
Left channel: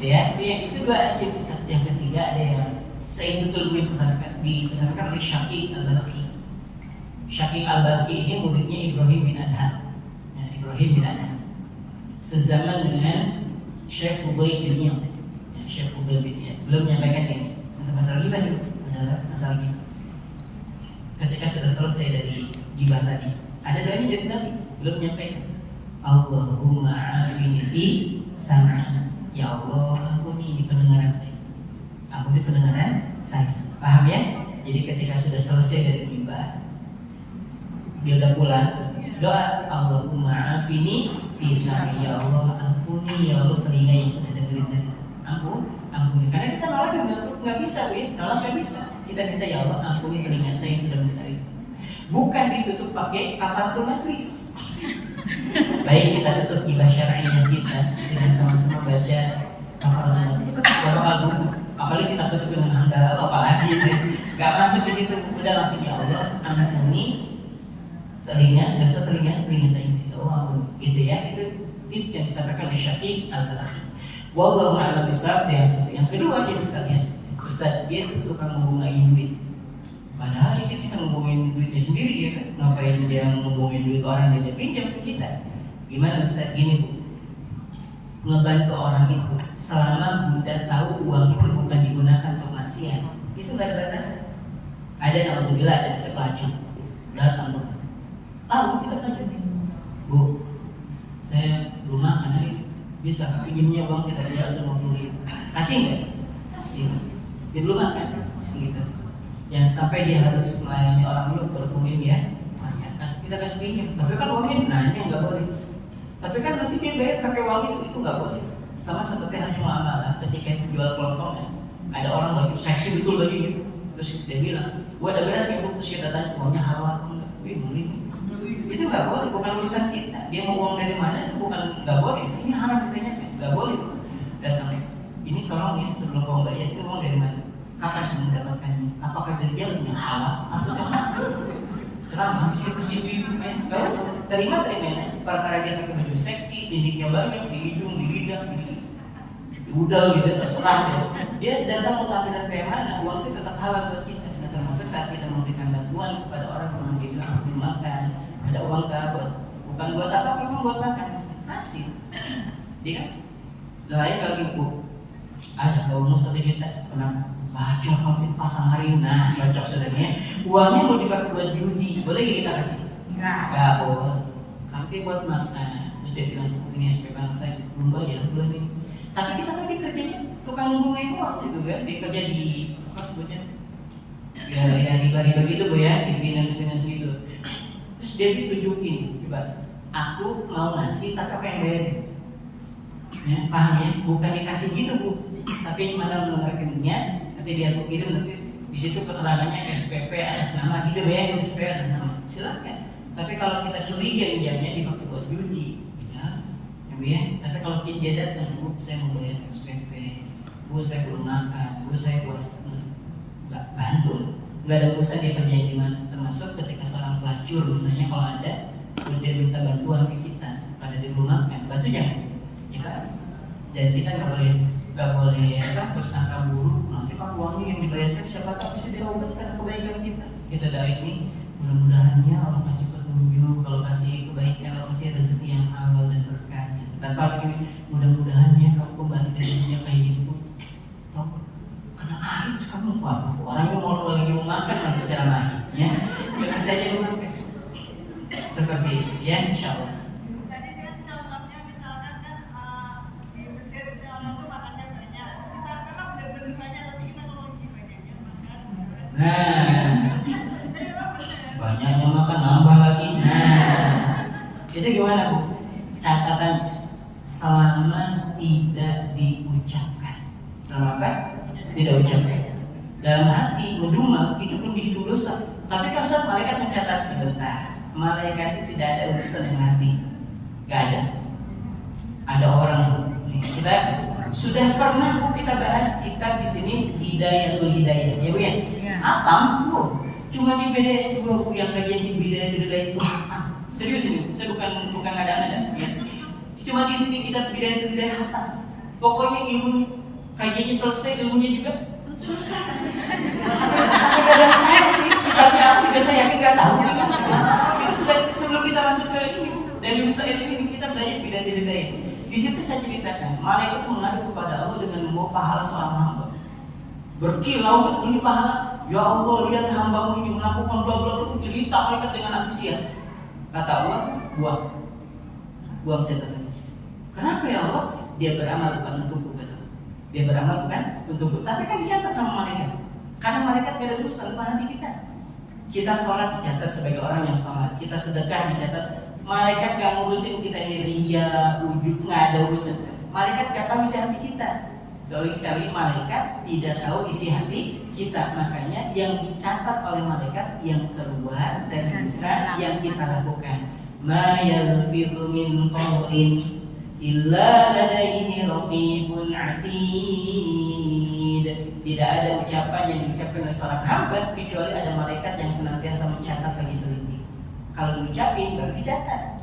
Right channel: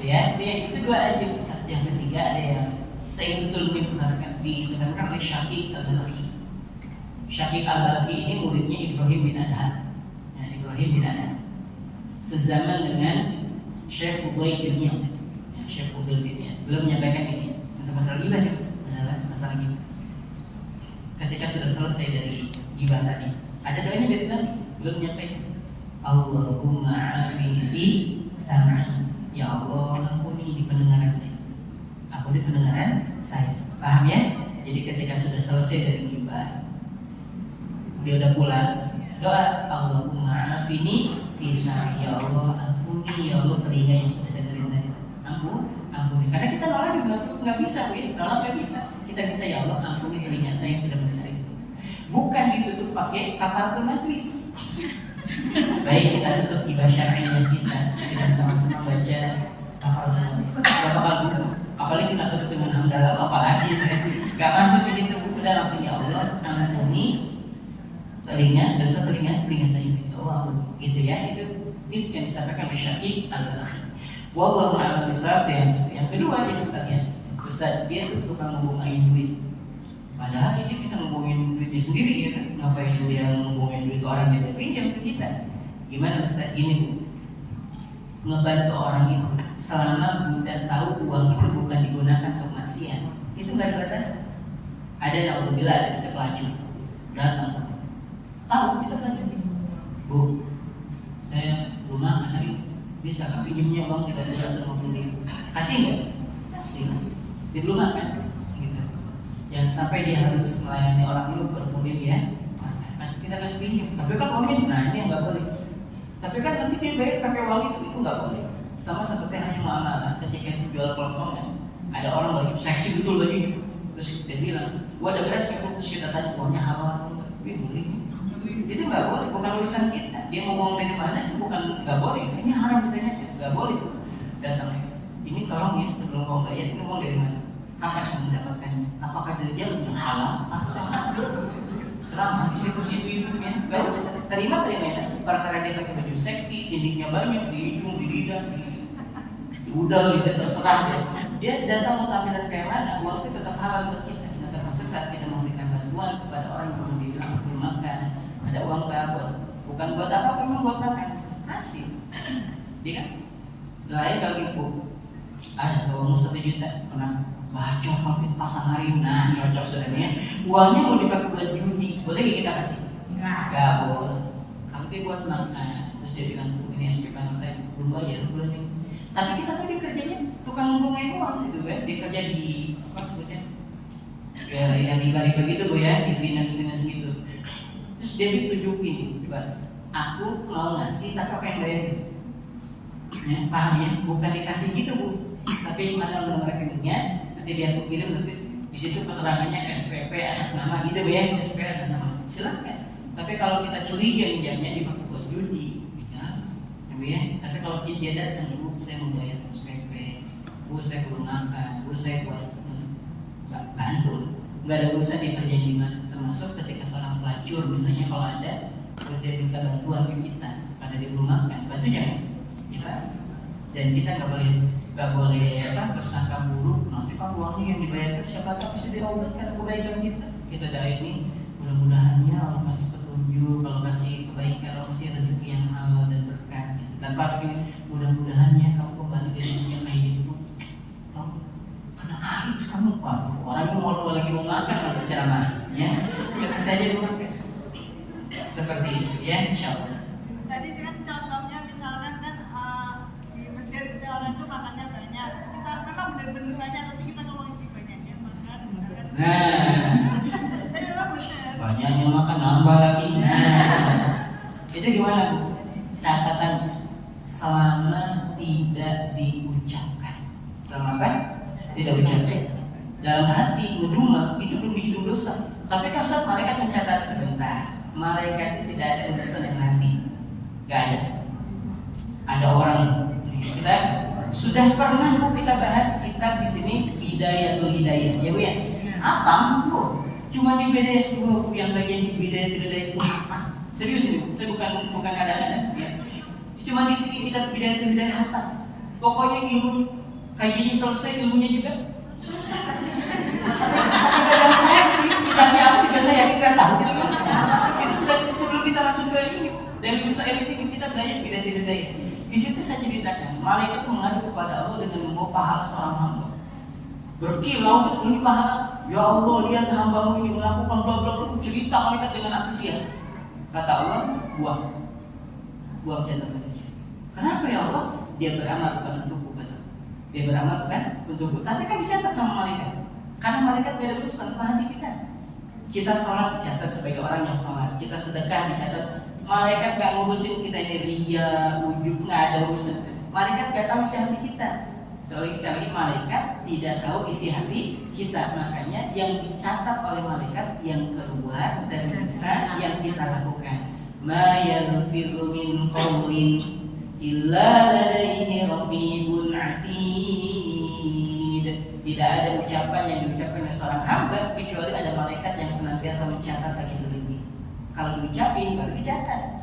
Ya, yang itu dua aja. Yang ketiga ada yang saya betul dipesankan oleh Syaqiq Al-Balkhi. Syaqiq Al-Balkhi ini muridnya Ibrahim bin Adham. Ya, Ibrahim bin Adham. Sezaman dengan Syekh Fudail bin Iyad. Ya, Syekh Fudail bin Iyad. Belum menyampaikan ini untuk masalah gibah juga. Masalah gibah. Ketika sudah selesai dari gibah tadi, ada doanya dari Nabi, belum menyampaikan. Allahumma afini fi sam'i. Ya Allah, ampuni pendengaran saya. Ampuni pendengaran saya. Paham ya? Jadi ketika sudah selesai dari gibah, dia udah pulang, doa Allahumma afini fi sam'i. Ya Allah, ampuni ya Allah telinga yang sudah dengerin tadi. Ampuni. Karena kita nolak juga nggak bisa, Bu ya. Nolak nggak bisa. Kita minta ya Allah, ampuni telinga saya yang sudah mendengarin. Bukan ditutup pakai kafaratul majlis. Baik, kita tutup gibah syar'iyyah kita sama-sama baca kafaratul majlis. Apalagi kita tutup dengan hamdalah apalagi nggak masuk di situ. Udah langsung ya Allah, ampuni telinga saya. Oh, gitu ya. Itu tips yang disampaikan oleh Syaqiq Al-Balkhi. Wallahu a'lam bishawab. Yang kedua dia sekalian, Ustaz, dia itu tukang ngomongin duit. Padahal dia bisa ngomongin duitnya sendiri ya. Ngapain dia ngomongin duit orang yang dia pinjam ke kita? Gimana Ustaz? Gini Bu, ngebantu orang itu selama Bunda tahu uang itu bukan digunakan untuk maksiat, itu nggak ada batas. Ada yang alhamdulillah ada bisa pelacur datang tahu kita tanya Bu, saya belum makan hari bisa kak pinjamnya bang kita jual 50.000 kasih nggak? Kasih, dia belum makan gitu. Jangan sampai dia harus melayani orang dulu baru kemudian dia kita kasih pinjam. Tapi kan uangnya nanya nggak boleh. Tapi kan nanti dia bayar pakai uang itu nggak boleh. Sama seperti hanya muamalah ketika itu jual kelompoknya. Ada orang baju seksi betul baju gitu. Terus dia bilang, gua ada beras gitu. Terus kita tanya uangnya halal atau enggak? Wih beli. Itu nggak boleh. Bukan urusan kita. Dia ngomong dari mana itu bukan nggak boleh. Ini haram katanya nggak boleh. Datang. Ini tolong ya sebelum kau bayar ini uang dari mana? Kapan kamu mendapatkannya? Apakah dari dia punya halal? Selama di situ itu kan nggak usah terima aja. Perkara dia pakai baju seksi, dindingnya banyak di hidung, di lidah, di udal gitu terserah dia. Dia datang mau tampilan kayak mana, uang itu tetap halal buat kita. Nah, termasuk saat kita memberikan bantuan kepada orang yang dia bilang belum makan, ada uang buat bukan buat apa, memang buat makan, kasih, dikasih. Doain kalau ibu ada uang 1 juta, kenapa? Baca hampir pasang hari, nah cocok saudaranya. Uangnya mau dipakai buat judi, boleh gak kita kasih? Enggak boleh. Kalau dia buat makan, terus dia bilang ini SPK saya belum bayar bulan ini. Tapi kita tadi kerjanya tukang ngomongin uang gitu kan, dia kerja di apa sebutnya? Ya di riba gitu Bu ya, di finance gitu. Terus dia ditunjukin, coba aku mau ngasih tapi apa yang bayar? Ya, paham ya? Bukan dikasih gitu Bu, tapi mana nomor rekeningnya? Nanti dia aku kirim nanti di situ keterangannya SPP atas nama gitu ya, SPP atas nama. Silakan. Tapi kalau kita curiga pinjamnya dipakai buat judi, ya. Tapi kalau dia datang, Bu, saya mau bayar SPP, Bu, saya belum makan, Bu, saya buat bantu. Nggak ada urusan dia kerja di mana. Termasuk ketika seorang pelacur, misalnya kalau ada, dia minta bantuan ke kita, pada dia belum makan, bantu jangan. Kita dan kita nggak boleh bersangka buruk. Nanti kan uangnya yang dibayarkan siapa tahu bisa diobratkan kebaikan kita. Kita dari ini mudah-mudahannya Allah kasih petunjuk, kalau kasih kebaikan, Allah kasih rezeki yang halal dan berkah. Tanpa ini mudah-mudahannya kamu kembali dari dunia kayak gitu. Tahu? Karena harus kamu Pak. Orang itu mau lagi mau makan kalau bicara makan, ya. Jangan saya dia makan. Seperti itu, ya, insyaallah. Tadi kan contohnya misalkan kan di Mesir orang itu makannya banyak. Kita memang benar-benar banyak, tapi kita ngomongin di banyaknya makan. Nah, banyaknya makan nambah lagi. Nah, itu gimana Bu? Catatan selama tidak apa? Tidak ucapkan. Dalam hati ngedumel itu belum dihitung dosa. Tapi kalau saat malaikat mencatat sebentar, malaikat itu tidak ada urusan dengan hati, nggak ada. Ada orang kita sudah pernah kita bahas kitab di sini Bidayatul Hidayah, ya Bu ya. Apa? Cuma di BDS Bu yang bagian di Bidayatul Hidayah itu. Serius ini, saya bukan ada-ada ya. Cuma di sini kita Bidayatul Hidayah hatam. Pokoknya ilmu kajiannya selesai, ilmunya juga selesai. Sampai dalam kitabnya apa juga saya yakin nggak tahu. Itu sudah sebelum kita masuk ke ini dari Musail ini kita belajar Bidayatul Hidayah. Di situ saya ceritakan, malaikat itu mengadu kepada Allah dengan membawa pahala seorang hamba. Berkilau betul di pahala. Ya Allah, lihat hambamu ini melakukan bla bla bla. Cerita malaikat dengan antusias. Kata Allah, buang catatan. Kenapa ya Allah? Dia beramal bukan untukku, kata. Dia beramal bukan untukku. Tapi kan dicatat sama malaikat. Karena malaikat beda urusan sama hati kita. Kita sholat dicatat sebagai orang yang sholat. Kita sedekah dicatat. Malaikat gak ngurusin kita ini ria, ujub, nggak ada urusan. Malaikat gak tahu isi hati kita. Soalnya sekali lagi malaikat tidak tahu isi hati kita. Makanya yang dicatat oleh malaikat yang keluar dari lisan yang kita lakukan. Ma yalfidhu min qawlin illa ladaihi raqibun atid. Tidak ada ucapan yang diucapkan oleh seorang hamba kecuali ada malaikat yang senantiasa mencatat lagi teliti. Kalau diucapin baru dicatat.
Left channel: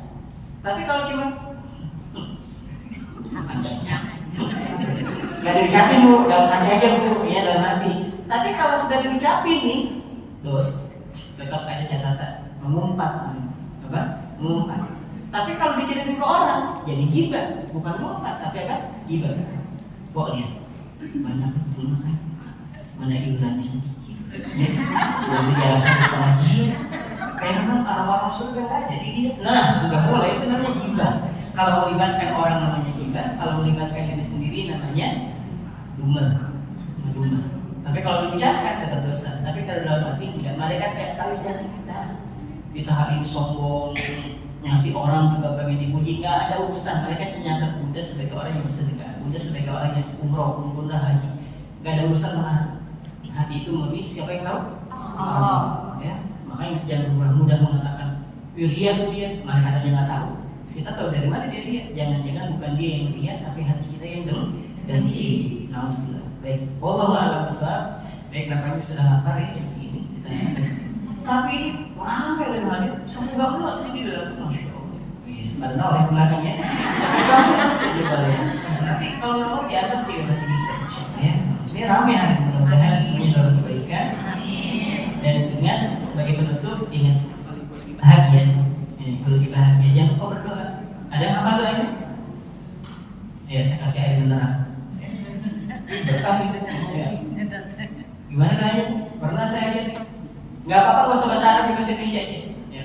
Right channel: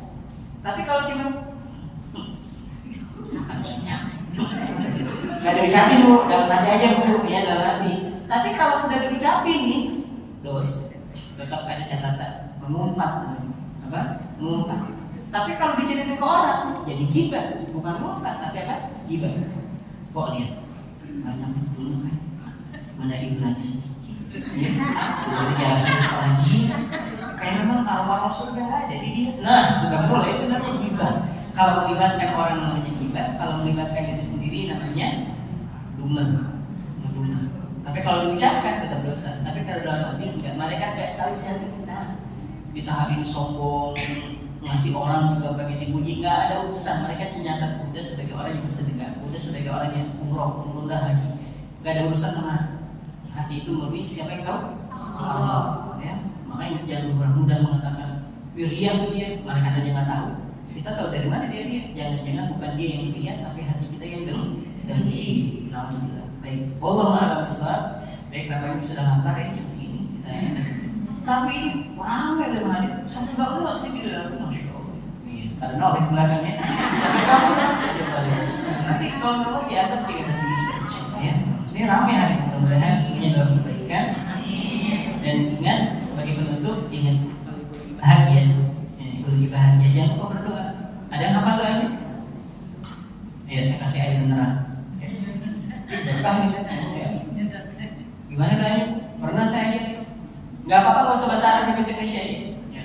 Tapi kalau cuma nggak diucapin Bu, dalam hati aja Bu, ya dalam hati. Tapi kalau sudah diucapin nih, terus tetap ada catatan, mengumpat, apa? Mengumpat. Tapi kalau diceritain ke orang, jadi gibah, bukan mengumpat, tapi apa? Gibah. Kok lihat, mana betul kan? Mana Ibrahim sedikit? Ya, dari jalan pengajian. Kayak memang orang-orang surga nggak ada di dia. Nah, sudah mulai itu namanya gibah. Kalau melibatkan orang namanya gibah, kalau melibatkan diri sendiri namanya dumel. Tapi kalau diucapkan tetap dosa. Tapi kalau dalam hati enggak, malaikat nggak tahu isi hati kita. Kita hari ini sombong, ngasih orang juga pengen dipuji, nggak ada urusan. Mereka mencatat Buddha sebagai orang yang bersedekah, Buddha sebagai orang yang umroh, haji. Nggak ada urusan sama hati itu murni. Siapa yang tahu? Allah. Ya. Makanya jangan mudah mengatakan ria tuh dia, malaikat aja nggak tahu. Kita tahu dari mana dia lihat. Jangan-jangan bukan dia yang lihat, tapi hati kita yang dengki. Alhamdulillah. Baik, wallahu a'lam bishawab. Baik, nampaknya sudah lapar ya jam segini. Tapi ramai oleh malaikat sampai nggak muat di dalam. Masya Allah. Pada nol yang belakangnya. Sampai nggak muat aja balik. Nanti kalau nomor di atas juga masih bisa. Ya. Ini ramai hari. Mudah-mudahan semuanya dalam kebaikan. Dan dengan sebagai penutup ingat paling buat bahagia. Lebih bahagia, jangan lupa berdoa. Ada yang apa doanya? Ya, saya kasih air beneran. Berkah gitu. Ya. Gimana doanya? Pernah saya gitu. Gak apa-apa kalau usah bahasa Arab, bahasa Indonesia aja. Ya.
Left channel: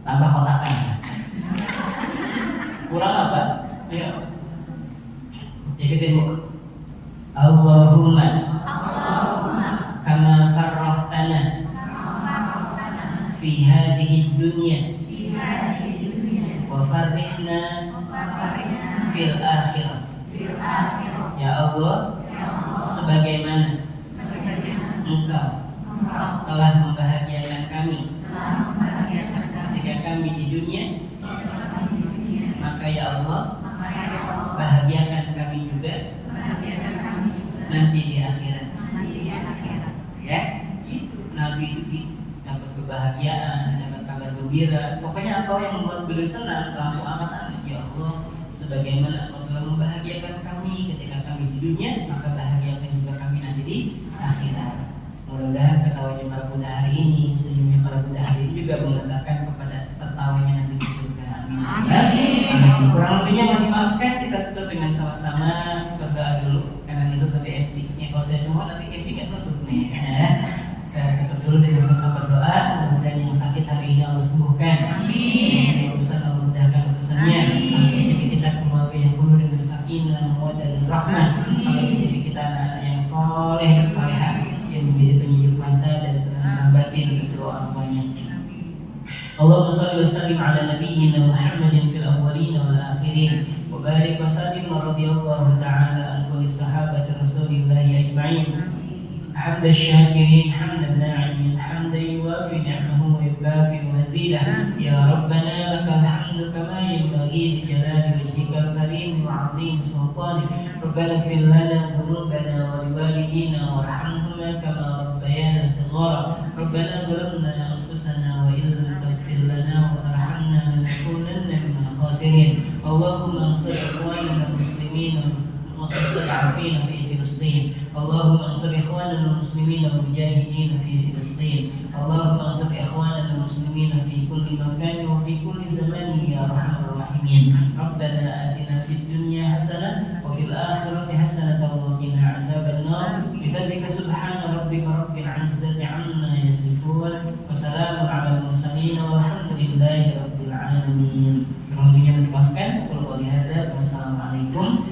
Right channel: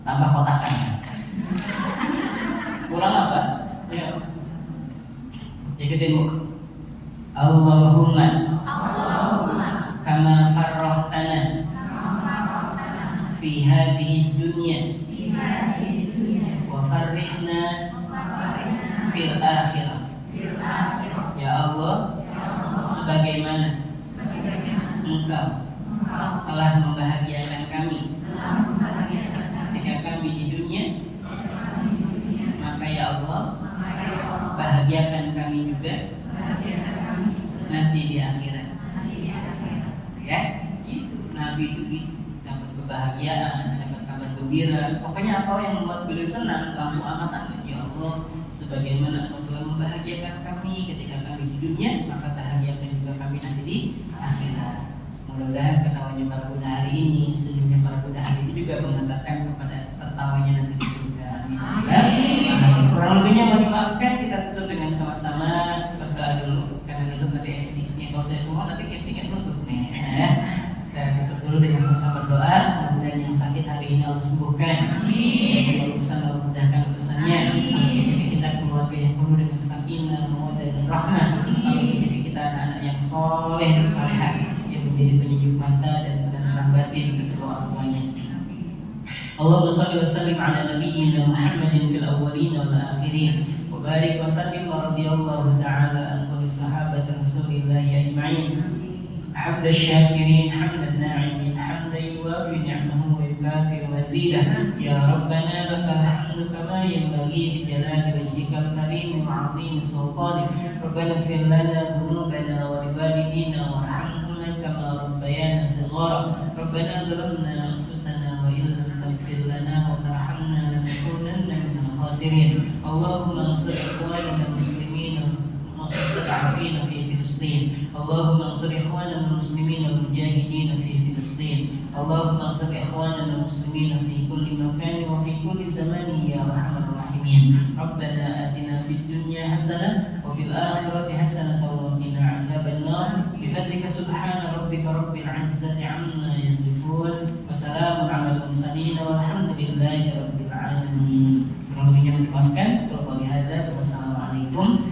Tambah kotakan. Kurang apa? Ya. Ikutin Bu. Allahumma kama farrahtana fi hadhihi dunya wa farrihna fil akhirah. Ya Allah, sebagaimana Engkau telah membahagiakan kami ketika kami di dunia, maka ya Allah bahagiakan kami juga nanti di akhirat. Ya, gitu. Nabi itu dapat kebahagiaan, dapat kabar gembira. Pokoknya apa yang membuat beliau senang, langsung angkat tangan. Ya Allah, sebagaimana Engkau telah membahagiakan kami ketika kami di dunia, maka bahagiakan juga kami nanti di akhirat. Mudah-mudahan ketawanya para Buddha hari ini, senyumnya para Buddha hari ini juga mengantarkan kepada tertawanya nanti di surga. Amin. Kurang lebihnya mohon dimaafkan, kita tutup dengan sama-sama berdoa dulu karena itu tadi MC. Ya, kalau saya semua nanti MC kan tutup nih. Saya tutup dulu dengan sama-sama berdoa. Mudah-mudahan yang sakit hari ini Allah sembuhkan. Amin. Urusan Allah mudahkan urusannya. Jadi kita keluarga yang penuh dengan sakinah, mawaddah dan rahmah. Jadi kita anak-anak yang soleh dan salehah yang menjadi penyejuk mata dan penenang batin untuk doa banyak. Allahumma shalli wa sallim ala nabiyyina Muhammadin fil awwalin wal akhirin wa barik wa sallim wa radiyallahu ta'ala حمد الشاكرين حمد الناعمين حمدا يوافي نعمه ويكافئ مزيده. يا ربنا لك الحمد كما ينبغي لجلال وجهك الكريم وعظيم سلطانك. ربنا اغفر لنا ذنوبنا ولوالدينا وارحمهما كما ربيانا صغارا. ربنا ظلمنا انفسنا وان لم تغفر لنا وترحمنا لنكونن من الخاسرين. اللهم انصر اخواننا المسلمين المستضعفين في فلسطين. اللهم انصر اخواننا المسلمين والمجاهدين في فلسطين. اللهم انصر اخواننا المسلمين في كل مكان وفي كل زمان يا ارحم الراحمين. ربنا آتنا في الدنيا حسنة وفي الآخرة حسنة وقنا عذاب النار. بفضلك سبحان ربك رب العزة عما يصفون وسلام على المرسلين والحمد لله رب العالمين. Terima kasih. Wassalamualaikum